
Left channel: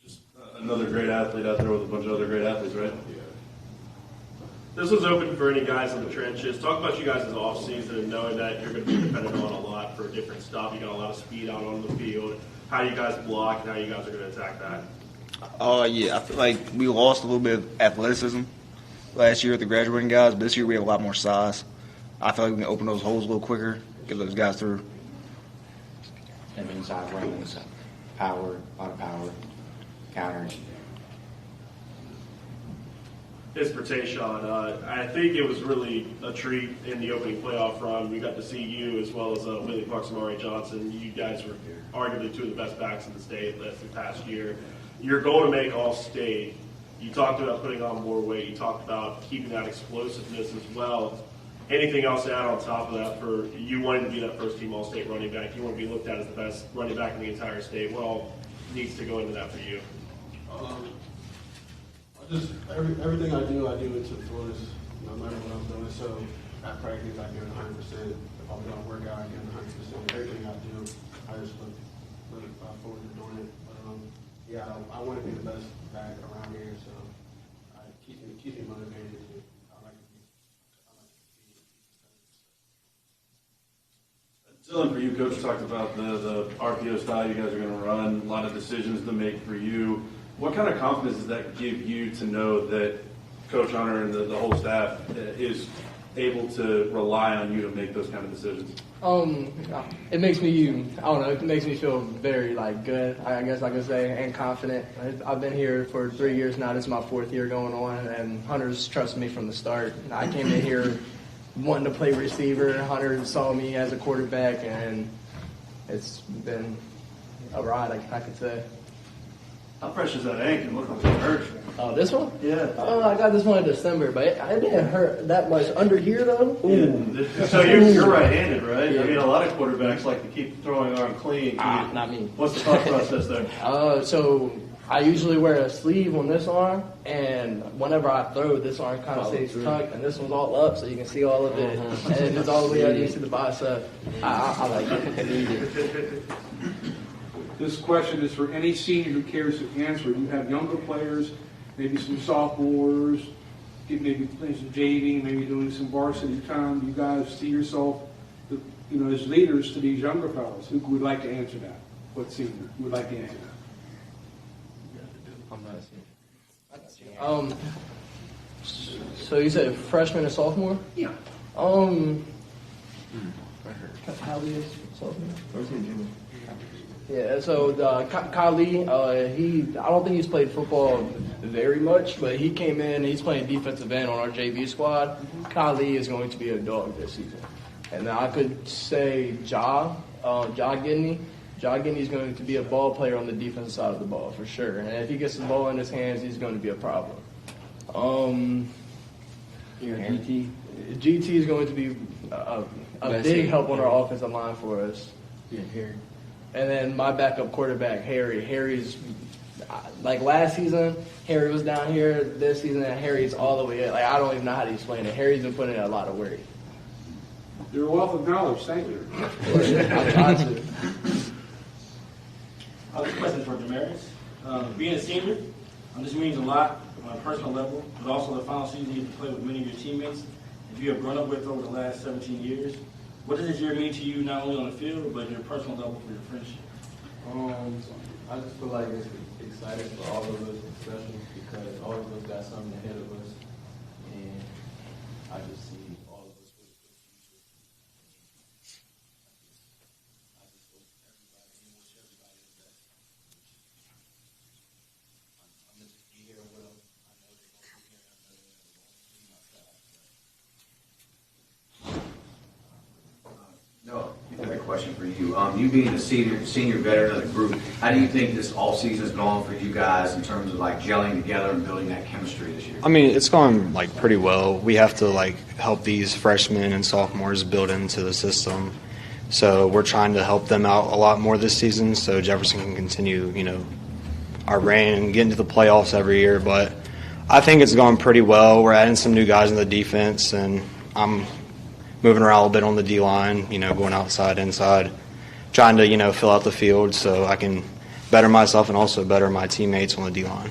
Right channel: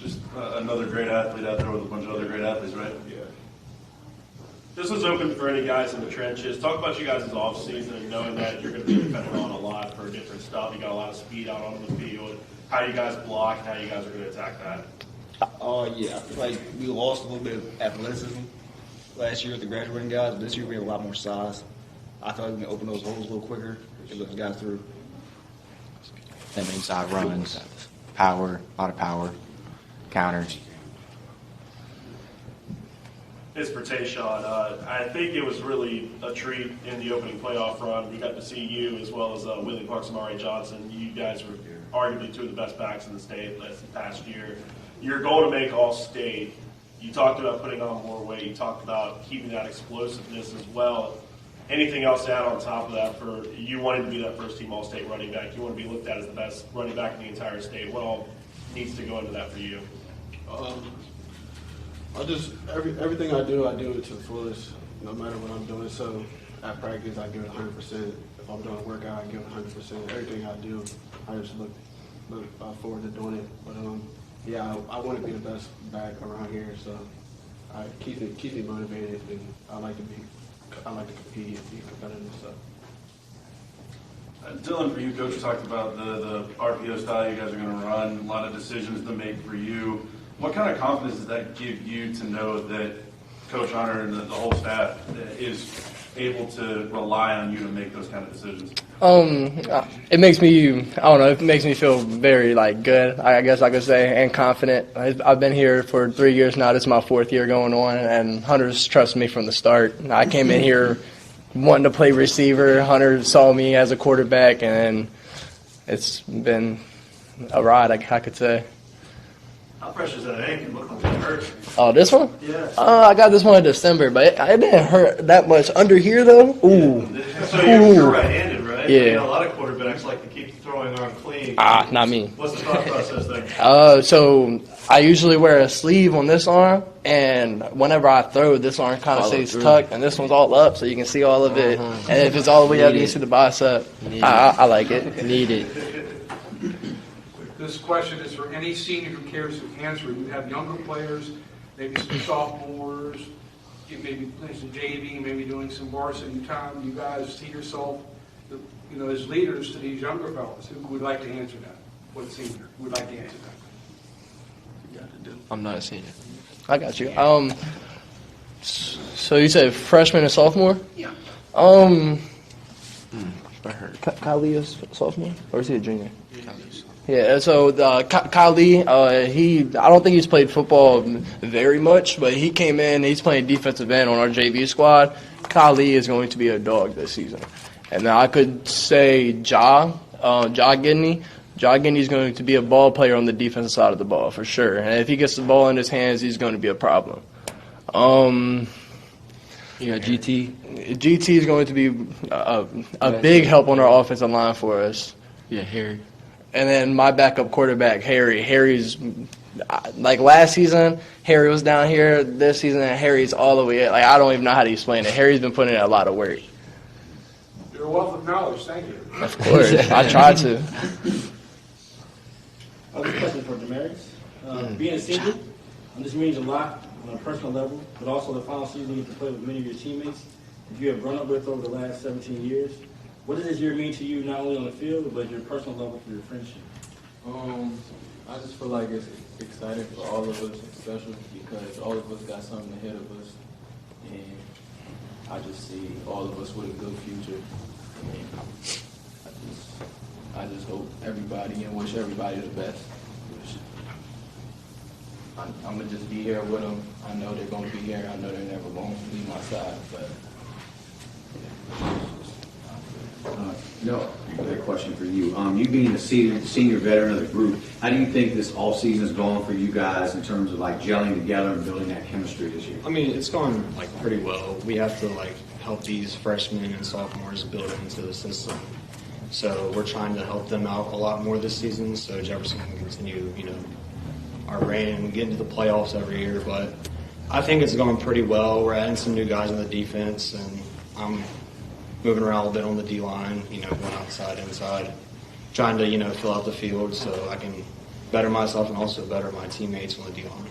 Just another great athlete out there with a bunch of other great athletes, right? Yeah. This is open for any guys in the trenches. Talk about you guys' off season and knowing that you're going to be dependent on a lot for different stuff. You got a lot of speed out on the field. How you guys block and how you guys are going to attack that. Yeah, I feel like we lost a little bit of athleticism last year with the graduating guys, but this year we have a lot more size. I feel like we can open those holes a little quicker, get those guys through. That means side runs, power, a lot of power, counters. It's for Tayshawn. I think it was really a treat in the opening playoff run. We got to see you as well as Willie Parks and R.A. Johnson. You guys were arguably two of the best backs in the state this past year. Your goal to make All-State, you talked about putting on more weight. You talked about keeping that explosiveness as well. Anything else to add on top of that for you wanting to be that first-team All-State running back? You want to be looked at as the best running back in the entire state. What all needs to go into that for you? Everything I do it to the fullest, no matter what I'm doing. So at practice, I give it 100%. If I'm doing a workout, I give it 100%. Everything I do, I just look forward to doing it. But yeah, I want to be the best back around here. So I keep me motivated, and I like to compete and be competitive. So. Dylan, for you, Coach talked about the RPO style you guys are going to run, a lot of decisions to make for you. What kind of confidence does that give you to know that Coach Hunter and the whole staff is able to rely on you to make those kind of decisions? It makes me, I don't know, it makes me feel very, like, good, I guess I could say, and confident. I've been here for 3 years now. This is my 4th year going on, and Hunter's trusted me from the start. I came in here wanting to play receiver. Hunter saw me as a quarterback, and it's been a ride, I could say. How fresh is that ankle? It looked like it hurt. Oh, this one? Yeah. I got this one in December, but it didn't hurt that much. Under here, though? Ooh. So you're right-handed, right? Yeah. I mean, a lot of quarterbacks like to keep the throwing arm clean. Not me. What's the thought process there? So I usually wear a sleeve on this arm, and whenever I throw, this arm kind of stays tucked, and this one's all up, so you can see all of it. And if it's all the way up, you can see the bicep. I like it. Needed. This question is for any senior who cares to answer. You have younger players, maybe some sophomores, maybe playing some JV, maybe doing some varsity time. You guys see yourself, as leaders to these younger fellas. Who would like to answer that? What senior would like to answer that? I'm not a senior. I got you. So you said freshman and sophomore? Yeah. Kylie is sophomore, or is he a junior? Yeah, so Kylie, I don't think he's played football very much, but he came in, he's playing defensive end on our JV squad. Kylie is going to be a dog this season. And I could say Ja Gidney. Ja Gidney's going to be a ball player on the defensive side of the ball, for sure. And if he gets the ball in his hands, he's going to be a problem. GT. GT is going to be a big help on our offensive line for us. Yeah, Harry. And then my backup quarterback, Harry. Harry's, like last season, Harry was down here. This season, Harry's all the way up. Like, I don't even know how to explain it. Harry's been putting in a lot of work. You're a wealth of knowledge. Thank you. Of course. I tried to. Other question for Damaris. Being a senior, this means a lot on a personal level, but also the final season you get to play with many of your teammates that you have grown up with over the last 17 years. What does this year mean to you, not only on the field, but your personal level for your friendship? I just feel like it's exciting for all of us, especially because all of us got something ahead of us, and I just see all of us with a good future. And I just hope everybody and wish everybody the best. I'm gonna just be here with them. I know they're gonna be here. I know they're never gonna leave my side, but. No, a question for you. You being a senior veteran of the group, how do you think this all season has gone for you guys in terms of like gelling together and building that chemistry this year? I mean, it's gone like pretty well. We have to like help these freshmen and sophomores build into the system. So we're trying to help them out a lot more this season so Jefferson can continue, our reign and get into the playoffs every year. But I think it's gone pretty well. We're adding some new guys in the defense, and I'm moving around a little bit on the D-line, going outside, inside, trying to, fill out the field so I can better myself and also better my teammates on the D-line.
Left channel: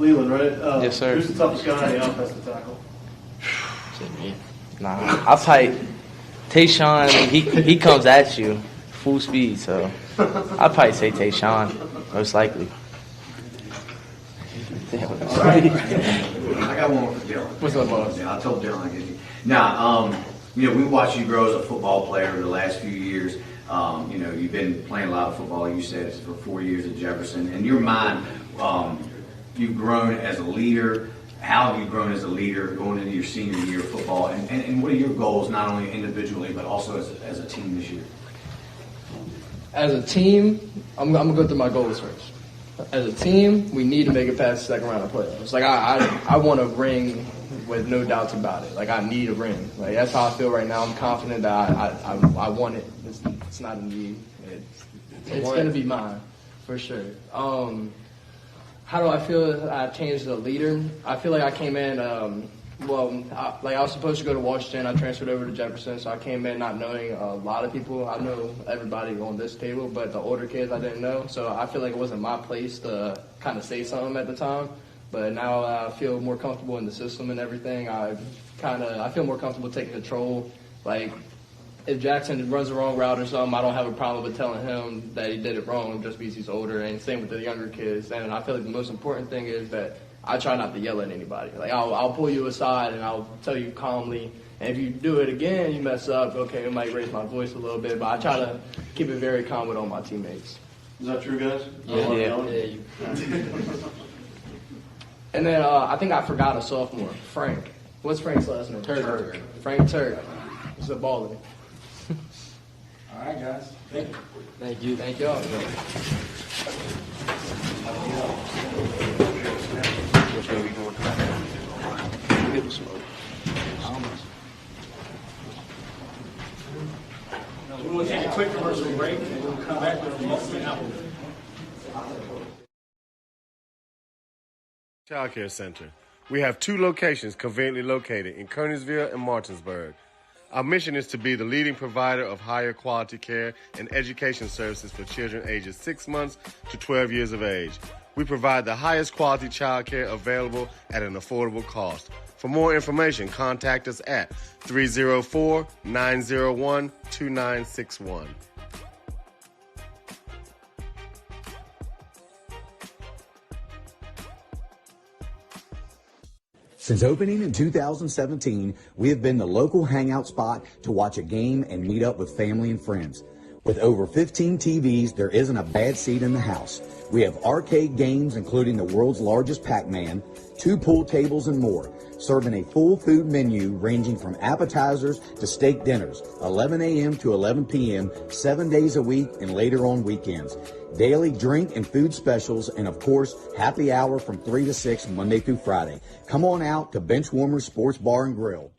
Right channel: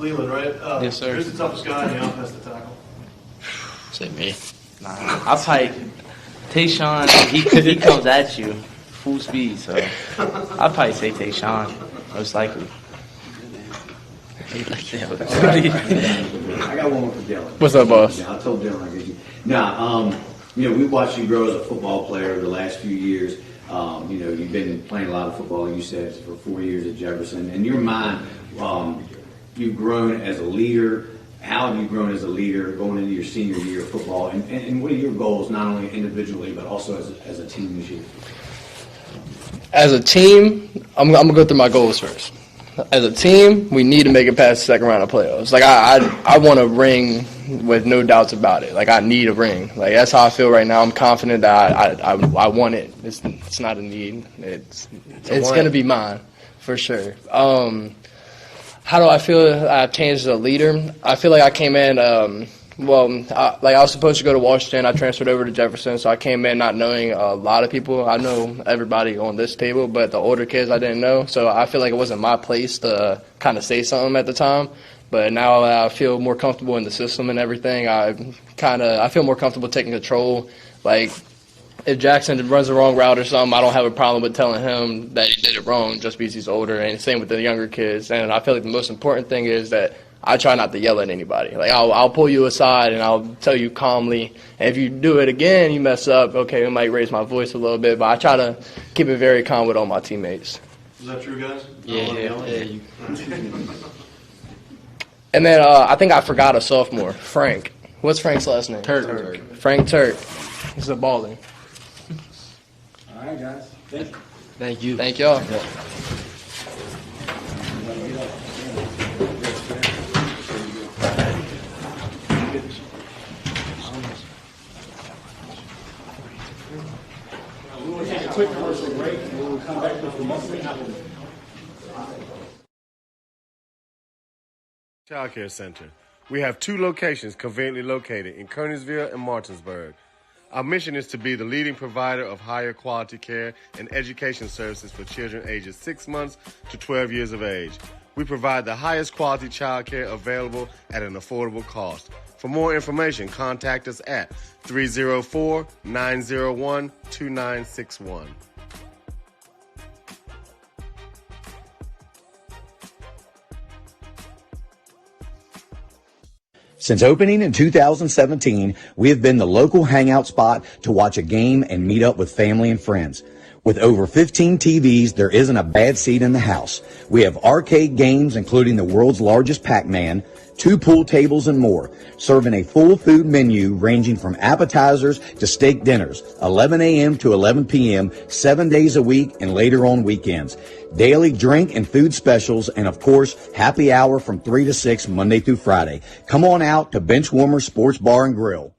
Leland, right? Yes, sir. Who's the toughest guy in the offense to tackle? Is it me? Nah, I'll type Tayshawn. He comes at you full speed, so I'll probably say Tayshawn, most likely. I got one more for Dylan. What's up, boss? Yeah, I told Dylan I get you. Nah, we watched you grow as a football player the last few years. You've been playing a lot of football, you said, for 4 years at Jefferson. In your mind, you've grown as a leader. How have you grown as a leader going into your senior year of football? And what are your goals, not only individually, but also as a team this year? As a team, I'm going to go through my goals first. As a team, we need to make it past the second round of playoffs. Like, I want a ring with no doubts about it. Like, I need a ring. Like, that's how I feel right now. I'm confident that I want it. It's not a need. It's going to be mine, for sure. How do I feel I've changed as a leader? I feel like I came in, I was supposed to go to Washington. I transferred over to Jefferson, so I came in not knowing a lot of people. I know everybody on this table, but the older kids I didn't know. So I feel like it wasn't my place to kind of say something at the time. But now I feel more comfortable in the system and everything. I feel more comfortable taking control. Like, if Jackson runs the wrong route or something, I don't have a problem with telling him that he did it wrong just because he's older, and same with the younger kids. And I feel like the most important thing is that I try not to yell at anybody. Like I'll pull you aside and I'll tell you calmly. And if you do it again, you mess up. Okay, I might raise my voice a little bit, but I try to keep it very calm with all my teammates. Is that true, guys? Yeah. And then I think I forgot a sophomore, Frank. What's Frank's last name? Turk. Frank Turk. He's a baller. All right, guys. Thank you. Thank you. Thank y'all. We're going to take a quick commercial break, and we'll come back with the message. Child Care Center. We have 2 locations conveniently located in Kearneysville and Martinsburg. Our mission is to be the leading provider of higher quality care and education services for children ages 6 months to 12 years of age. We provide the highest quality child care available at an affordable cost. For more information, contact us at 304-901-2961. Since opening in 2017, we have been the local hangout spot to watch a game and meet up with family and friends. With over 15 TVs, there isn't a bad seat in the house. We have arcade games, including the world's largest Pac-Man, 2 pool tables, and more, serving a full food menu ranging from appetizers to steak dinners, 11 a.m. to 11 p.m., 7 days a week, and later on weekends. Daily drink and food specials, and of course, happy hour from 3 to 6, Monday through Friday. Come on out to Benchwarmer Sports Bar and Grill.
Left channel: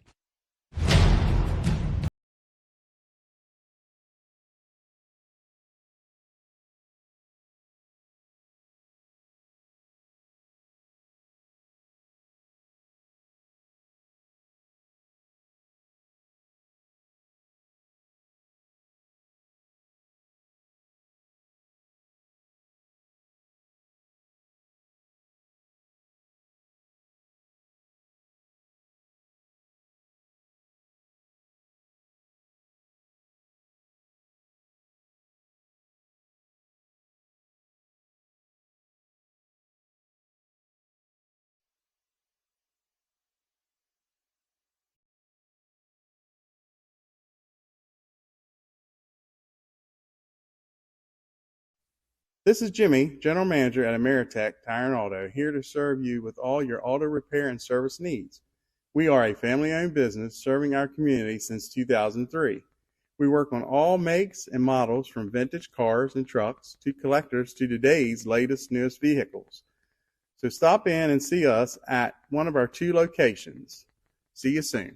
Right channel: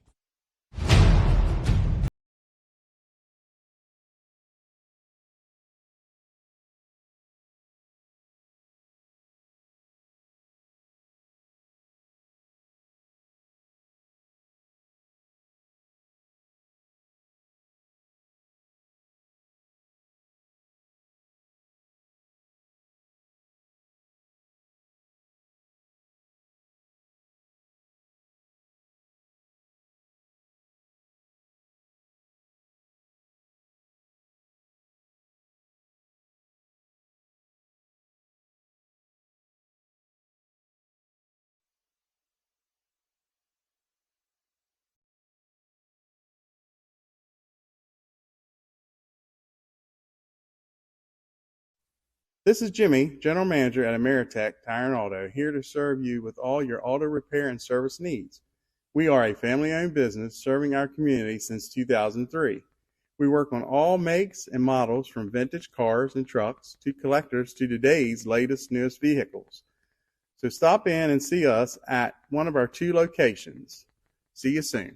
This is Jimmy, General Manager at Ameritech Tire and Auto, here to serve you with all your auto repair and service needs. We are a family-owned business serving our community since 2003. We work on all makes and models from vintage cars and trucks to collectors to today's latest, newest vehicles. So stop in and see us at one of our 2 locations. See you soon.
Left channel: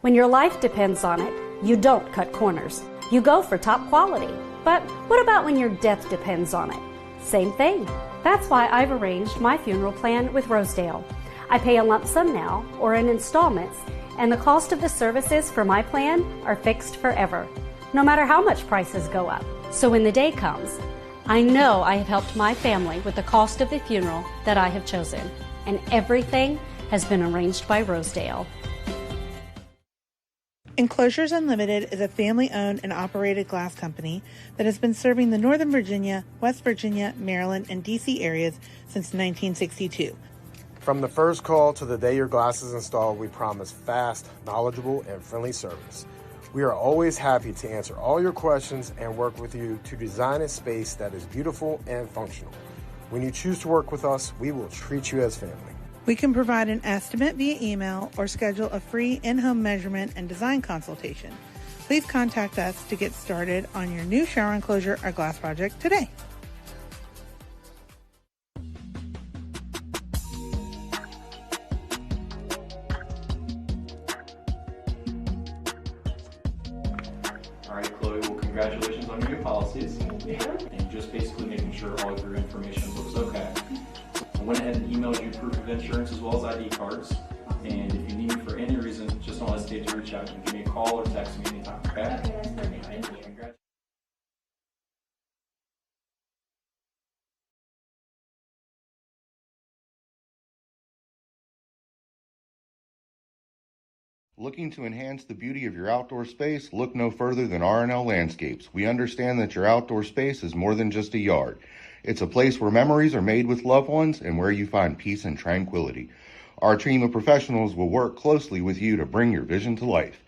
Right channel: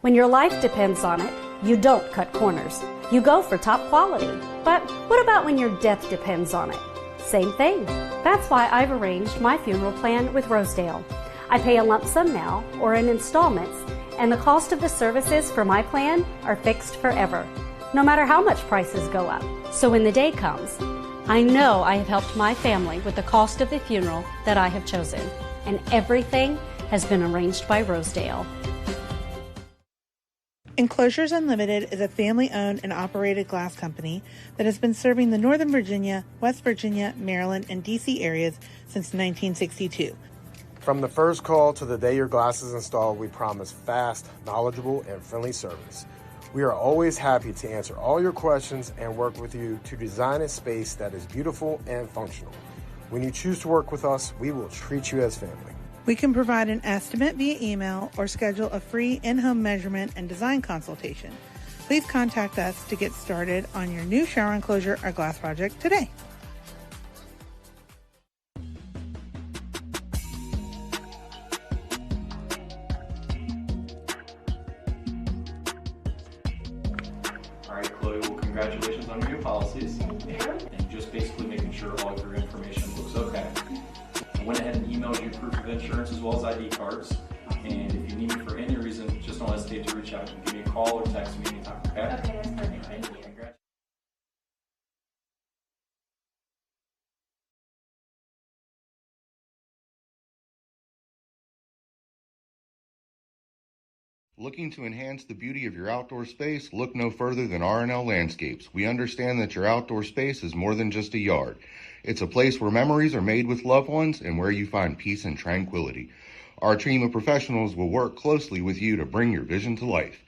When your life depends on it, you don't cut corners. You go for top quality. But what about when your death depends on it? Same thing. That's why I've arranged my funeral plan with Rosedale. I pay a lump sum now or in installments, and the cost of the services for my plan are fixed forever, no matter how much prices go up. So when the day comes, I know I have helped my family with the cost of the funeral that I have chosen, and everything has been arranged by Rosedale. Enclosures Unlimited is a family-owned and operated glass company that has been serving the Northern Virginia, West Virginia, Maryland, and D.C. areas since 1962. From the first call to the day your glass is installed, we promise fast, knowledgeable, and friendly service. We are always happy to answer all your questions and work with you to design a space that is beautiful and functional. When you choose to work with us, we will treat you as family. We can provide an estimate via email or schedule a free in-home measurement and design consultation. Please contact us to get started on your new shower enclosure or glass project today. All right, Chloe, well, congratulations on your new policies. And just basically making sure all of your information looks okay. I went ahead and emailed you proof of insurance as well as ID cards. And if you need me for any reason, just don't hesitate to reach out. You can give me a call or text me anytime, okay? Okay, that's perfect. Thank you. Looking to enhance the beauty of your outdoor space? Look no further than R&L Landscapes. We understand that your outdoor space is more than just a yard. It's a place where memories are made with loved ones and where you find peace and tranquility. Our team of professionals will work closely with you to bring your vision to life.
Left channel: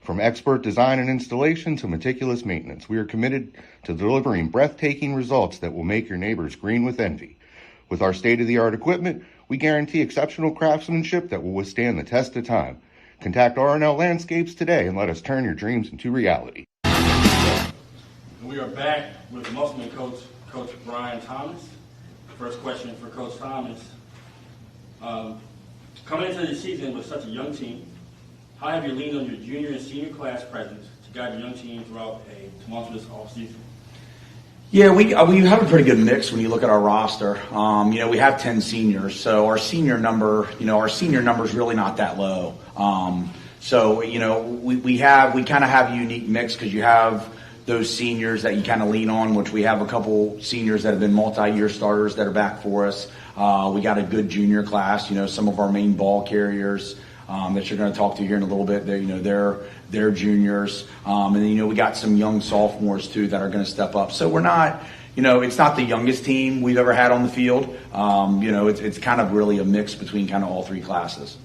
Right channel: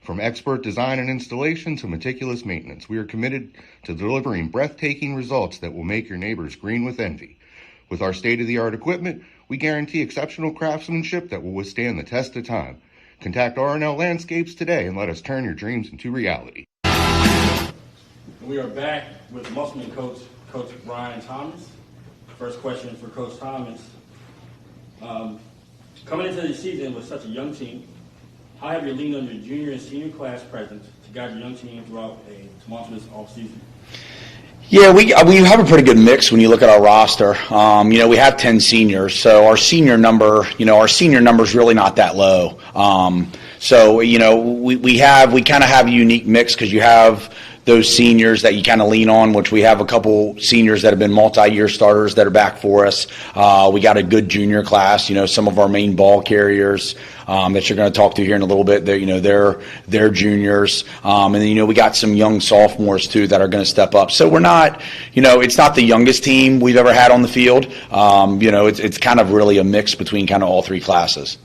From expert design and installation to meticulous maintenance, we are committed to delivering breathtaking results that will make your neighbors green with envy. With our state-of-the-art equipment, we guarantee exceptional craftsmanship that will withstand the test of time. Contact R&L Landscapes today and let us turn your dreams into reality. We are back with Musselman Coach Brian Thomas. First question for Coach Thomas. Coming into the season with such a young team, how have you leaned on your junior and senior class presence to guide your young team throughout a tumultuous offseason? Yeah, we have a pretty good mix when you look at our roster. We have 10 seniors, so our senior number is really not that low. We kind of have a unique mix because you have those seniors that you kind of lean on, which we have a couple seniors that have been multi-year starters that are back for us. We got a good junior class, some of our main ball carriers that you're going to talk to here in a little bit. They're juniors. And then, we got some young sophomores too that are going to step up. So we're not, it's not the youngest team we've ever had on the field. It's kind of really a mix between kind of all three classes.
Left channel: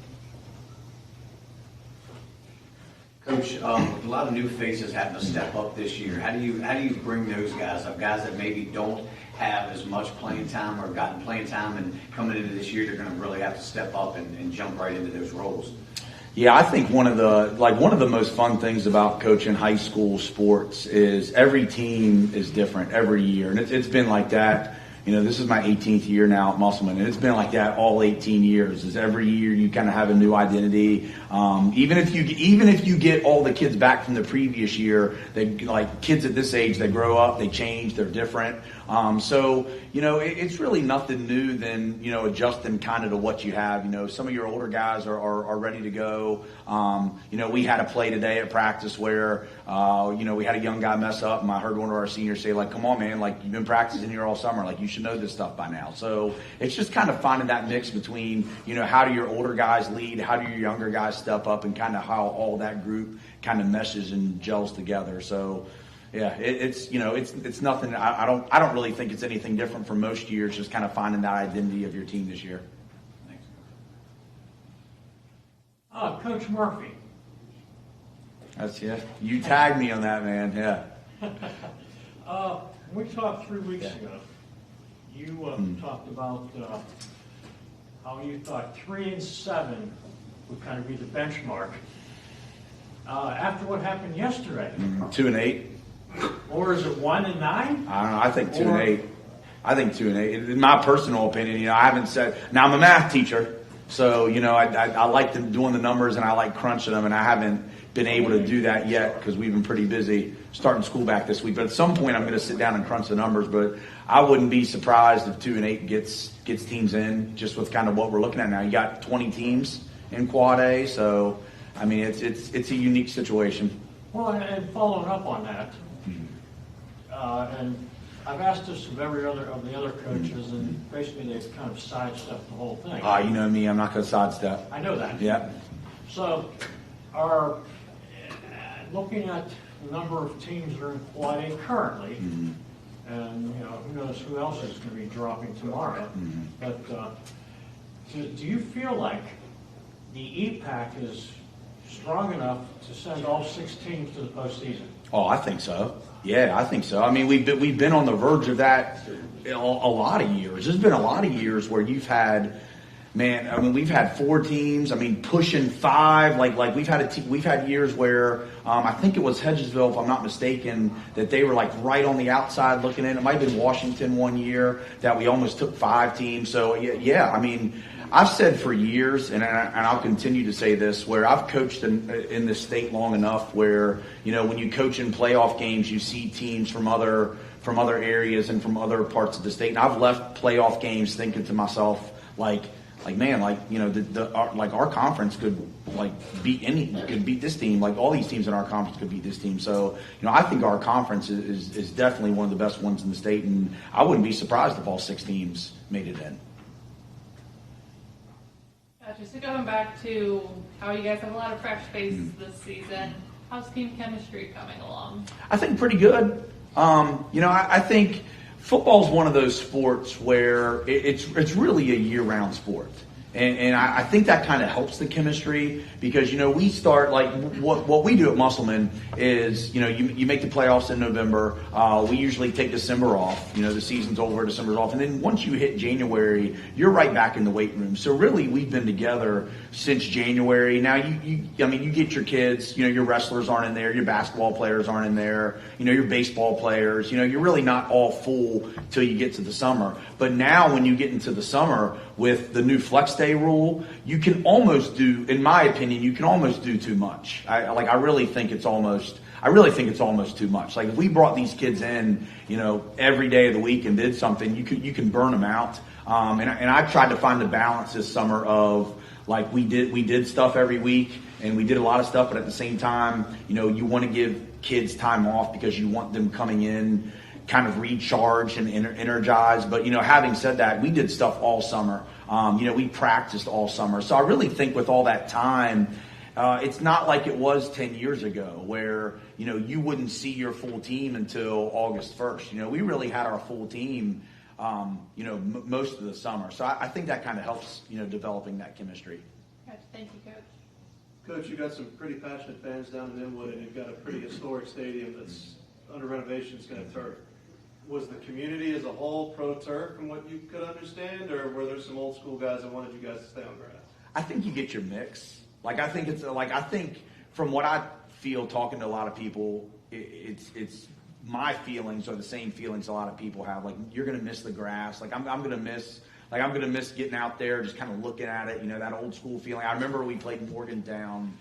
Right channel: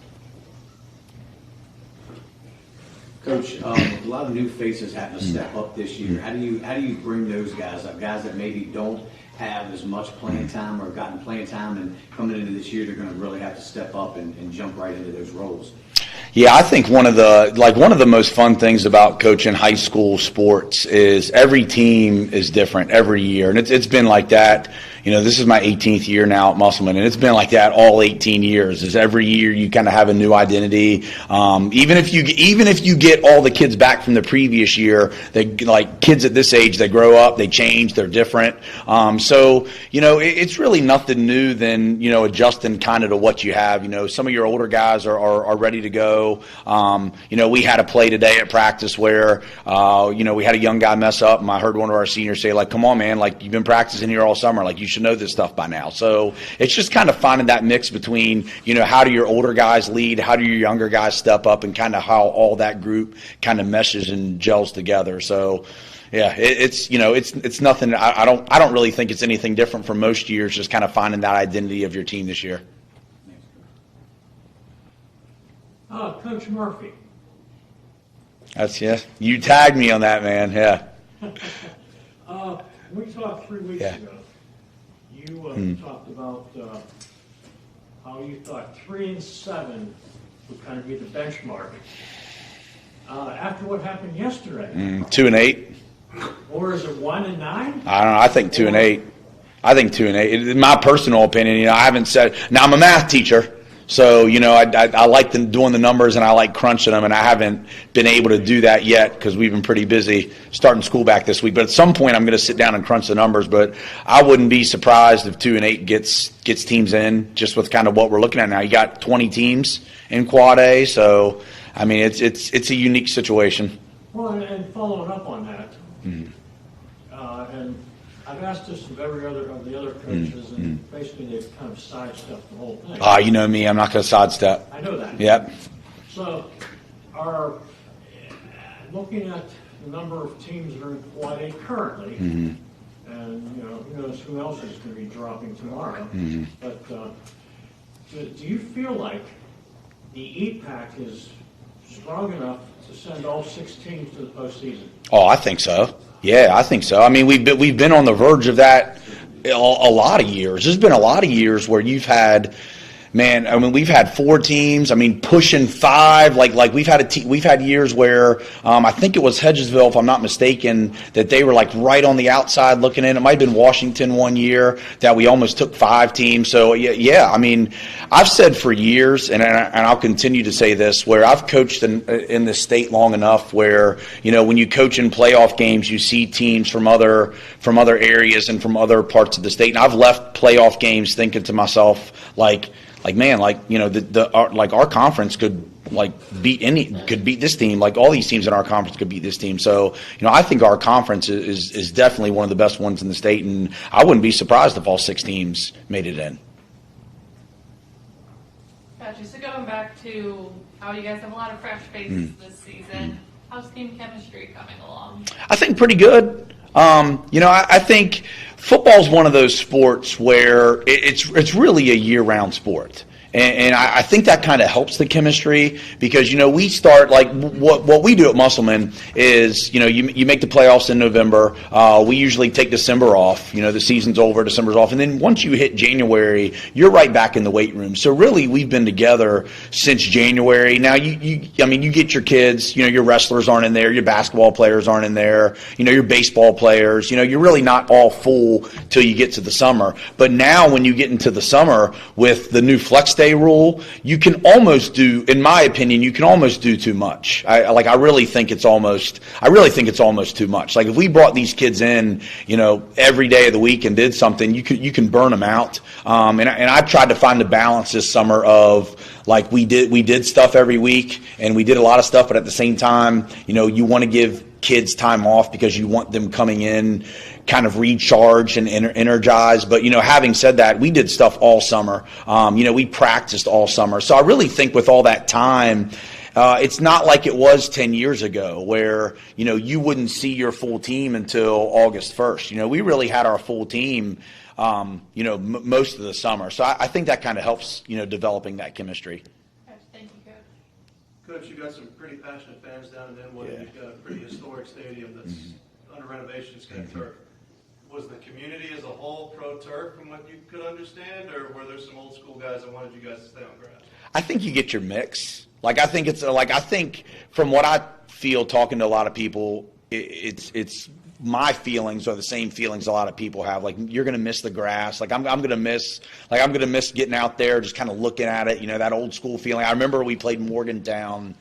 Coach, a lot of new faces have to step up this year. How do you bring those guys up? Guys that maybe don't have as much playing time or gotten playing time, and coming into this year, they're going to really have to step up and jump right into those roles. Yeah, I think one of the most fun things about coaching high school sports is every team is different every year, and it's been like that. This is my 18th year now at Musselman, and it's been like that all 18 years. Is every year you kind of have a new identity. Even if you get all the kids back from the previous year, kids at this age, they grow up, they change, they're different. It's really nothing new than adjusting kind of to what you have. Some of your older guys are ready to go. We had a play today at practice where we had a young guy mess up, and I heard one of our seniors say, "Come on, man! You've been practicing here all summer. You should know this stuff by now." So it's just kind of finding that mix between, how do your older guys lead, how do your younger guys step up, and kind of how all that group kind of meshes and gels together. So, yeah, it's nothing. I don't really think it's anything different from most years. Just kind of finding that identity of your team this year. Coach Murphy. You tagged me on that, man. Yeah. We talked 3 weeks ago. You talked about how you thought 3-7 would kind of be the benchmark. After what happened yesterday, 2-8. Or is it 1-9? I don't know. I think 2-8. I think 2-8. In my personal opinion, I haven't said. Now I'm a math teacher, so I like doing the numbers and I like crunching them, and I haven't been able to do that yet because we've been pretty busy starting school back this week. But at some point, I'm going to sit down and crunch the numbers. But I wouldn't be surprised if 2-8 gets teams in, just with kind of what we're looking at now. You got 20 teams in Quad A, so I mean it's a unique situation. Well, and following up on that, and I've asked this of the other coaches, and basically they've kind of sidestepped the whole thing. You know me, I'm not going to sidestep. I know that. Yep. So, looking at the number of teams that are in Quad A currently, and who knows who else is going to be dropping tomorrow, but do you feel like the EPAC is strong enough to send all 6 teams to the postseason? Oh, I think so. Yeah, I think so. I mean, we've been on the verge of that a lot of years. There's been a lot of years where you've had, we've had 4 teams. Pushing 5. Like we've had years where I think it was Hedgesville, if I'm not mistaken, that they were right on the outside looking in. It might have been Washington one year that we almost took 5 teams. So yeah. I've said for years, and I'll continue to say this, where I've coached in the state long enough where, when you coach in playoff games, you see teams from other areas and from other parts of the state. And I've left playoff games thinking to myself, our conference could beat this team. All these teams in our conference could beat this team. So, I think our conference is definitely one of the best ones in the state, and I wouldn't be surprised if all 6 teams made it in. Gotcha. So going back to how you guys have a lot of fresh faces this season, how's team chemistry coming along? I think pretty good. I think football's one of those sports where it's really a year-round sport. And I think that kind of helps the chemistry because, we start like what we do at Musselman is, you make the playoffs in November. We usually take December off. The season's over, December's off. And then once you hit January, you're right back in the weight room. So really we've been together since January. Now, you get your kids, your wrestlers aren't in there, your basketball players aren't in there, your baseball players. You're really not all full till you get to the summer. But now when you get into the summer with the new flex day rule, you can almost do, in my opinion, you can almost do too much. I really think it's almost too much. Like if we brought these kids in, every day of the week and did something, you can burn them out. And I've tried to find the balance this summer of like we did stuff every week and we did a lot of stuff, but at the same time, you want to give kids time off because you want them coming in kind of recharged and energized. But, having said that, we did stuff all summer. We practiced all summer. So I really think with all that time, it's not like it was 10 years ago where, you wouldn't see your full team until August 1st. We really had our full team, most of the summer. So I think that kind of helps, developing that chemistry. Thank you, Coach. Coach, you've got some pretty passionate fans down in Inwood, and you've got a pretty historic stadium that's under renovation. It's going to turf. Was the community as a whole pro-turf from what you could understand, or were there some old school guys that wanted you guys to stay on grass? I think you get your mix. I think from what I feel talking to a lot of people, it's my feelings are the same feelings a lot of people have. Like you're going to miss the grass. I'm going to miss getting out there, just kind of looking at it, that old school feeling. I remember we played Morgantown,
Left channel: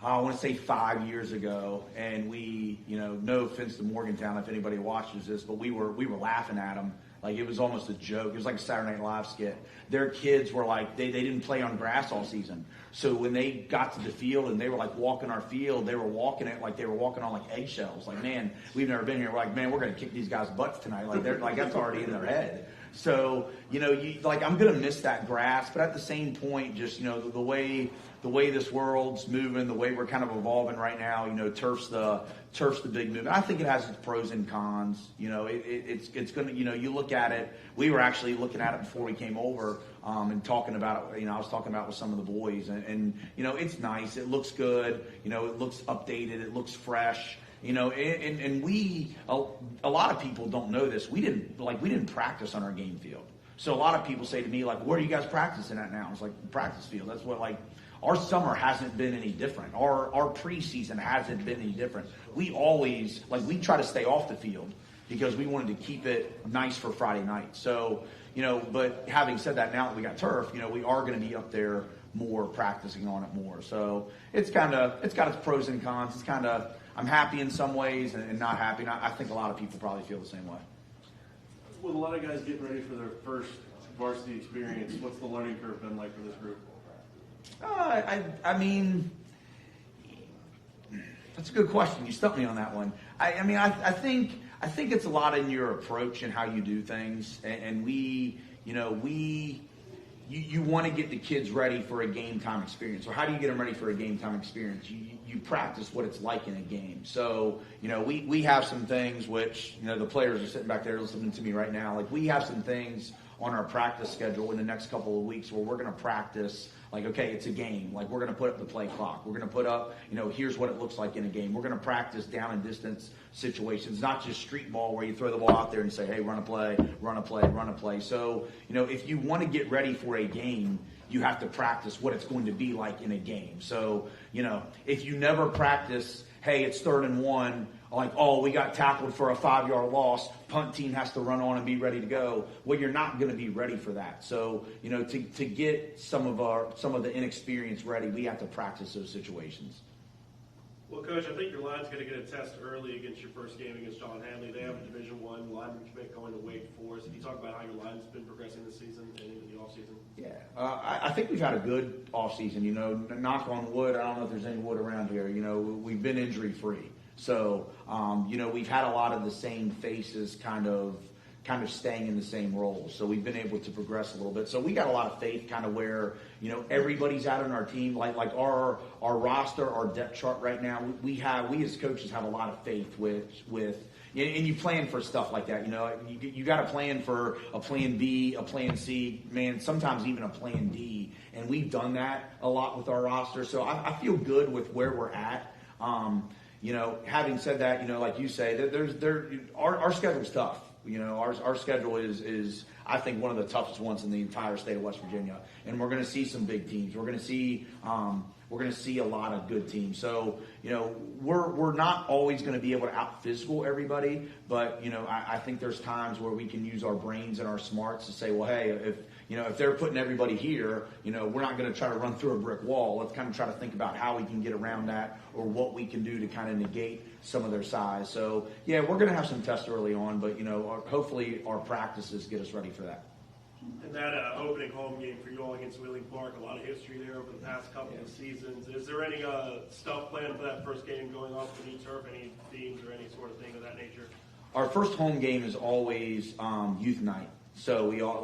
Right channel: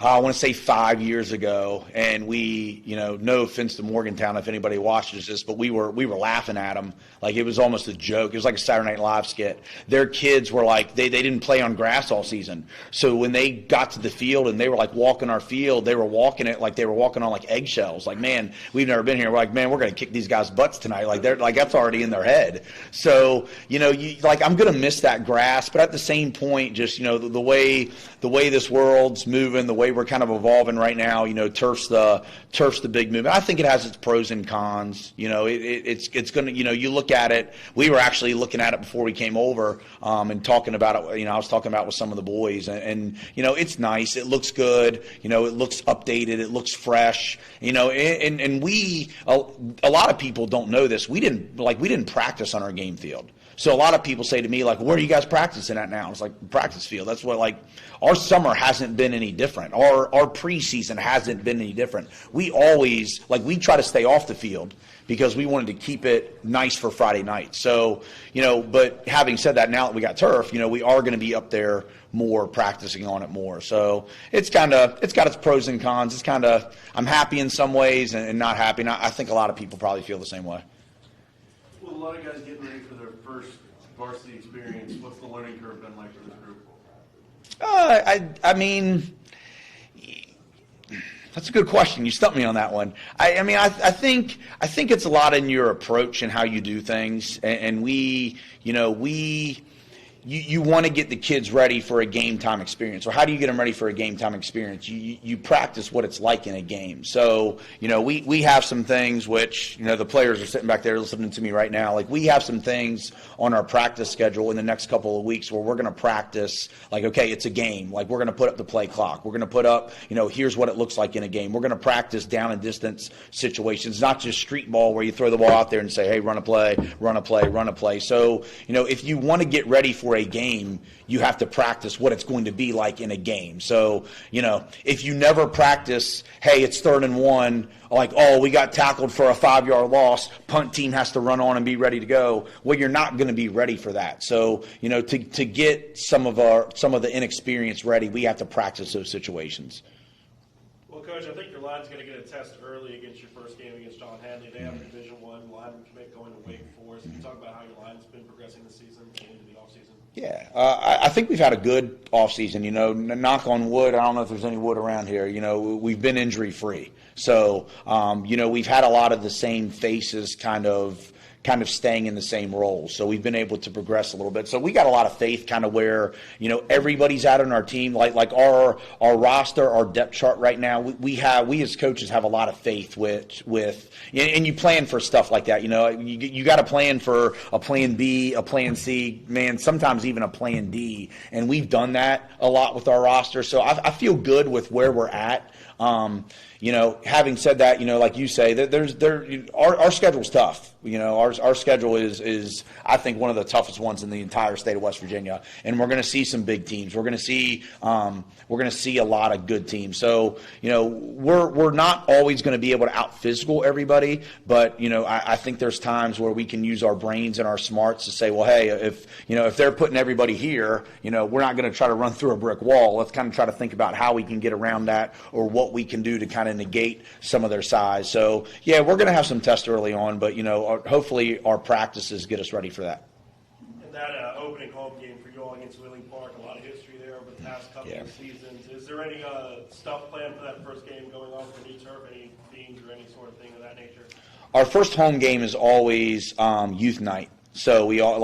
I want to say 5 years ago, and we, no offense to Morgantown if anybody watches this, but we were laughing at them like it was almost a joke. It was like a Saturday Night Live skit. Their kids were like, they didn't play on grass all season. So when they got to the field and they were like walking our field, they were walking it like they were walking on like eggshells. Like, man, we've never been here. We're like, man, we're going to kick these guys' butts tonight. Like they're like, that's already in their head. So, I'm going to miss that grass, but at the same point, just, the way this world's moving, the way we're kind of evolving right now, turf's the big movement. I think it has its pros and cons. It's going to, you look at it. We were actually looking at it before we came over and talking about it. I was talking about it with some of the boys, and it's nice. It looks good. It looks updated. It looks fresh. And we a lot of people don't know this. We didn't practice on our game field. So a lot of people say to me, like, where are you guys practicing at now? It's like practice field. That's what, like, our summer hasn't been any different. Our preseason hasn't been any different. We always, we try to stay off the field because we wanted to keep it nice for Friday night. So, but having said that, now that we got turf, we are going to be up there more, practicing on it more. So it's got its pros and cons. It's kind of, I'm happy in some ways and not happy. And I think a lot of people probably feel the same way. With a lot of guys getting ready for their first varsity experience, what's the learning curve been like for this group? I mean, that's a good question. You stumped me on that one. I think it's a lot in your approach and how you do things, and you want to get the kids ready for a game time experience. Or how do you get them ready for a game time experience? You practice what it's like in a game. So, we have some things which, the players are sitting back there listening to me right now. Like, we have some things on our practice schedule in the next couple of weeks where we're going to practice, like, okay, it's a game. Like, we're going to put up the play clock. We're going to put up, here's what it looks like in a game. We're going to practice down and distance situations, not just street ball where you throw the ball out there and say, hey, run a play, run a play, run a play. So, if you want to get ready for a game, you have to practice what it's going to be like in a game. So, if you never practice, hey, it's 3rd and 1, like, oh, we got tackled for a 5-yard loss, punt team has to run on and be ready to go. Well, you're not going to be ready for that. So, to get some of the inexperience ready, we have to practice those situations. Well, Coach, I think your line's going to get a test early against your first game against John Hadley. They have Division I lineman commit going to Wake Forest. Can you talk about how your line's been progressing this season and into the offseason? Yeah, I think we've had a good offseason. Knock on wood, I don't know if there's any wood around here. We've been injury-free. So, we've had a lot of the same faces kind of kind of staying in the same roles. So we've been able to progress a little bit. So we got a lot of faith kind of where, everybody's out on our team. Like our roster, our depth chart right now, we as coaches have a lot of faith with and you plan for stuff like that. You got to plan for a plan B, a plan C, man, sometimes even a plan D. And we've done that a lot with our roster. So I feel good with where we're at. Having said that, like you say, that our schedule's tough. Our schedule is I think one of the toughest ones in the entire state of West Virginia, and we're going to see some big teams. We're going to see a lot of good teams. So we're not always going to be able to out physical everybody, but I think there's times where we can use our brains and our smarts to say, well, hey, if they're putting everybody here, we're not going to try to run through a brick wall. Let's kind of try to think about how we can get around that or what we can do to kind of negate some of their size. So yeah, we're going to have some tests early on, but hopefully our practices get us ready for that. And that opening home game for you all against Wheeling Park, a lot of history there over the past couple of seasons. Is there any stuff planned for that first game going off the knee turf, any themes or any sort of thing of that nature? Our first home game is always youth night. So we all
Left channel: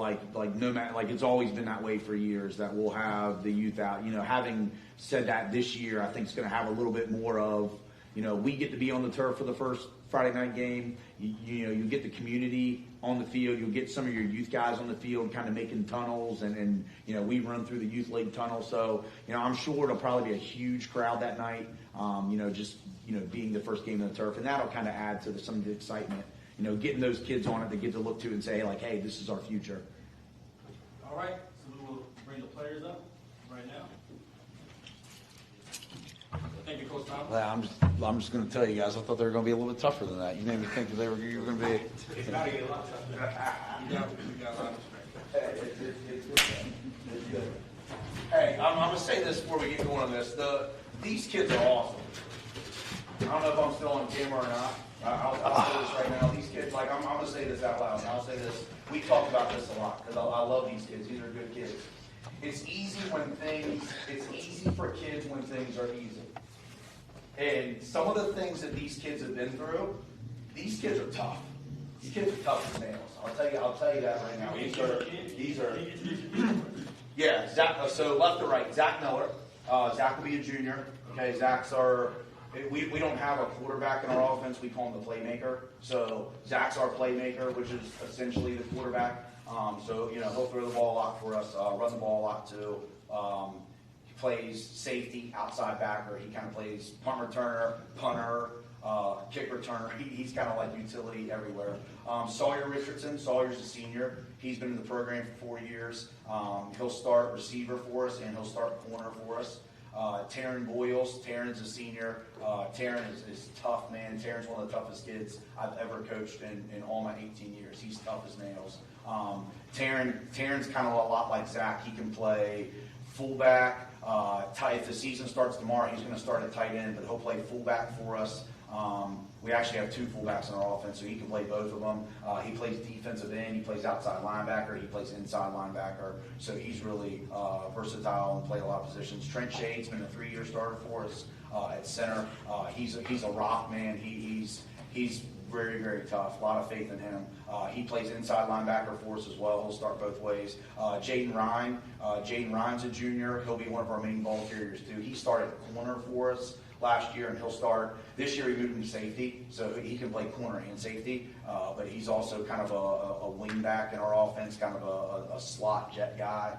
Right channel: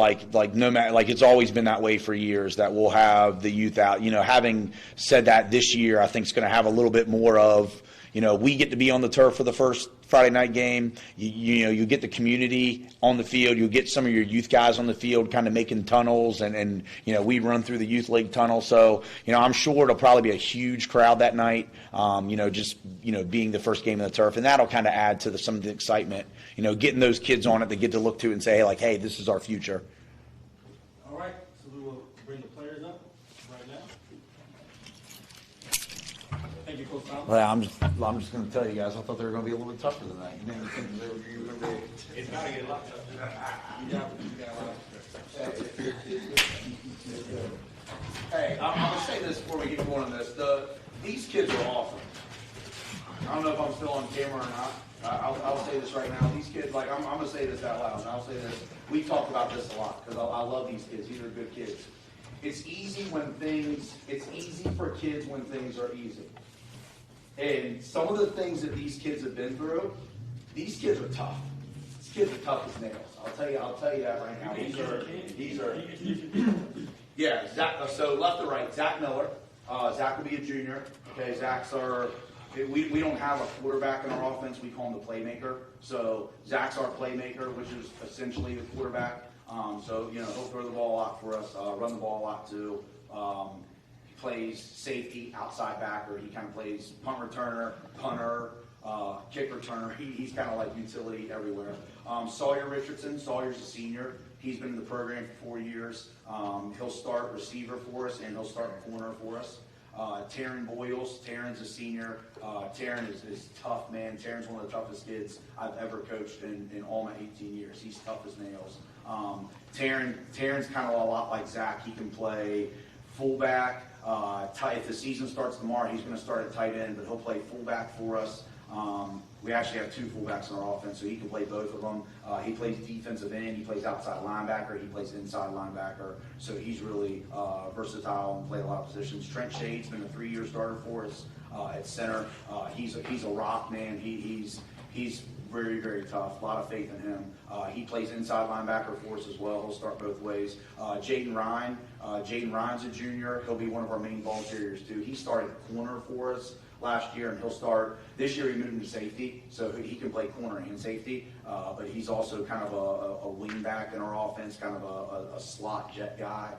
no matter it's always been that way for years that we'll have the youth out. Having said that, this year I think it's going to have a little bit more of we get to be on the turf for the first Friday night game. You get the community on the field. You'll get some of your youth guys on the field kind of making tunnels, and we run through the youth league tunnel. So I'm sure it'll probably be a huge crowd that night. Being the first game of the turf, and that'll kind of add to some of the excitement. Getting those kids on it, they get to look to and say, hey, this is our future. All right, so we will bring the players up right now. Thank you, Coach Thomas. Well, I'm just going to tell you guys, I thought they were going to be a little bit tougher than that. You made me think you were going to be. It's got to get a lot tougher. You got a lot of respect. Hey, I'm going to say this before we get going on this. These kids are awesome. I don't know if I'm still on camera or not. I'll say this right now. These kids, I'm going to say this out loud, and I'll say this. We talk about this a lot because I love these kids. These are good kids. It's easy for kids when things are easy. And some of the things that these kids have been through, these kids are tough. These kids are tough as nails. I'll tell you that right now. These are yeah, Zach, so left to right, Zach Miller. Zach will be a junior. Okay, we don't have a quarterback in our offense. We call him the playmaker. So Zach's our playmaker, which is essentially the quarterback. So he'll throw the ball a lot for us, run the ball a lot too. He plays safety, outside backer. He kind of plays punt returner, punter, kick returner. He's kind of like utility everywhere. Sawyer Richardson. Sawyer's a senior. He's been in the program for 4 years. He'll start receiver for us, and he'll start corner for us. Taryn Boyles. Taryn's a senior. Taryn is tough, man. Taryn's one of the toughest kids I've ever coached in all my 18 years. He's tough as nails. Taryn's kind of a lot like Zach. He can play fullback. If the season starts tomorrow, he's going to start at tight end, but he'll play fullback for us. We actually have 2 fullbacks in our offense, so he can play both of them. He plays defensive end. He plays outside linebacker. He plays inside linebacker. So he's really versatile and play a lot of positions. Trent Shade's been a 3-year starter for us at center. He's a rock, man. He's very, very tough. A lot of faith in him. He plays inside linebacker for us as well. He'll start both ways. Jaden Ryan. Jaden Ryan's a junior. He'll be one of our main ball carriers, too. He started corner for us last year, and he'll start this year. He moved him to safety, so he can play corner and safety. But he's also kind of a wingback in our offense, kind of a slot jet guy.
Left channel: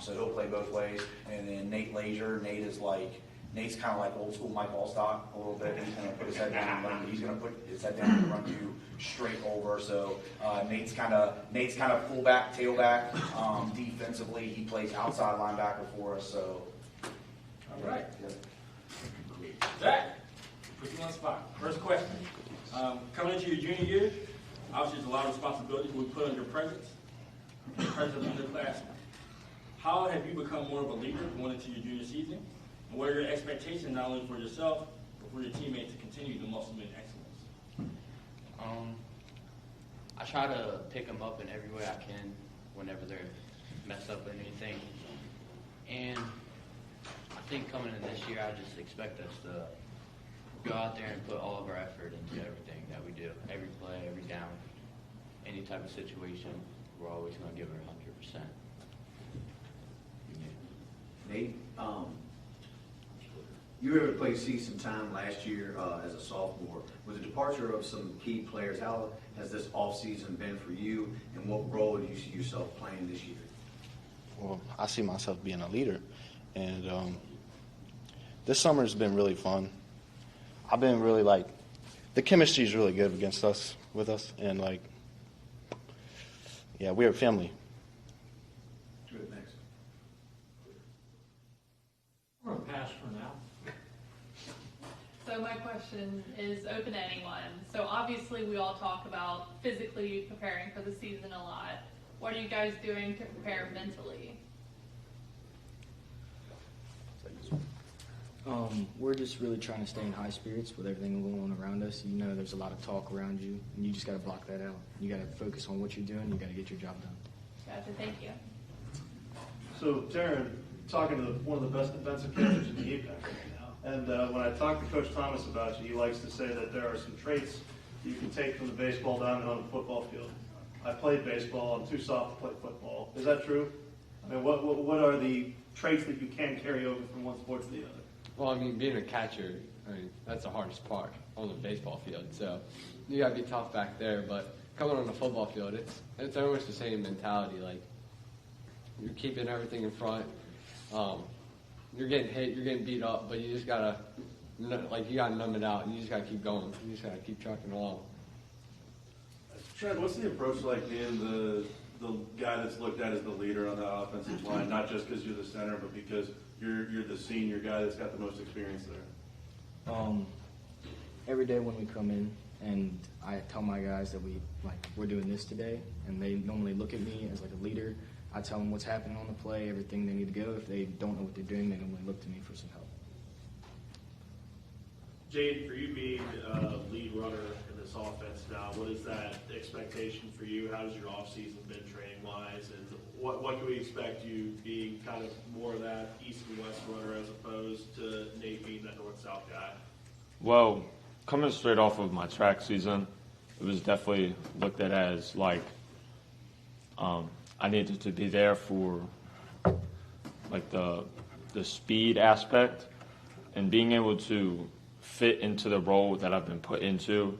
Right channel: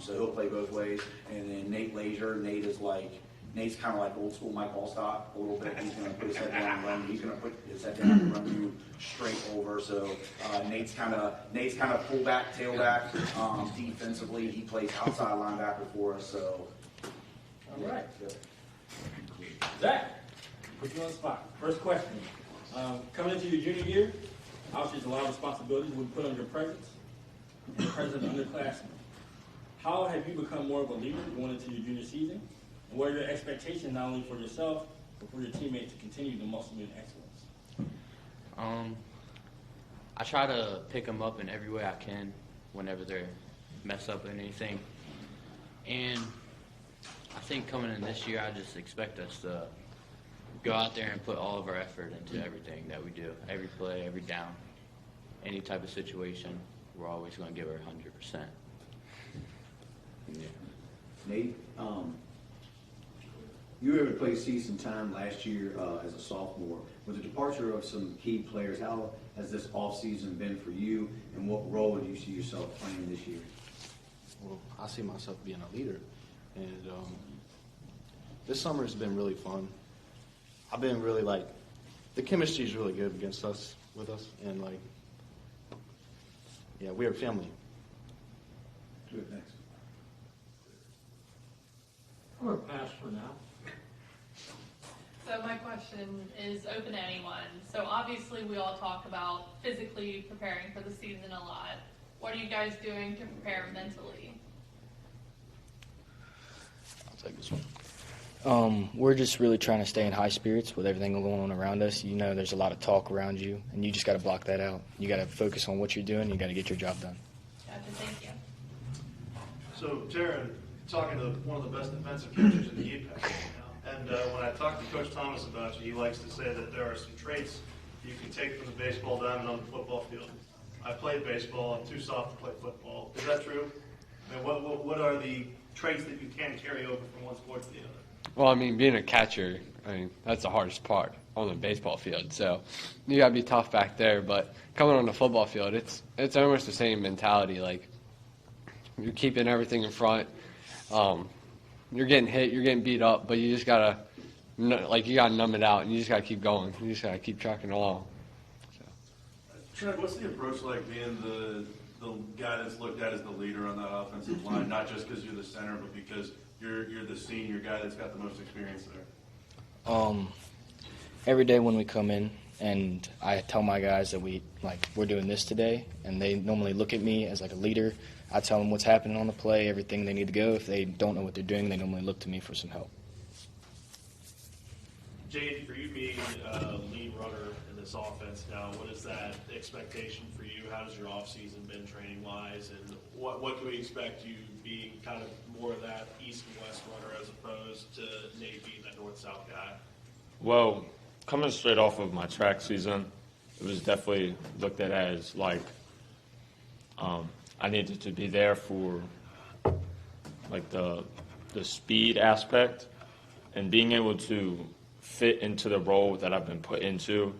So he'll play both ways. And then Nate Lazier. Nate's kind of like old school Mike Allstock a little bit. He's going to put his head down and run. He's going to put his head down and run you straight over. So Nate's kind of fullback, tailback. Defensively, he plays outside linebacker for us. So all right. Zach, put you on the spot. First question. Coming into your junior year, obviously there's a lot of responsibilities we put on your presence and the presence of the underclassmen. How have you become more of a leader going into your junior season? And what are your expectations not only for yourself, but for your teammates to continue the muscle in excellence? I try to pick them up in every way I can whenever they mess up in anything. And I think coming in this year, I just expect us to go out there and put all of our effort into everything that we do, every play, every down. any type of situation, we're always going to give her 100%. Nate, you were able to play season time last year as a sophomore. With the departure of some key players, how has this offseason been for you, and what role do you see yourself playing this year? Well, I see myself being a leader, and this summer has been really fun. I've been really the chemistry is really good with us, and yeah, we're a family. Good, next. I'm going to pass for now. So my question is open to anyone. So obviously we all talk about physically preparing for the season a lot. What are you guys doing to prepare mentally? I'll take this one. We're just really trying to stay in high spirits with everything going on around us. You know, there's a lot of talk around you, and you just got to block that out. You got to focus on what you're doing. You got to get your job done. Gotcha, thank you. So, Taryn, talking to one of the best defensive coaches in the EPAC right now, and when I talk to Coach Thomas about you, he likes to say that there are some traits you can take from the baseball diamond on the football field. I played baseball. I'm too soft to play football. Is that true? I mean, what are the traits that you can carry over from one sport to the other? Well, I mean, being a catcher, that's the hardest part on the baseball field. So you got to be tough back there. But coming on the football field, it's almost the same mentality. Like, you're keeping everything in front. You're getting hit, you're getting beat up, but you just got to, you got to numb it out, and you just got to keep going. You just got to keep trucking along. Trent, what's the approach like being the guy that's looked at as the leader on the offensive line, not just because you're the center, but because you're the senior guy that's got the most experience there? Every day when we come in and I tell my guys that we're doing this today, and they normally look at me as a leader. I tell them what's happening on the play, everything they need to go. If they don't know what they're doing, they normally look to me for some help. Jaden, for you being a lead runner in this offense now, what is that expectation for you? How has your offseason been training-wise, and what can we expect you being kind of more of that east and west runner as opposed to Nate being that north-south guy? Well, coming straight off of my track season, it was definitely looked at as I needed to be there for the speed aspect, and being able to fit into the role that I've been put into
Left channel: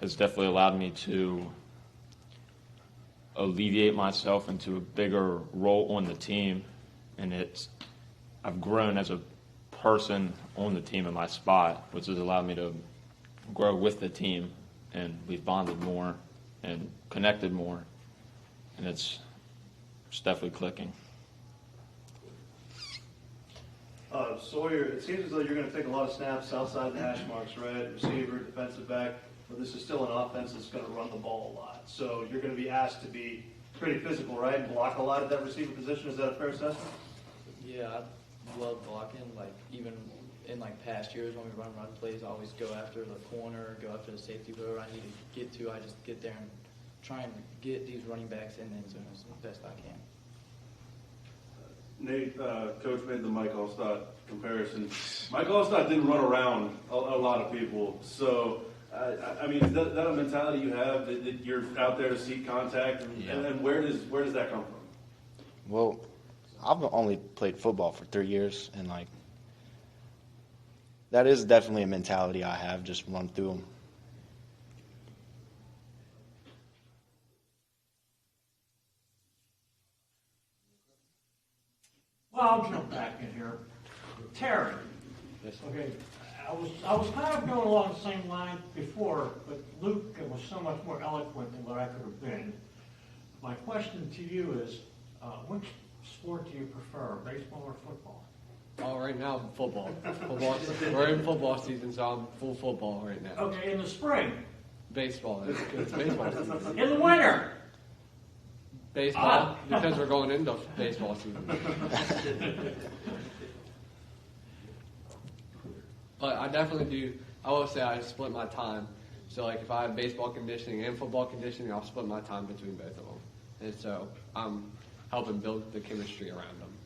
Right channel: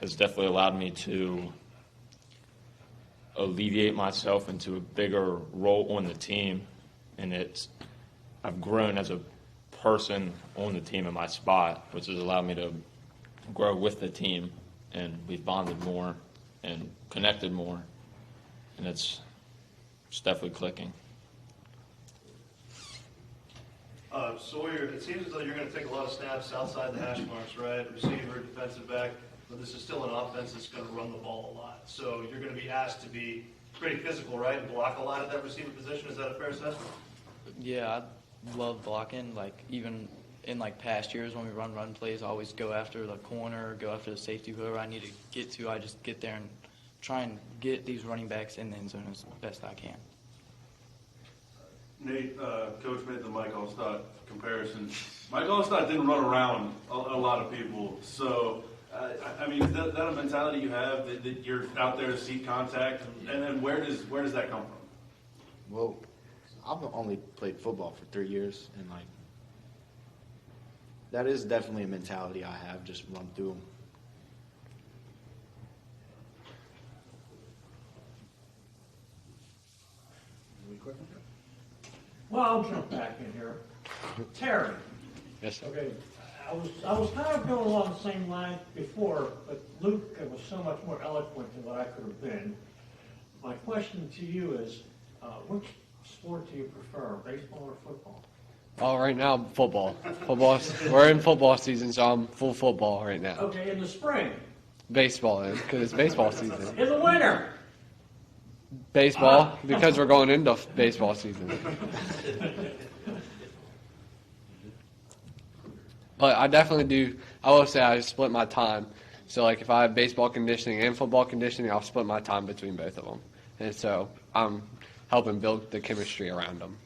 has definitely allowed me to alleviate myself into a bigger role on the team, and I've grown as a person on the team in my spot, which has allowed me to grow with the team, and we've bonded more and connected more, and it's definitely clicking. Sawyer, it seems as though you're going to take a lot of snaps outside the hash marks, right? Receiver, defensive back, but this is still an offense that's going to run the ball a lot. So you're going to be asked to be pretty physical, right? And block a lot at that receiver position. Is that a fair assessment? Yeah, I love blocking. Even in past years when we run plays, I always go after the corner, go after the safety, whoever I need to get to. I just get there and try and get these running backs in the end zone as best I can. Nate, Coach made the Mike Allstott comparison. Mike Allstott didn't run around a lot of people. So, I mean, is that a mentality you have that you're out there to seek contact? And where does that come from? Well, I've only played football for 3 years, and that is definitely a mentality I have, just run through them. Well, I'll jump back in here. Terry. Yes. Okay. I was kind of going along the same line before, but Luke was so much more eloquent than what I could have been. My question to you is, which sport do you prefer, baseball or football? Oh, right now, football. We're in football season, so I'm full football right now. Okay, in the spring? Baseball is, because it's baseball season. In the winter? Baseball, because we're going into baseball season. But I definitely do, I will say I split my time. So if I have baseball conditioning and football conditioning, I'll split my time between both of them. And so I'm helping build the chemistry around them.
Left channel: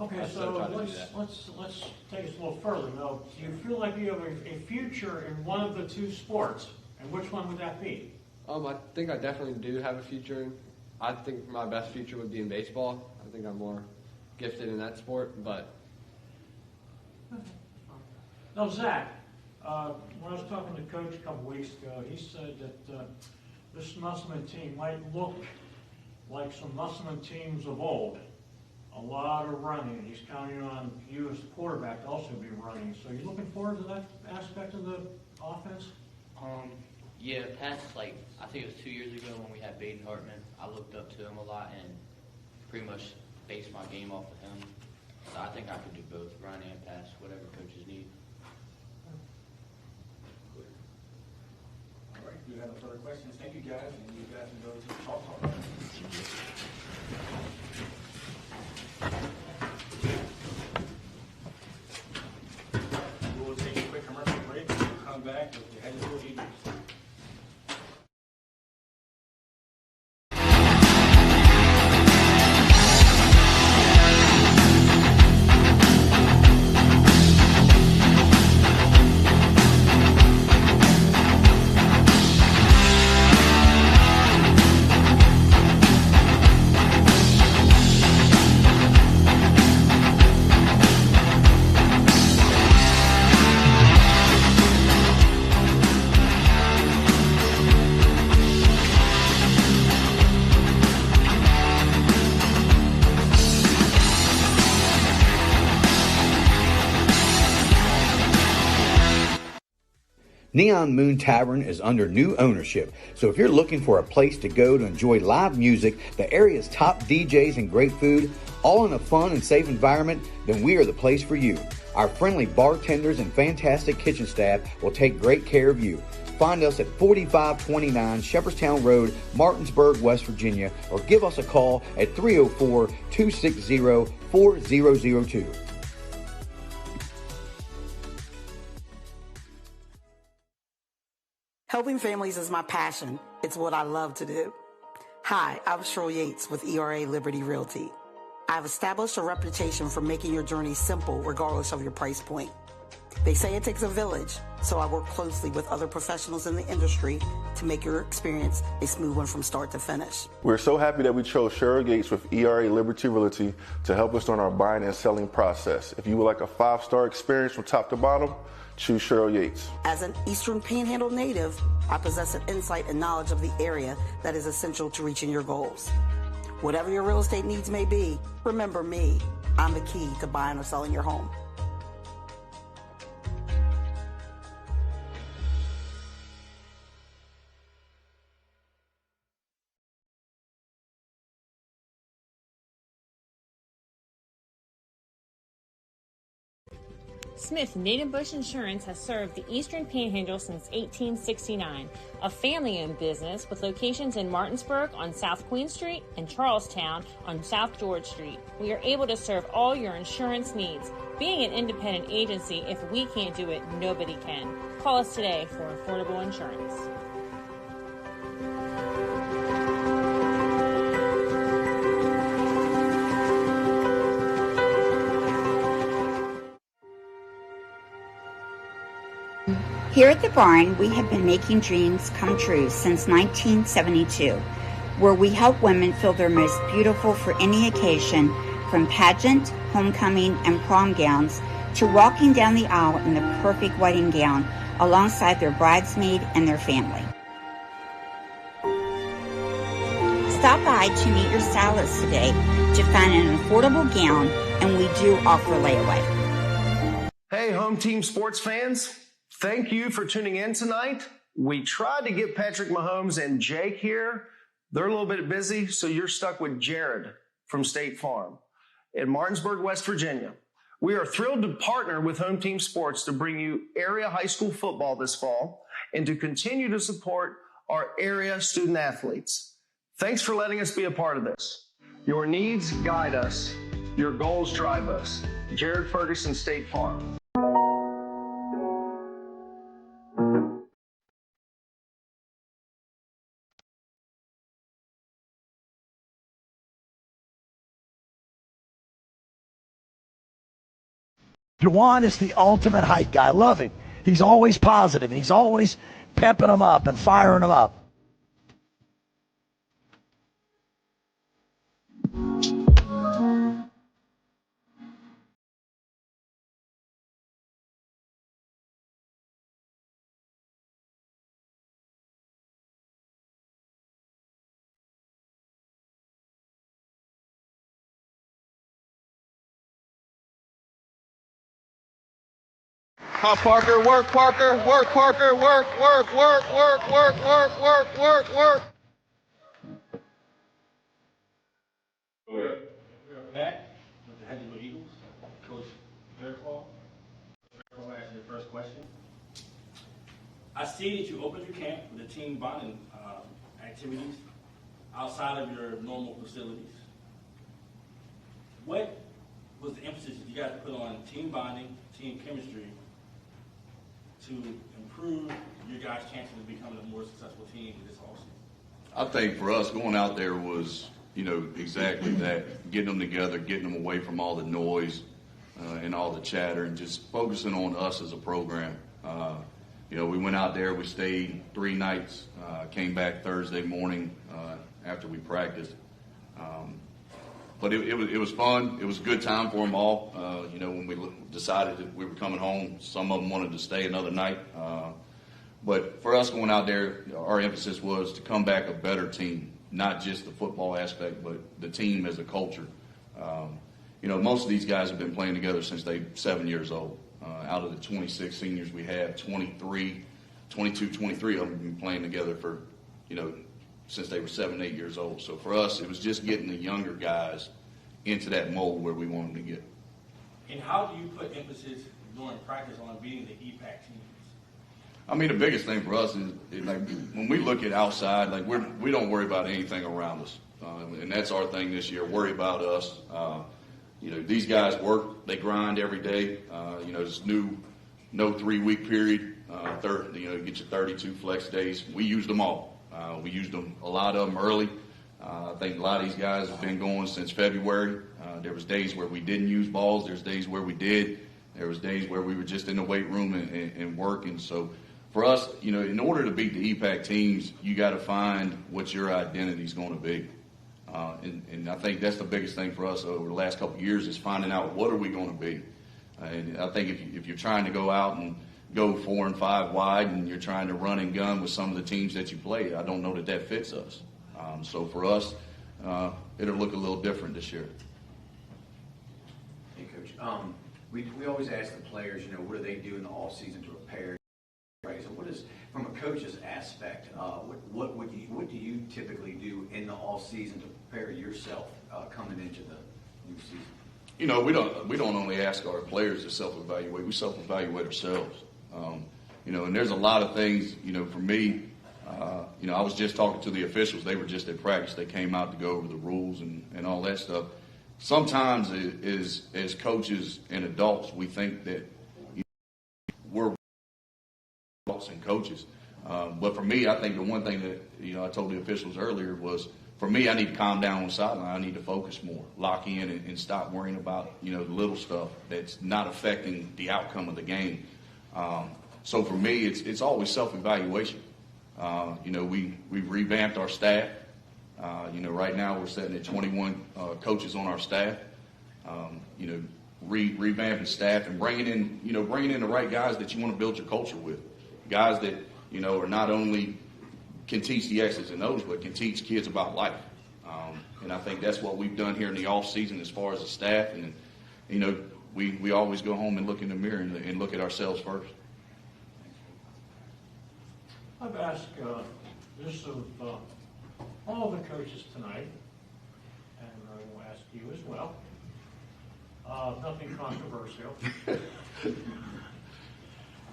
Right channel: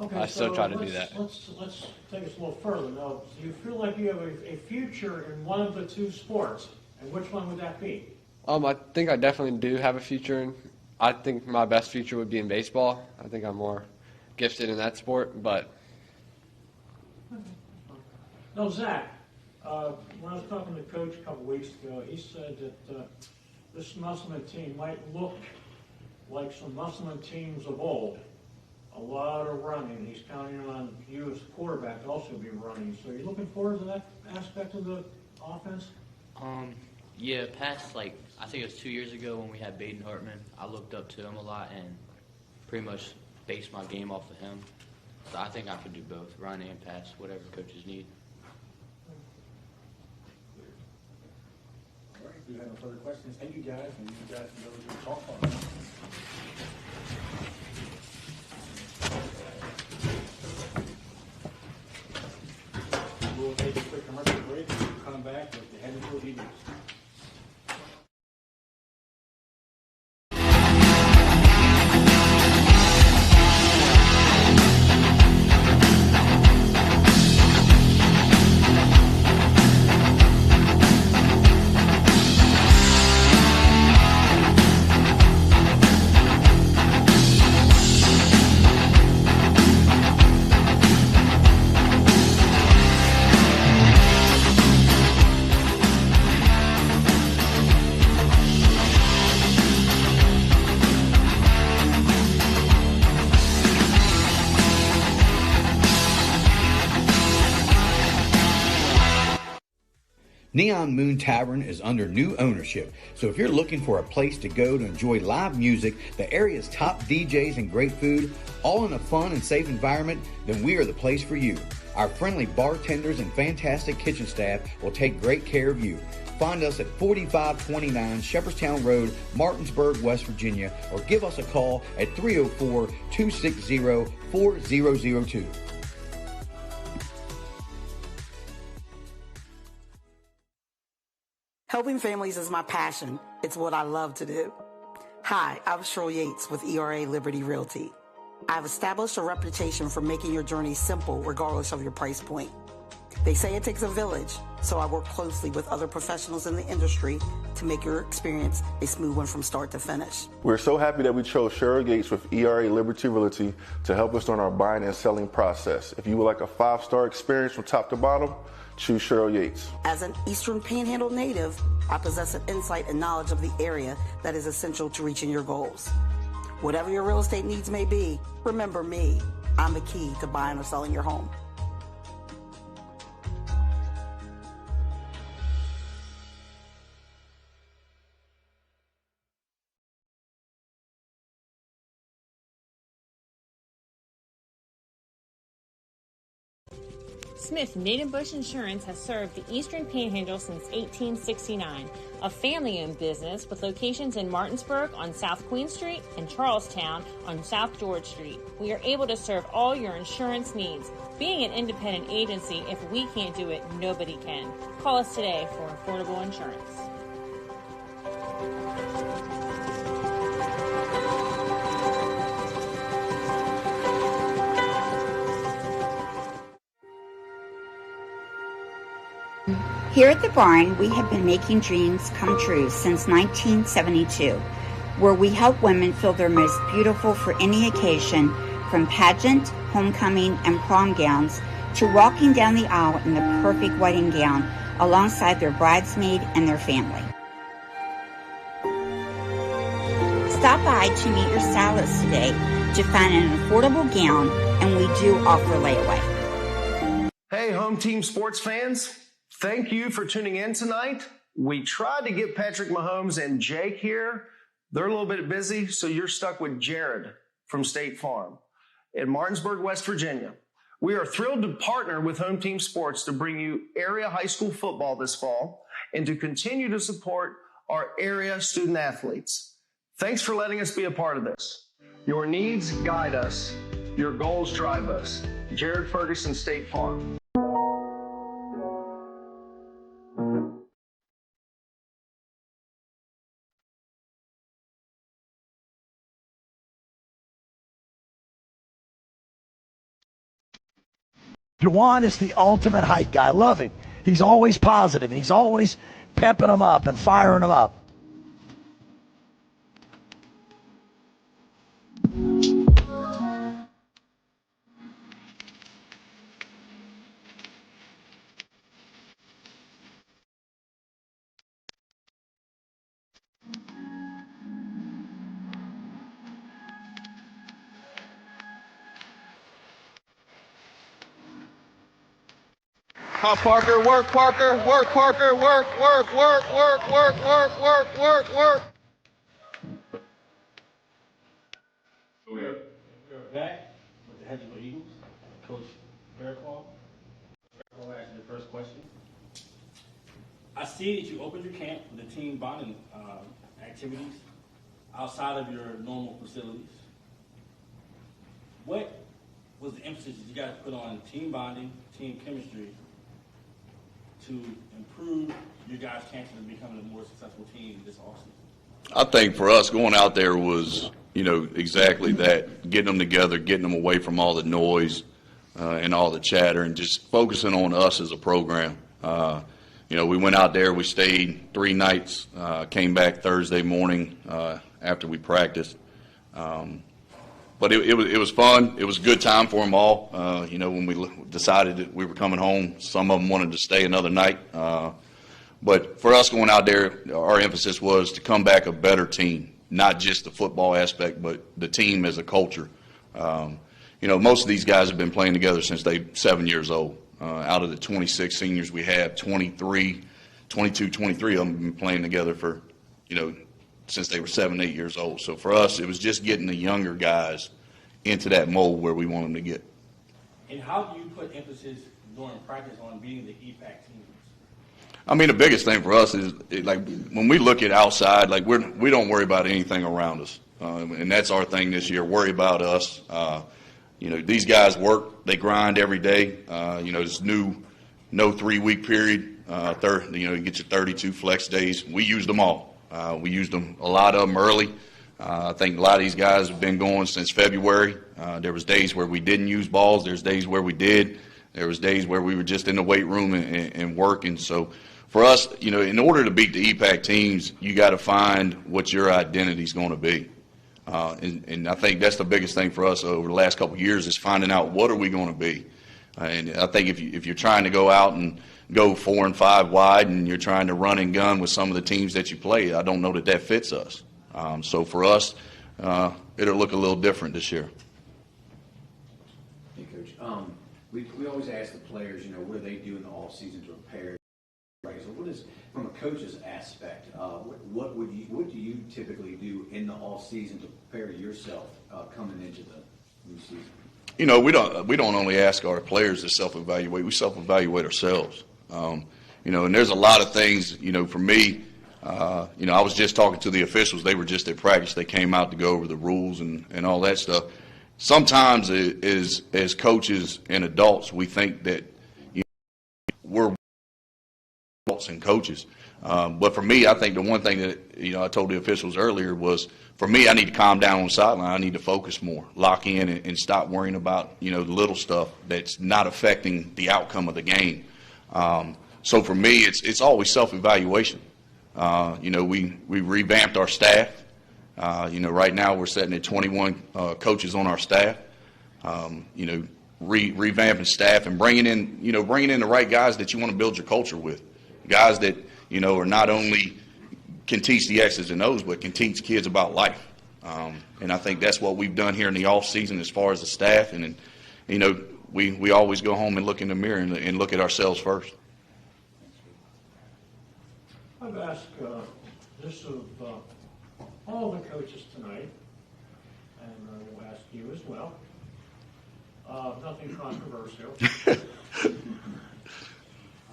Okay, I still try to do that. Let's take this a little further. Now, do you feel like you have a future in one of the two sports? And which one would that be? I think I definitely do have a future in. I think my best future would be in baseball. I think I'm more gifted in that sport, but. No, Zach, when I was talking to Coach a couple weeks ago, he said that this Musselman team might look like some Musselman teams of old. A lot of running. He's counting on you as quarterback to also be running. So you're looking forward to that aspect of the offense? Yeah, past I think it was 2 years ago when we had Baden Hartman, I looked up to him a lot and pretty much based my game off of him. So I think I could do both, run and pass, whatever coaches need. All right, we have no further questions. Thank you guys, and you guys can go to the talk hall. We'll take a quick commercial break and we'll come back with the Edgewood Eagles. Neon Moon Tavern is under new ownership, so if you're looking for a place to go to enjoy live music, the area's top DJs and great food, all in a fun and safe environment, then we are the place for you. Our friendly bartenders and fantastic kitchen staff will take great care of you. Find us at 4529 Shepherdstown Road, Martinsburg, West Virginia, or give us a call at 304-260-4002. Helping families is my passion. It's what I love to do. Hi, I'm Cheryl Yates with ERA Liberty Realty. I've established a reputation for making your journey simple regardless of your price point. They say it takes a village, so I work closely with other professionals in the industry to make your experience a smooth one from start to finish. We're so happy that we chose Cheryl Yates with ERA Liberty Realty to help us on our buying and selling process. If you would like a 5-star experience from top to bottom, choose Cheryl Yates. As an Eastern Panhandle native, I possess an insight and knowledge of the area that is essential to reaching your goals. Whatever your real estate needs may be, remember me. I'm the key to buying or selling your home. Smith Native Bush Insurance has served the Eastern Panhandle since 1869, a family-owned business with locations in Martinsburg on South Queen Street and Charlestown on South George Street. We are able to serve all your insurance needs. Being an independent agency, if we can't do it, nobody can. Call us today for affordable insurance. Here at the barn, we have been making dreams come true since 1972, where we help women feel their most beautiful for any occasion, from pageant, homecoming, and prom gowns to walking down the aisle in the perfect wedding gown alongside their bridesmaid and their family. Stop by to meet your stylist today to find an affordable gown, and we do offer layaway. Hey, home team sports fans. Thank you for tuning in tonight. We tried to get Patrick Mahomes and Jake here. They're a little bit busy, so you're stuck with Jared from State Farm in Martinsburg, West Virginia. We are thrilled to partner with Home Team Sports to bring you area high school football this fall and to continue to support our area student athletes. Thanks for letting us be a part of this. Your needs guide us. Your goals drive us. Jared Ferguson, State Farm. Juwan is the ultimate hype guy. I love him. He's always positive. He's always pepping them up and firing them up. Come on, Parker, work, Parker, work, Parker, work, work, work, work, work, work, work, work, work. We're back with the Hedgesville Eagles. Coach Fairclough. I'm going to ask you the first question. I see that you opened your camp with the team bonding activities outside of your normal facilities. What was the emphasis that you guys put on team bonding, team chemistry to improve your guys' chances of becoming a more successful team this offseason? I think for us, going out there was, exactly that, getting them together, getting them away from all the noise and all the chatter, and just focusing on us as a program. We went out there, we stayed 3 nights, came back Thursday morning after we practiced. But it was fun. It was a good time for them all. When we decided that we were coming home, some of them wanted to stay another night. But for us going out there, our emphasis was to come back a better team, not just the football aspect, but the team as a culture. Most of these guys have been playing together since they're 7 years old. Out of the 26 seniors we have, 23 of them have been playing together for, since they were 7, 8 years old. So for us, it was just getting the younger guys into that mold where we want them to get. And how do you put emphasis during practice on beating the EPAC teams? I mean, the biggest thing for us is, when we look at outside, we don't worry about anything around us. And that's our thing this year, worry about us. These guys work, they grind every day. This no 3-week period, you get your 32 flex days. We used them all. We used them, a lot of them early. I think a lot of these guys have been going since February. There was days where we didn't use balls. There's days where we did. There was days where we were just in the weight room and working. So for us, in order to beat the EPAC teams, you got to find what your identity is going to be. And I think that's the biggest thing for us over the last couple of years is finding out what are we going to be. And I think if you're trying to go out and go 4 and 5 wide and you're trying to run and gun with some of the teams that you play, I don't know that fits us. So for us, it'll look a little different this year. Hey, Coach. We always ask the players, what do they do in the off season to prepare? Right. So what is, from a coach's aspect, what do you typically do in the off season to prepare yourself coming into the new season? We don't only ask our players to self-evaluate. We self-evaluate ourselves. And there's a lot of things. For me, I was just talking to the officials. They were just at practice. They came out to go over the rules and all that stuff. Sometimes, as coaches and adults, we think that we're adults and coaches. But for me, I think the one thing that I told the officials earlier was, for me, I need to calm down on the sideline. I need to focus more, lock in, and stop worrying about the little stuff that's not affecting the outcome of the game. So for me, it's always self-evaluation. We revamped our staff. Right now we're sitting at 21 coaches on our staff. Revamping staff and bringing in the right guys that you want to build your culture with, guys that are not only can teach the X's and O's, but can teach kids about life. And I think that's what we've done here in the off season as far as the staff. And we always go home and look in the mirror and look at ourselves first. I've asked this of all the coaches tonight, and I will ask you as well. Nothing controversial.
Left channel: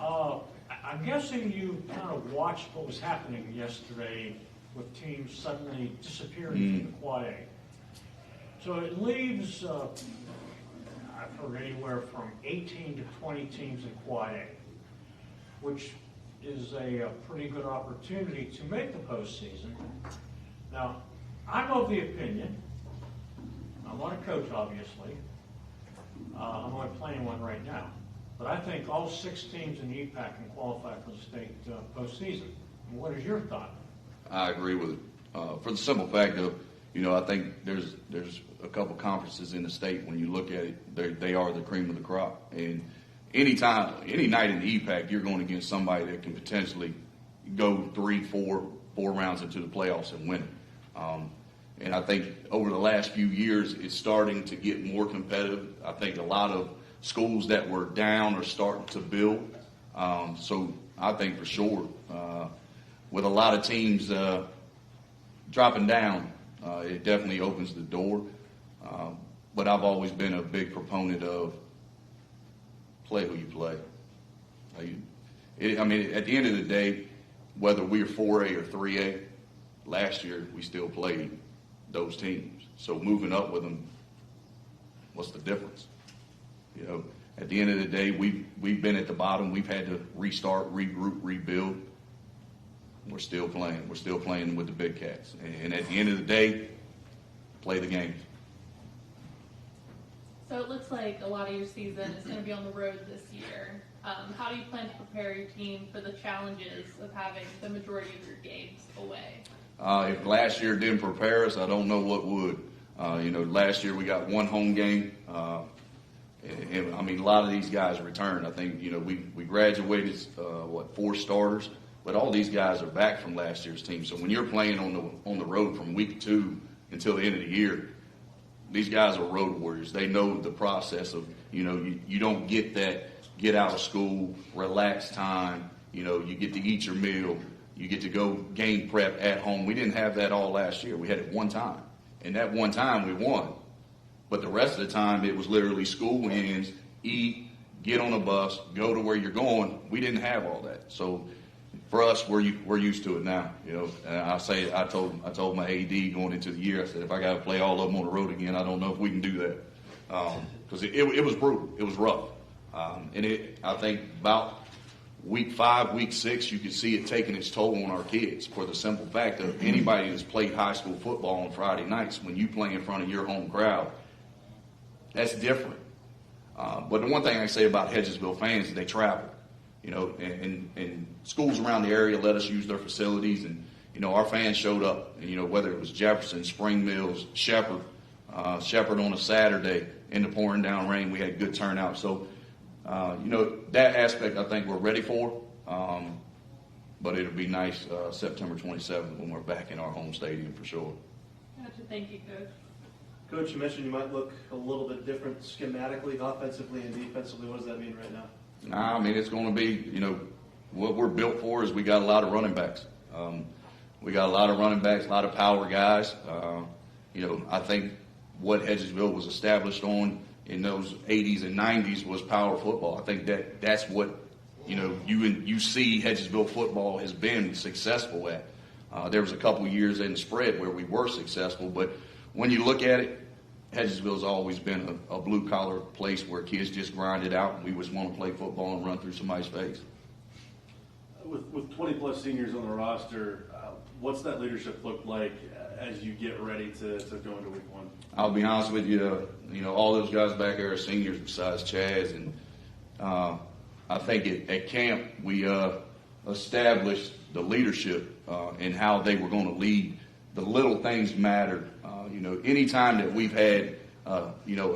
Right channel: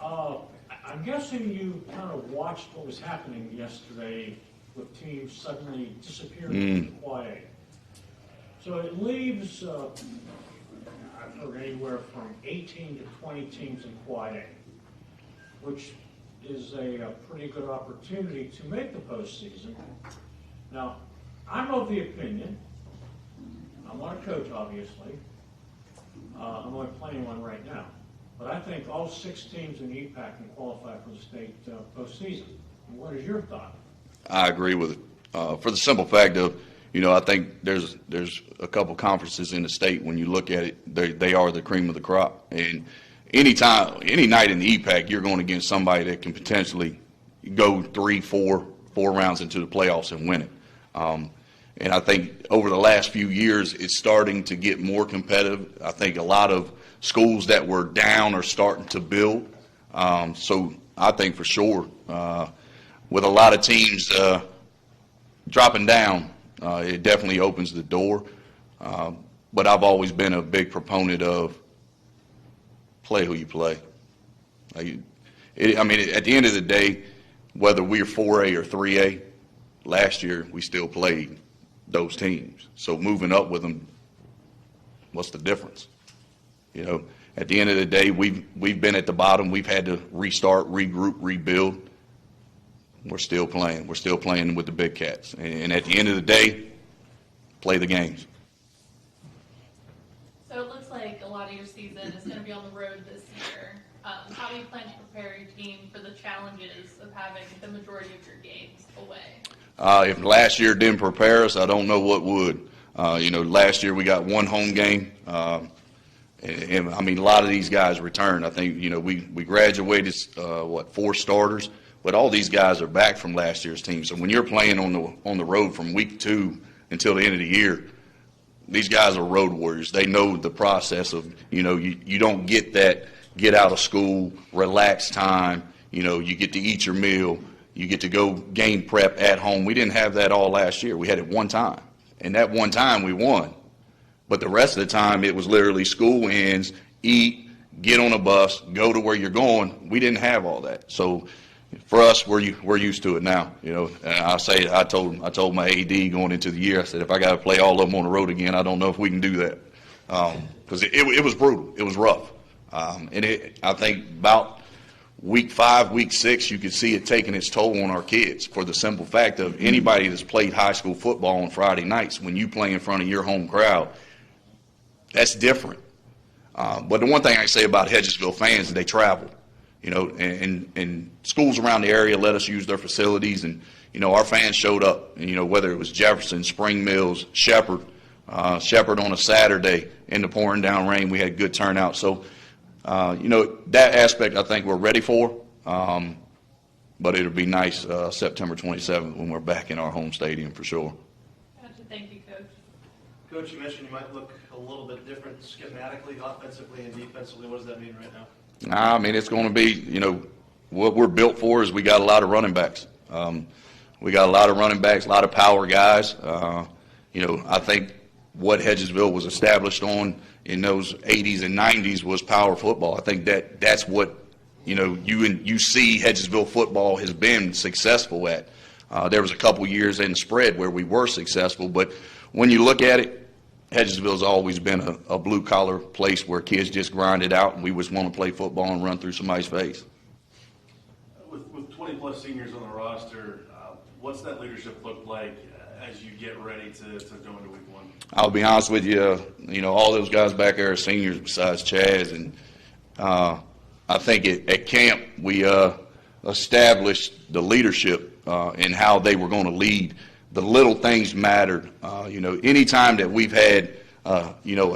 I'm guessing you kind of watched what was happening yesterday with teams suddenly disappearing from Quad A. So it leaves, I've heard anywhere from 18 to 20 teams in Quad A, which is a pretty good opportunity to make the postseason. Now, I'm of the opinion, I'm not a coach obviously, I'm only playing one right now, but I think all 6 teams in the EPAC can qualify for the state postseason. What is your thought? I agree with it. For the simple fact of, I think there's a couple conferences in the state, when you look at it, they are the cream of the crop. And any night in the EPAC, you're going against somebody that can potentially go 3, 4 rounds into the playoffs and win it. And I think over the last few years, it's starting to get more competitive. I think a lot of schools that were down are starting to build. So I think for sure, with a lot of teams dropping down, it definitely opens the door. But I've always been a big proponent of play who you play. At the end of the day, whether we're 4A or 3A, last year we still played those teams. So moving up with them, what's the difference? At the end of the day, we've been at the bottom. We've had to restart, regroup, rebuild. We're still playing. We're still playing with the big cats. And at the end of the day, play the games. So it looks like a lot of your season is going to be on the road this year. How do you plan to prepare your team for the challenges of having the majority of your games away? If last year didn't prepare us, I don't know what would. Last year we got one home game. And a lot of these guys returned. I think, we graduated, 4 starters, but all these guys are back from last year's team. So when you're playing on the road from week 2 until the end of the year, these guys are road warriors. They know the process of, you don't get that get out of school, relax time. You get to eat your meal. You get to go game prep at home. We didn't have that all last year. We had it one time. And that one time we won. But the rest of the time it was literally school ends, eat, get on a bus, go to where you're going. We didn't have all that. So for us, we're used to it now. And I told my AD going into the year, I said, if I got to play all of them on the road again, I don't know if we can do that. Because it was brutal. It was rough. I think about week 5, week 6, you could see it taking its toll on our kids for the simple fact of anybody that's played high school football on Friday nights, when you play in front of your home crowd, that's different. But the one thing I say about Hedgesville fans is they travel, and schools around the area let us use their facilities, and, our fans showed up, and, whether it was Jefferson, Spring Mills, Shepherd on a Saturday in the pouring down rain, we had good turnout. So, that aspect I think we're ready for, but it'll be nice September 27th when we're back in our home stadium for sure. Gotcha. Thank you, Coach. Coach, you mentioned you might look a little bit different schematically, offensively and defensively. What does that mean right now? It's going to be, what we're built for is we got a lot of running backs. We got a lot of running backs, a lot of power guys. I think what Hedgesville was established on in those 80s and 90s was power football. I think that's what, you see Hedgesville football has been successful at. There was a couple years in the spread where we were successful, but when you look at it, Hedgesville's always been a blue-collar place where kids just grind it out, and we just want to play football and run through somebody's face. With 20-plus seniors on the roster, what's that leadership look like as you get ready to go into week 1? I'll be honest with you, all those guys back there are seniors besides Chaz, and I think at camp we established the leadership and how they were going to lead. The little things mattered. Any time that we've had, a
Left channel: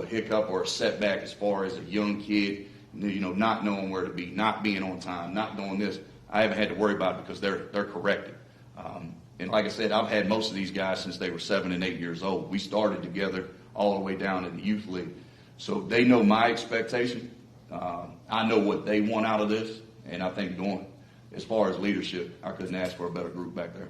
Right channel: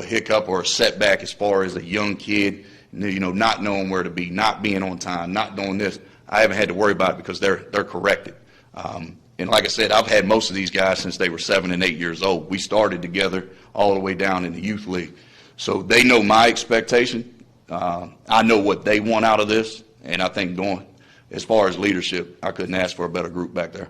hiccup or a setback as far as a young kid, not knowing where to be, not being on time, not doing this, I haven't had to worry about it because they're corrected. And like I said, I've had most of these guys since they were 7 and 8 years old. We started together all the way down in the youth league. So they know my expectation. I know what they want out of this. And I think as far as leadership, I couldn't ask for a better group back there.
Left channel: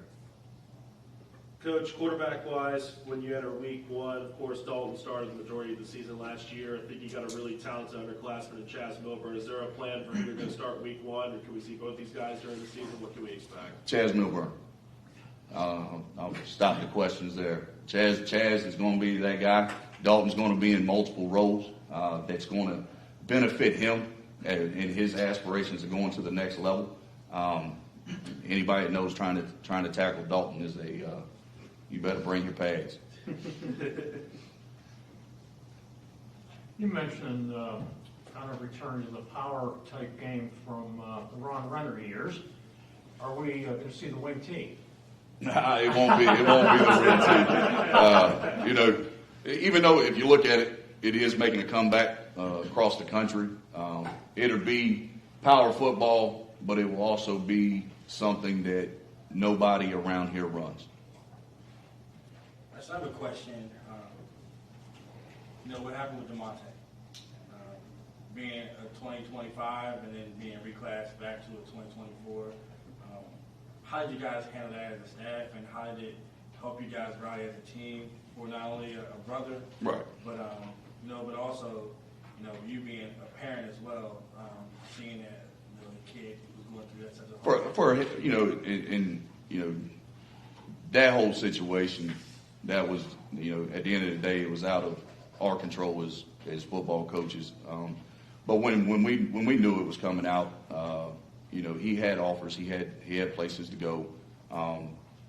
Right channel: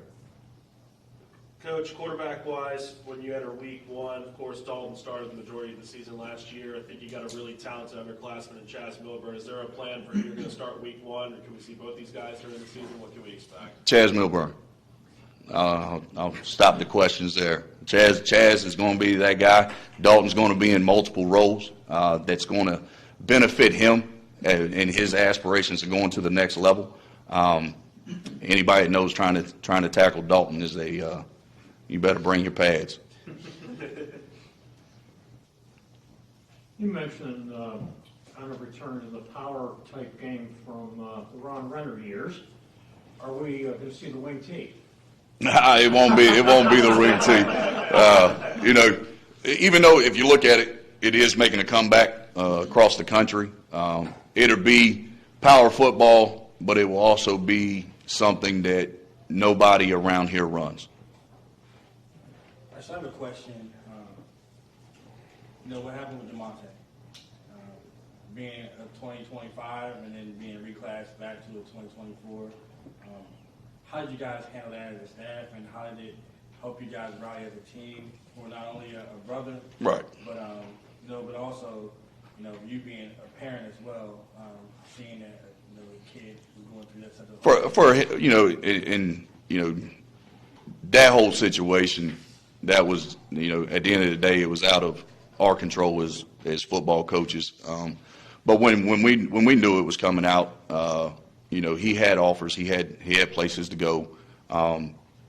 Coach, quarterback-wise, when you enter week 1, of course, Dalton started the majority of the season last year. I think you got a really talented underclassman in Chaz Milburn. Is there a plan for you to go start week 1, or can we see both these guys during the season? What can we expect? Chaz Milburn. I'll stop the questions there. Chaz is going to be that guy. Dalton's going to be in multiple roles that's going to benefit him in his aspirations of going to the next level. Anybody that knows trying to tackle Dalton is you better bring your pads. You mentioned kind of return to the power type game from the Ron Renner years. Are we going to see the wing tee? It won't be the wing tee. Even though if you look at it, it is making a comeback across the country. It'll be power football, but it will also be something that nobody around here runs. I have a question. What happened with DeMonte? Being a 20, 25 2025 and then being reclassed back to 2024. How did you guys handle that as a staff, and how did it help you guys rally as a team for not only a brother, Right. but but also, you being a parent as well, seeing that the kid was going through that such a that whole situation, that was, at the end of the day, it was out of our control as football coaches. But when we knew it was coming out, he had offers, he had places to go.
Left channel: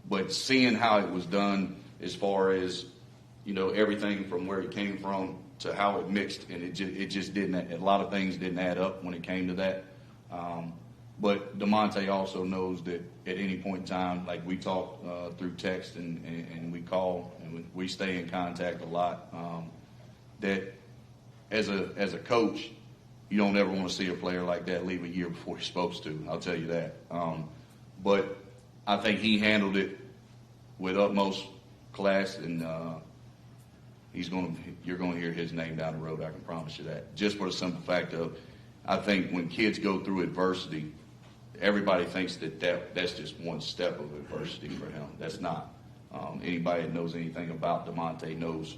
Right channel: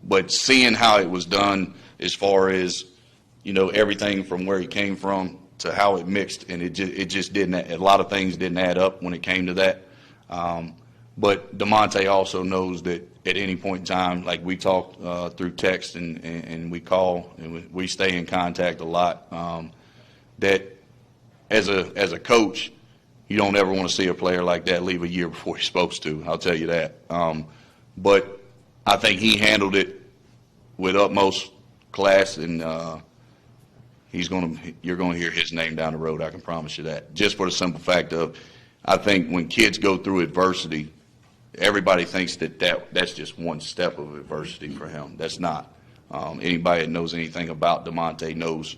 But seeing how it was done, as far as everything from where he came from to how it mixed, and it just didn't. A lot of things didn't add up when it came to that. But DeMonte also knows that at any point in time, like we talk through text and we call and we stay in contact a lot, that as a coach, you don't ever want to see a player like that leave a year before he's supposed to. I'll tell you that. But I think he handled it with utmost class, and you're going to hear his name down the road. I can promise you that. Just for the simple fact of, I think when kids go through adversity, everybody thinks that's just one step of adversity for him. That's not. Anybody that knows anything about DeMonte knows,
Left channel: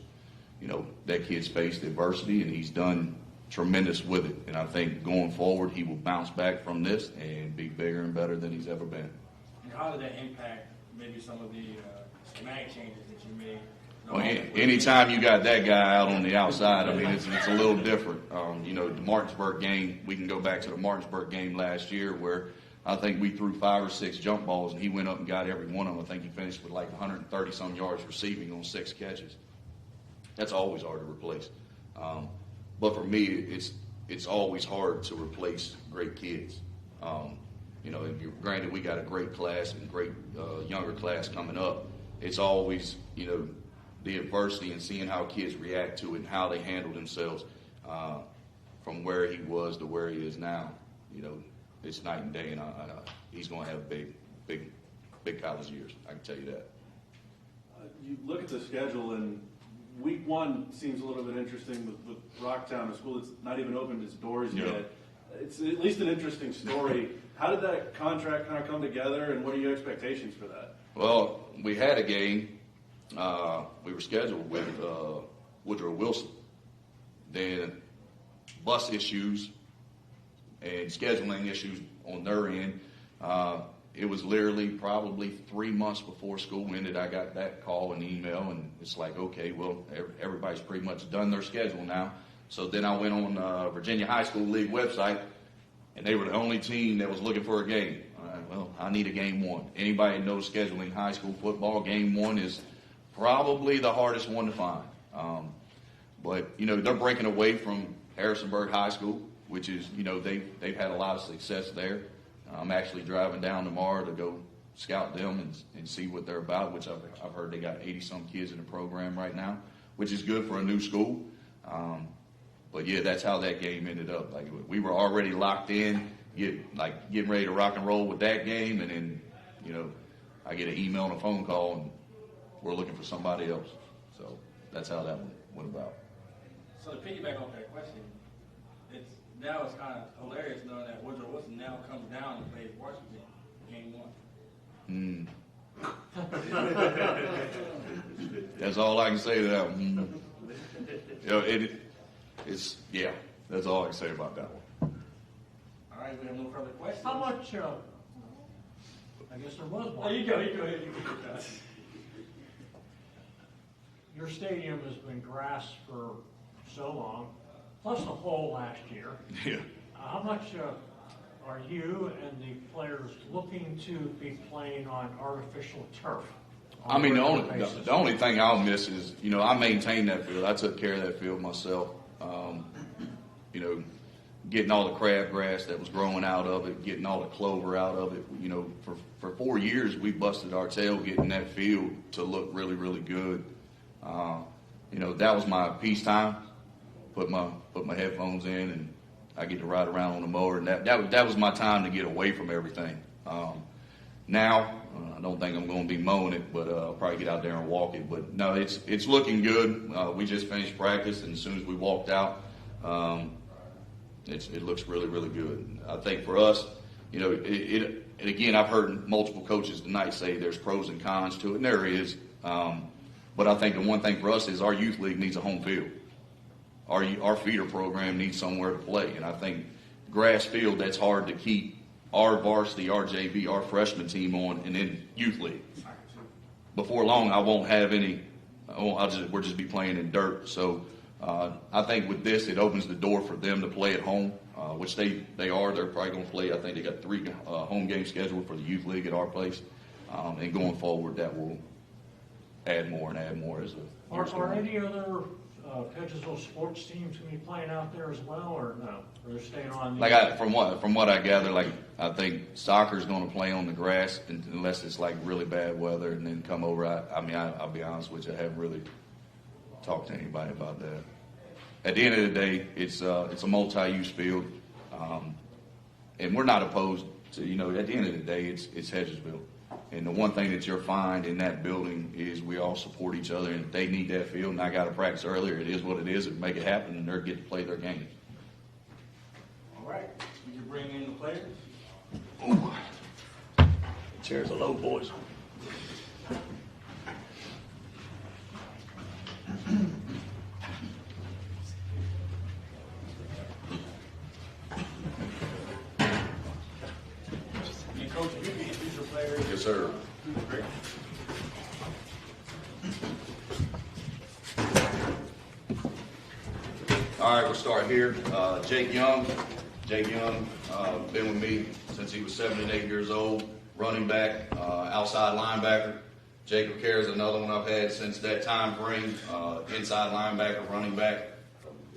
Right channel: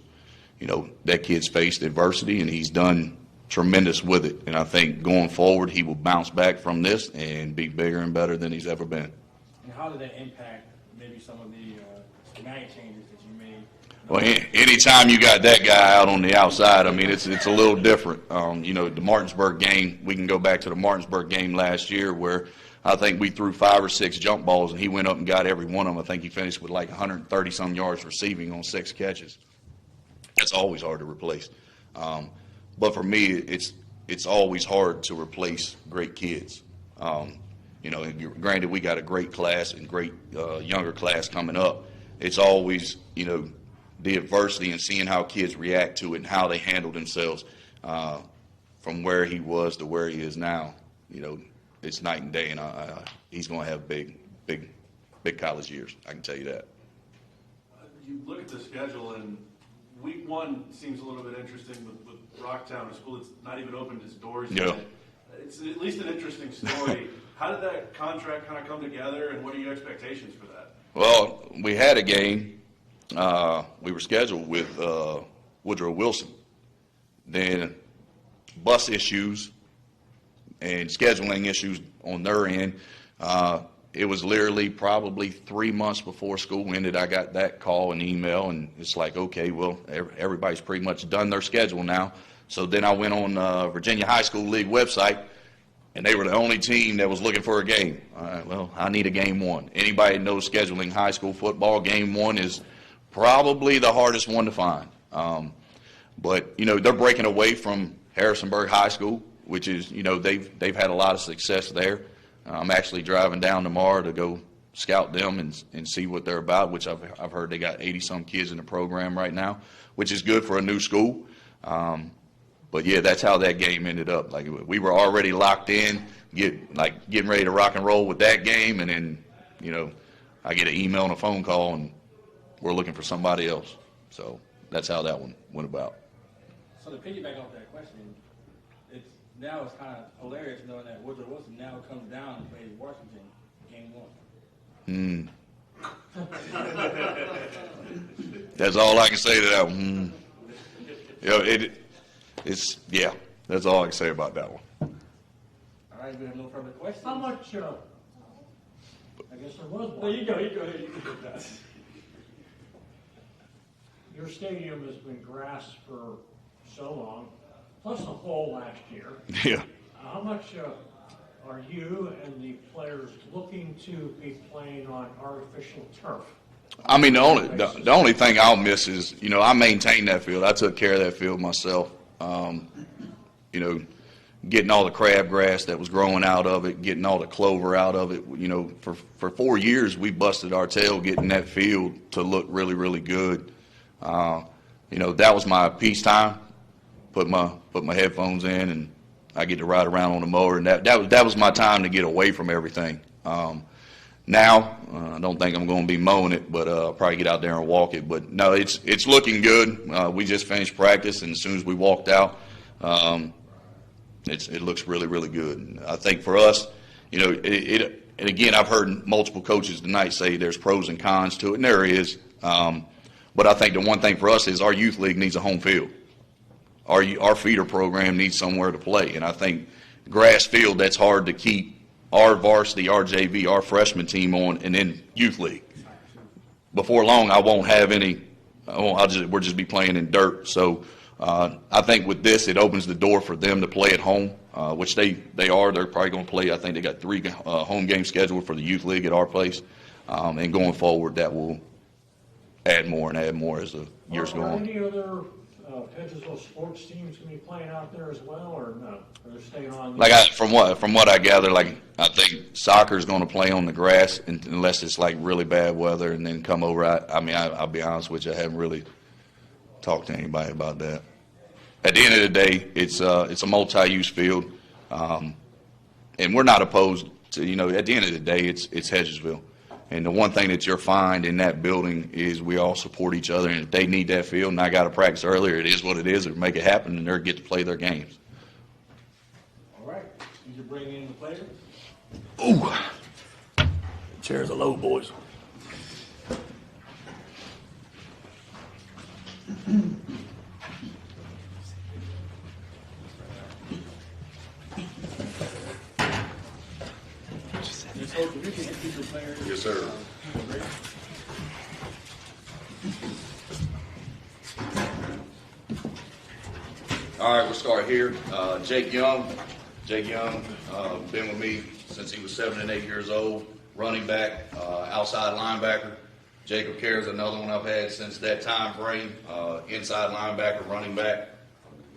that kid's faced adversity, and he's done tremendous with it. And I think going forward, he will bounce back from this and be bigger and better than he's ever been. And how did that impact maybe some of the schematic changes that you made? Well, anytime you got that guy out on the outside, I mean, it's a little different. The Martinsburg game, we can go back to the Martinsburg game last year where I think we threw 5 or 6 jump balls, and he went up and got every one of them. I think he finished with like 130-some yards receiving on 6 catches. That's always hard to replace. But for me, it's always hard to replace great kids. Granted, we got a great class and great younger class coming up. It's always, the adversity and seeing how kids react to it and how they handle themselves from where he was to where he is now. It's night and day, and he's going to have big college years. I can tell you that. You look at the schedule, and week 1 seems a little bit interesting with Rocktown, a school that's not even opened its doors yet. It's at least an interesting story. How did that contract kind of come together, and what are your expectations for that? Well, we had a game. We were scheduled with Woodrow Wilson. Then bus issues and scheduling issues on their end. It was literally probably 3 months before school ended. I got that call and email, and it's like, okay, well, everybody's pretty much done their schedule now. So then I went on Virginia High School League website, and they were the only team that was looking for a game. All right, well, I need a game 1. Anybody that knows scheduling high school football, game 1 is probably the hardest one to find. But they're breaking away from Harrisonburg High School, which is, they've had a lot of success there. I'm actually driving down tomorrow to go scout them and see what they're about, which I've heard they got 80-some kids in the program right now, which is good for a new school. But yeah, that's how that game ended up. Like, we were already locked in, getting ready to rock and roll with that game, and then, I get an email and a phone call, and we're looking for somebody else. So that's how that one went about. So to piggyback off that question, now it's kind of hilarious knowing that Woodrow Wilson now comes down and plays Washington game 1. That's all I can say to that one. That's all I can say about that one. All right, we have no further questions. How much, I guess there was one. No, you go. Your stadium has been grass for so long, plus the hole last year. Yeah. How much are you and the players looking to be playing on artificial turf? I mean, the only thing I'll miss is, I maintained that field. I took care of that field myself. Getting all the crabgrass that was growing out of it, getting all the clover out of it. For 4 years, we busted our tail getting that field to look really, really good. That was my peacetime. Put my headphones in, and I get to ride around on the mower, and that was my time to get away from everything. Now, I don't think I'm going to be mowing it, but I'll probably get out there and walk it. But no, it's looking good. We just finished practice, and as soon as we walked out, It looks really, really good. And I think for us, you know, and again, I've heard multiple coaches tonight say there's pros and cons to it, and there is. But I think the one thing for us is our youth league needs a home field. Our feeder program needs somewhere to play, and I think grass field, that's hard to keep our varsity, our JV, our freshman team on, and then youth league. Before long, I won't have any. We'll just be playing in dirt. So I think with this, it opens the door for them to play at home, which they are. They're probably going to play. I think they got 3 home games scheduled for the youth league at our place, and going forward, that will add more and add more as the years go Are on. any other Hedgesville sports teams going to be playing out there as well, or no? Or they're staying on? From what I gather, like I think soccer is going to play on the grass unless it's like really bad weather, and then come over. I'll be honest with you, I haven't really talked to anybody about that. At the end of the day, it's a multi-use field, and we're not opposed to, you know. At the end of the day, it's Hedgesville. And the one thing that you'll find in that building is we all support each other, and if they need that field and I got to practice earlier, it is what it is. It'll make it happen, and they'll get to play their games. All right. Did you bring in the players? Ooh. Chairs are low, boys. Yes, sir. All right, we'll start here. Jake Young. Jake Young, been with me since he was 7 and 8 years old. Running back, outside linebacker. Jacob Kerr is another one I've had since that time frame. Inside linebacker, running back.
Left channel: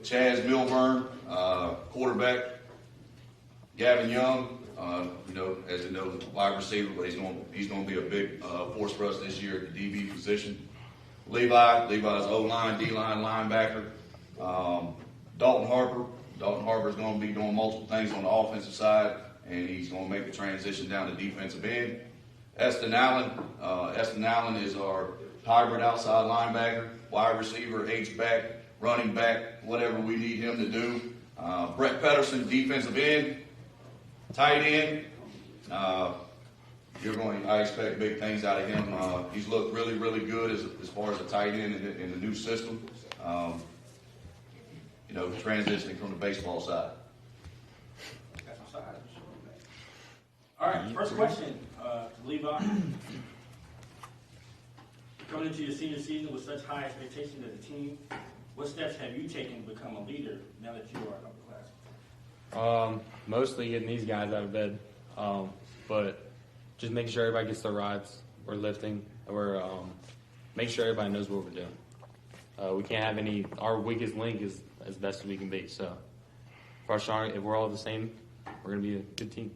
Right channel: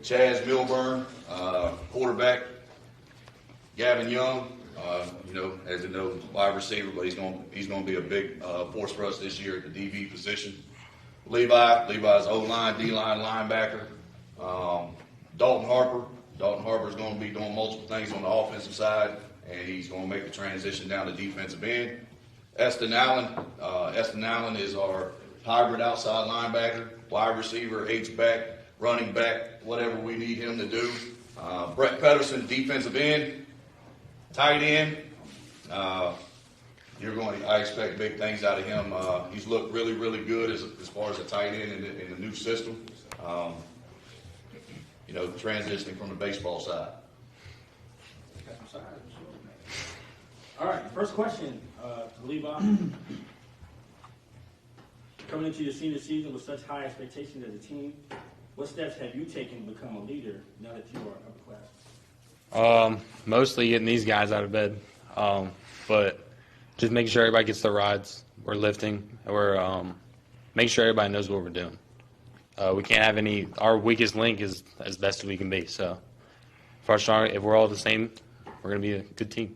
Chaz Milburn, quarterback. Gavin Young, as you know, wide receiver, but he's going to be a big force for us this year at the DB position. Levi's O-line, D-line linebacker. Dalton Harper's going to be doing multiple things on the offensive side, and he's going to make the transition down to defensive end. Eston Allen is our hybrid outside linebacker, wide receiver, H-back, running back, whatever we need him to do. Brett Pedersen, defensive end. Tight end, I expect big things out of him. He's looked really, really good as far as a tight end in the new system. Transitioning from the baseball side. All right, first question, Levi. Coming into your senior season with such high expectations as a team, what steps have you taken to become a leader now that you are an upper class? Mostly getting these guys out of bed, but just making sure everybody gets their rides. We're lifting. We're making sure everybody knows what we're doing. We can't have our weakest link is as best as we can be. So, if we're all the same, we're going to be a good team.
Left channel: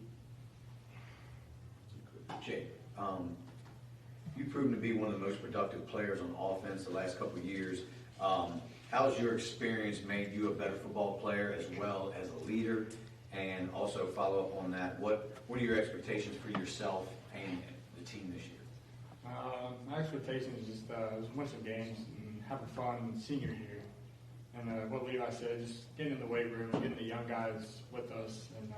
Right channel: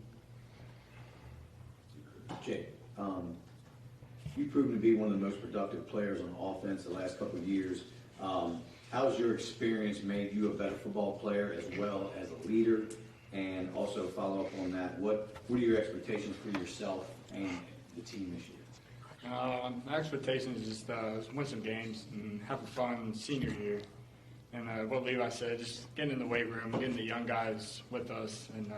Jay, you've proven to be one of the most productive players on offense the last couple of years. How's your experience made you a better football player as well as a leader? And also follow up on that, what are your expectations for yourself and the team this year? My expectations is just win some games and have a fun senior year. And what Levi said, just getting in the weight room, getting the young guys with us, and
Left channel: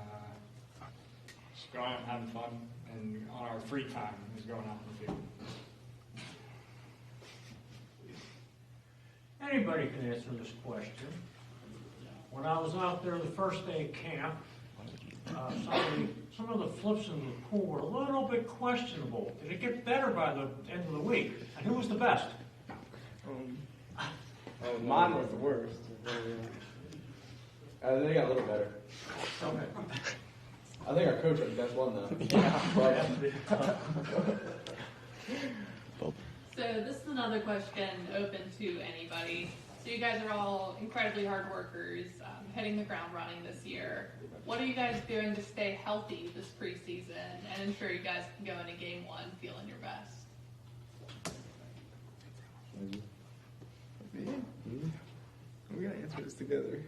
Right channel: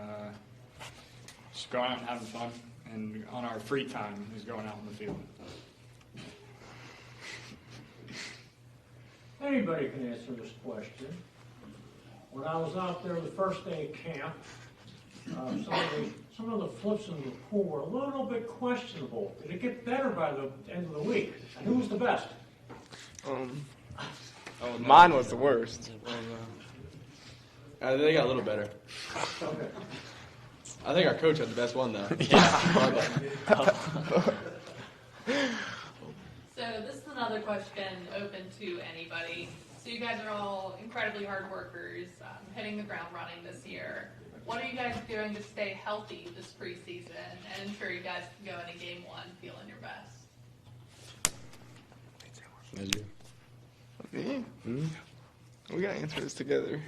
just going out and having fun. And on our free time is going out in the field. Anybody can answer this question. When I was out there the first day of camp, some of the flips in the pool were a little bit questionable. Did it get better by the end of the week? And who was the best? Mine was the worst. They got a little better. Okay. I think our coach had the best one, though. So this is another question open to anybody. So you guys are all incredibly hard workers, hitting the ground running this year. What are you guys doing to stay healthy this preseason and ensure you guys can go into game one feeling your best? Me? We gotta answer this together.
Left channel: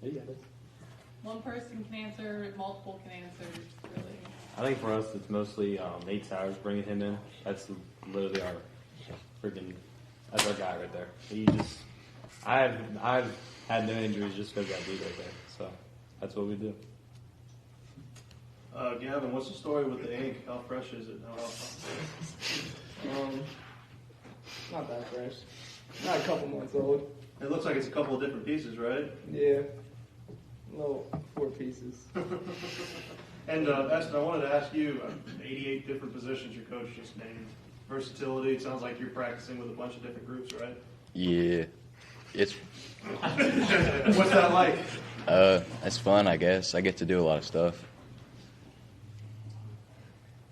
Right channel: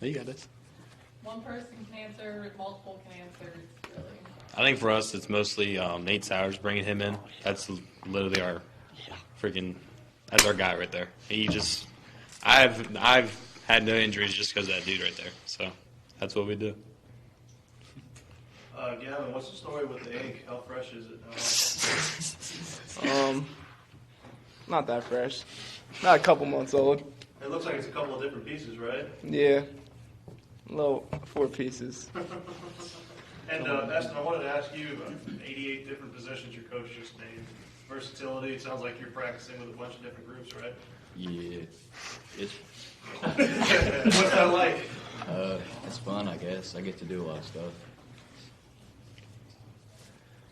You got this. One person can answer, multiple can answer, really. I think for us, it's mostly Nate Sowers, bringing him in. That's literally our that's our guy right there. I've had no injuries just because of that dude right there. So that's what we do. Gavin, what's the story with the egg? How fresh is it now? Not that fresh. Not a couple months old. It looks like it's a couple of different pieces, right? Yeah. Little 4 pieces. And Baston, I wanted to ask you, 88 different positions your coach just named. Versatility, it sounds like you're practicing with a bunch of different groups, right? Yeah, it's. What's that like? It's fun, I guess. I get to do a lot of stuff.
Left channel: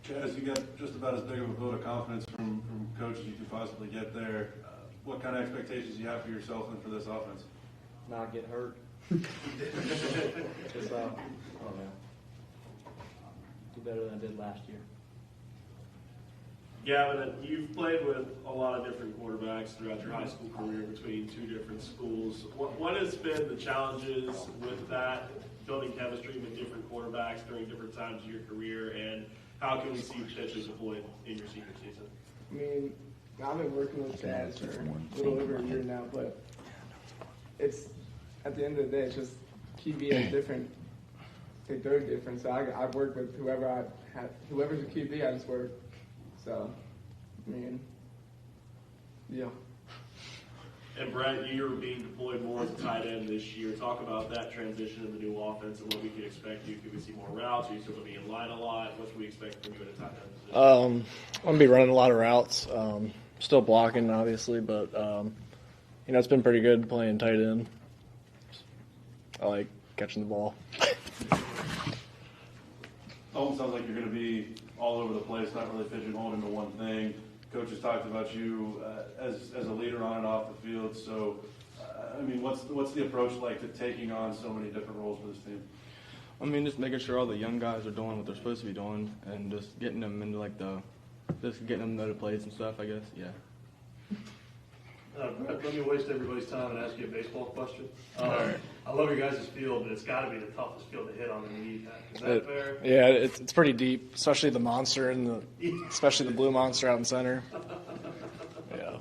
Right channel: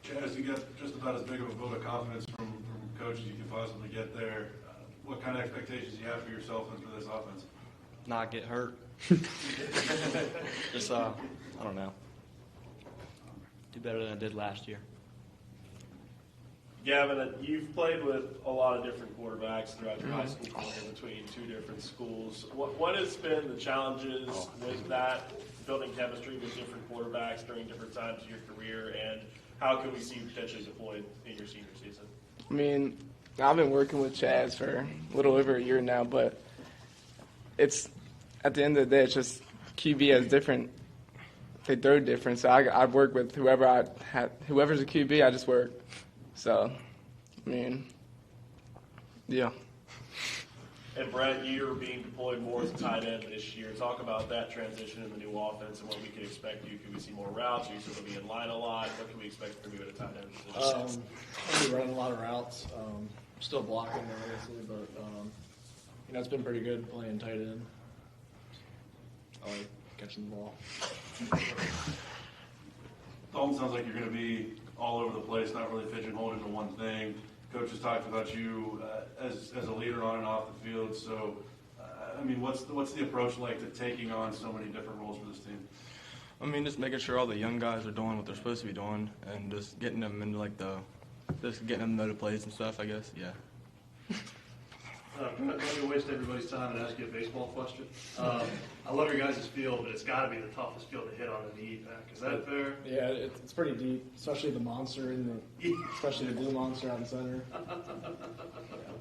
Chaz, you got just about as big of a vote of confidence from coach as you could possibly get there. What kind of expectations do you have for yourself and for this offense? Not get hurt. Just, I don't know. Do better than I did last year. Gavin, you've played with a lot of different quarterbacks throughout your high school career between 2 different schools. What has been the challenges with that, building chemistry with different quarterbacks during different times of your career, and how can we see you potentially deployed in your senior season? I mean, I've been working with Chaz for a little over a year now, but it's, at the end of the day, it's just QB has different, they throw different. So I work with whoever's a QB, I just work. So, I mean, yeah. And Brett, you're being deployed more as a tight end this year. Talk about that transition in the new offense and what we can expect you. Could we see more routes? Are you still going to be in line a lot? What can we expect from you at a tight end? I'm going to be running a lot of routes. Still blocking, obviously, but, it's been pretty good playing tight end. I like catching the ball. Almost sounds like you're going to be all over the place, not really pigeonholed into one thing. Coach has talked about you as a leader on and off the field. So, what's the approach like to taking on so many different roles for this team? Just making sure all the young guys are doing what they're supposed to be doing, and just getting them into just getting them to know the plays and stuff. I guess, yeah. Let me waste everybody's time and ask you a baseball question. I love your guys' field, but it's got to be the toughest field to hit on the knee. Is that fair? Yeah, it's pretty deep, especially the monster and especially the blue monster out in center. Yeah.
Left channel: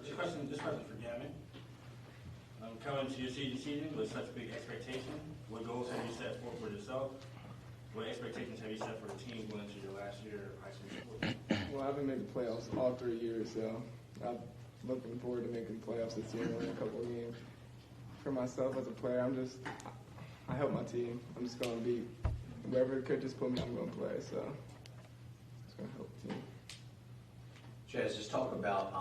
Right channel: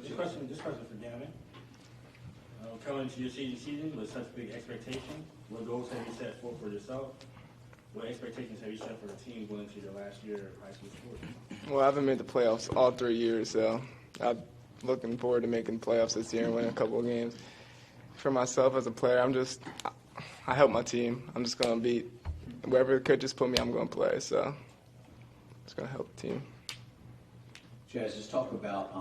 This question for Gavin. Coming into your senior season with such big expectation, what goals have you set for yourself? What expectations have you set for the team going into your last year of high school sports? Well, I haven't made the playoffs all 3 years, so I'm looking forward to making the playoffs this year and winning a couple of games. For myself as a player, I help my team. I'm just going to be, wherever the coaches put me, I'm going to play, so it's going to help the team. Chaz, just talk about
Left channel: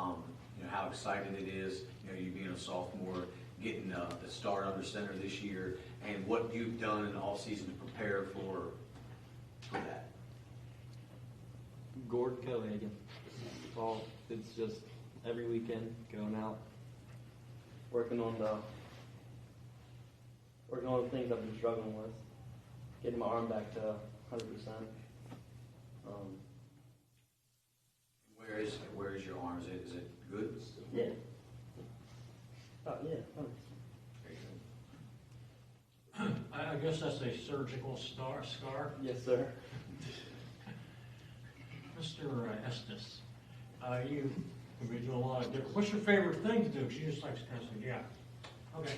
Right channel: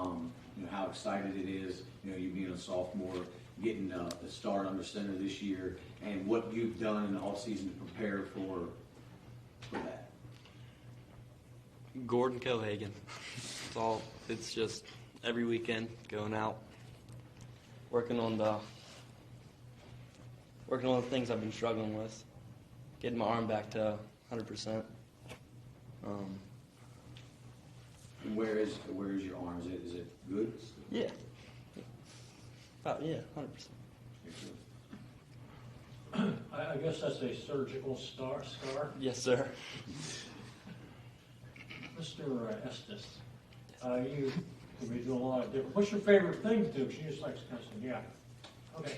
how excited it is, you being a sophomore, getting a start under center this year, and what you've done in the offseason to prepare for that. Gordon Cohagen. It's just every weekend going out, working on the things I've been struggling with, getting my arm back to 100%. Where is your arm? Is it good? Yeah. 100%. I guess that's a surgical scar? Yes, sir. Mr. Estes, you have been doing a lot of different, what's your favorite thing to do? She just likes cussing, yeah. Okay.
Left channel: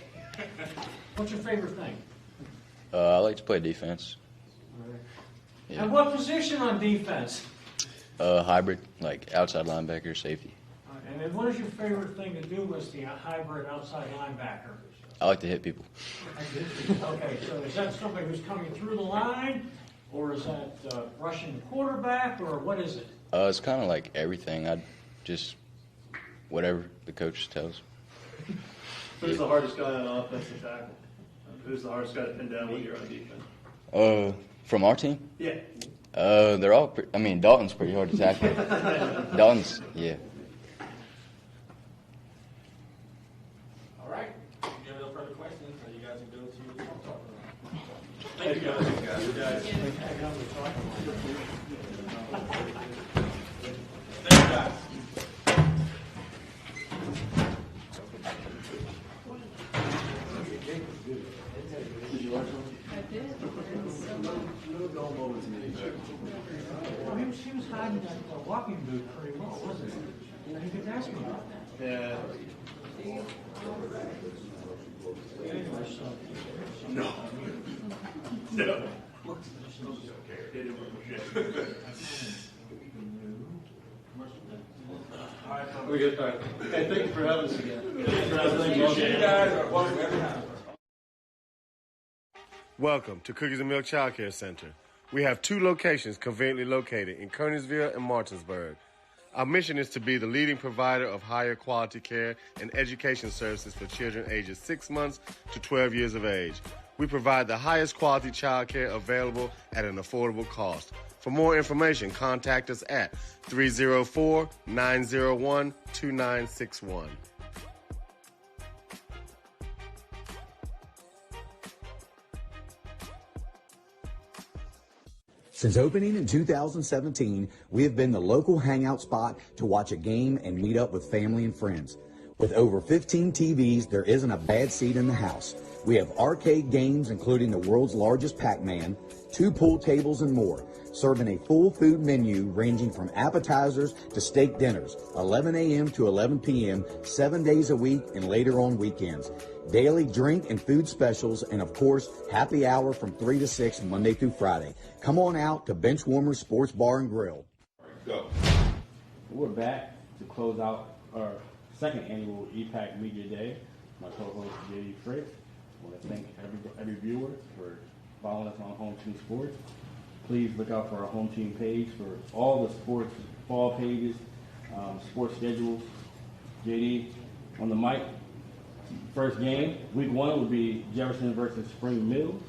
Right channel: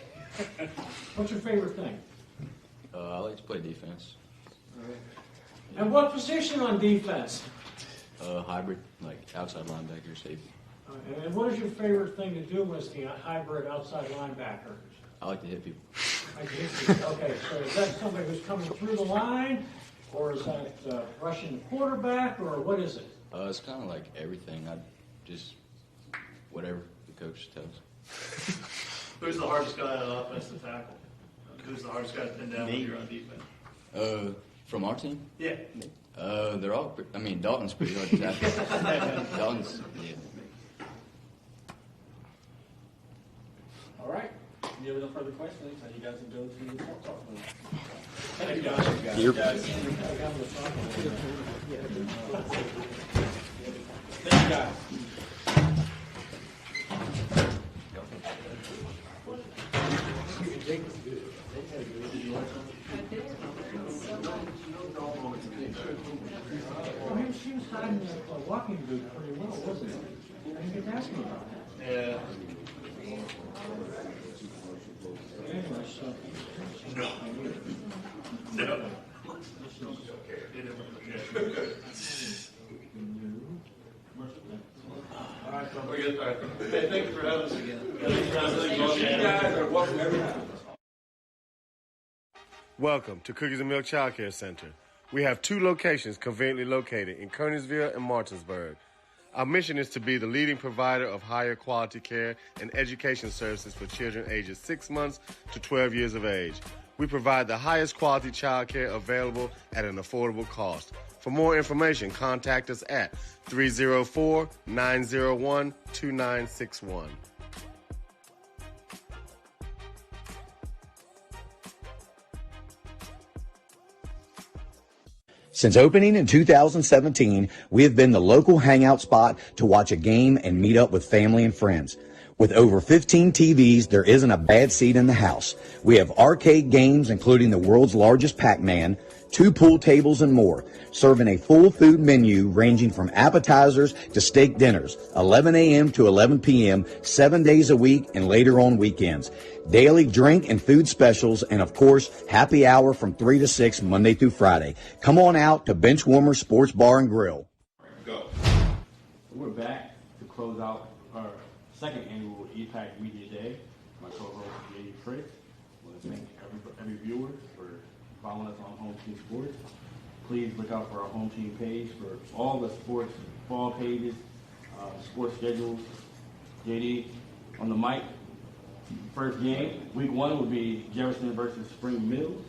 What's your favorite thing? I like to play defense. All right. Yeah. And what position on defense? Hybrid, like outside linebacker, safety. And what is your favorite thing to do as the hybrid outside linebacker? I like to hit people. Okay, so is that somebody who's coming through the line, or is that rushing the quarterback, or what is it? It's kind of like everything. I just whatever the coach tells. Who's the hardest guy on offense to tackle? Who's the hardest guy to pin down when you're on defense? From our team? Yeah. They're all. Dalton's pretty hard to tackle. Dalton's, yeah. All right. If you have no further questions, you guys can go to the talk room. Thank you, guys. Yep. Thank you, guys. Well, he was hiding that walking boot pretty well, wasn't he? You could ask him about that. Yeah. Great. All right. Hey, thank you for having us again. You guys are welcome every time. Welcome to Cookies and Milk Child Care Center. We have 2 locations conveniently located in Kearneysville and Martinsburg. Our mission is to be the leading provider of higher quality care and education services for children ages 6 months to 12 years of age. We provide the highest quality child care available at an affordable cost. For more information, contact us at 304-901-2961. Since opening in 2017, we have been the local hangout spot to watch a game and meet up with family and friends. With over 15 TVs, there isn't a bad seat in the house. We have arcade games, including the world's largest Pac-Man, 2 pool tables, and more, serving a full food menu ranging from appetizers to steak dinners, 11 a.m. to 11 p.m., 7 days a week and later on weekends. Daily drink and food specials, and of course, happy hour from 3 to 6 Monday through Friday. Come on out to Benchwarmer Sports Bar and Grill. Go. We're back to close out our second annual EPAC Media Day. My co-host J.D. Fritz. I want to thank every viewer for following us on Home Team Sports. Please look out for our Home Team page for all the sports fall pages, sports schedules. JD on the mic. First game, week 1 will be Jefferson versus Spring Mills.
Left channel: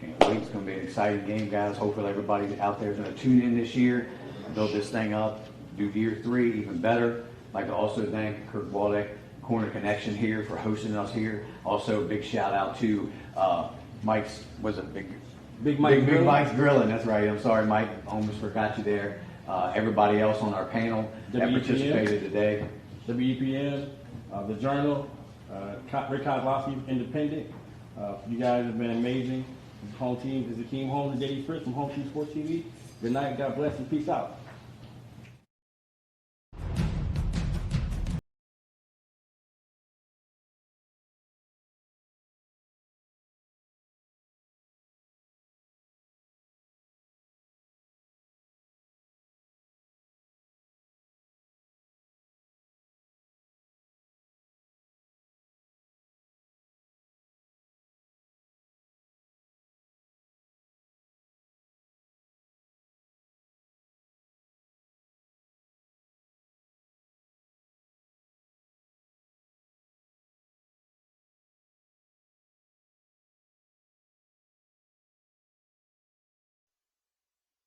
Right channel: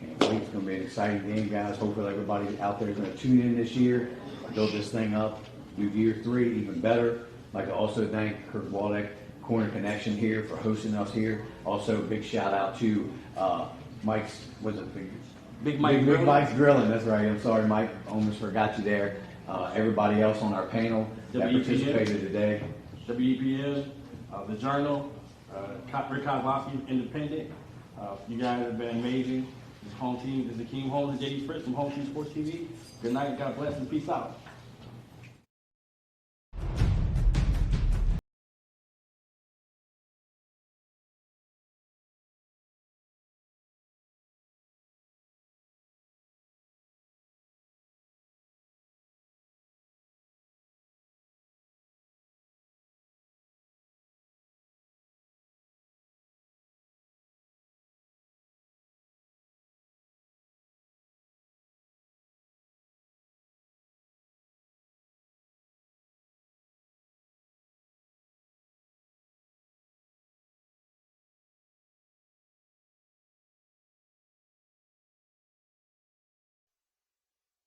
Can't wait. It's going to be an exciting game, guys. Hopefully everybody out there is going to tune in this year, build this thing up, do year 3 even better. I'd like to also thank Kirk Waldeck, Corner Connection here, for hosting us here. Also, big shout out to Mike's, Big Mike's Grilling. That's right. I'm sorry, Mike. Almost forgot you there. Everybody else on our panel that participated today. WEPM, The Journal, Rick Kozlowski, Independent. You guys have been amazing. This is Home Team. This is Akeem Holmes and J.D. Fritz from Home Team Sports TV. Good night. God bless and peace out.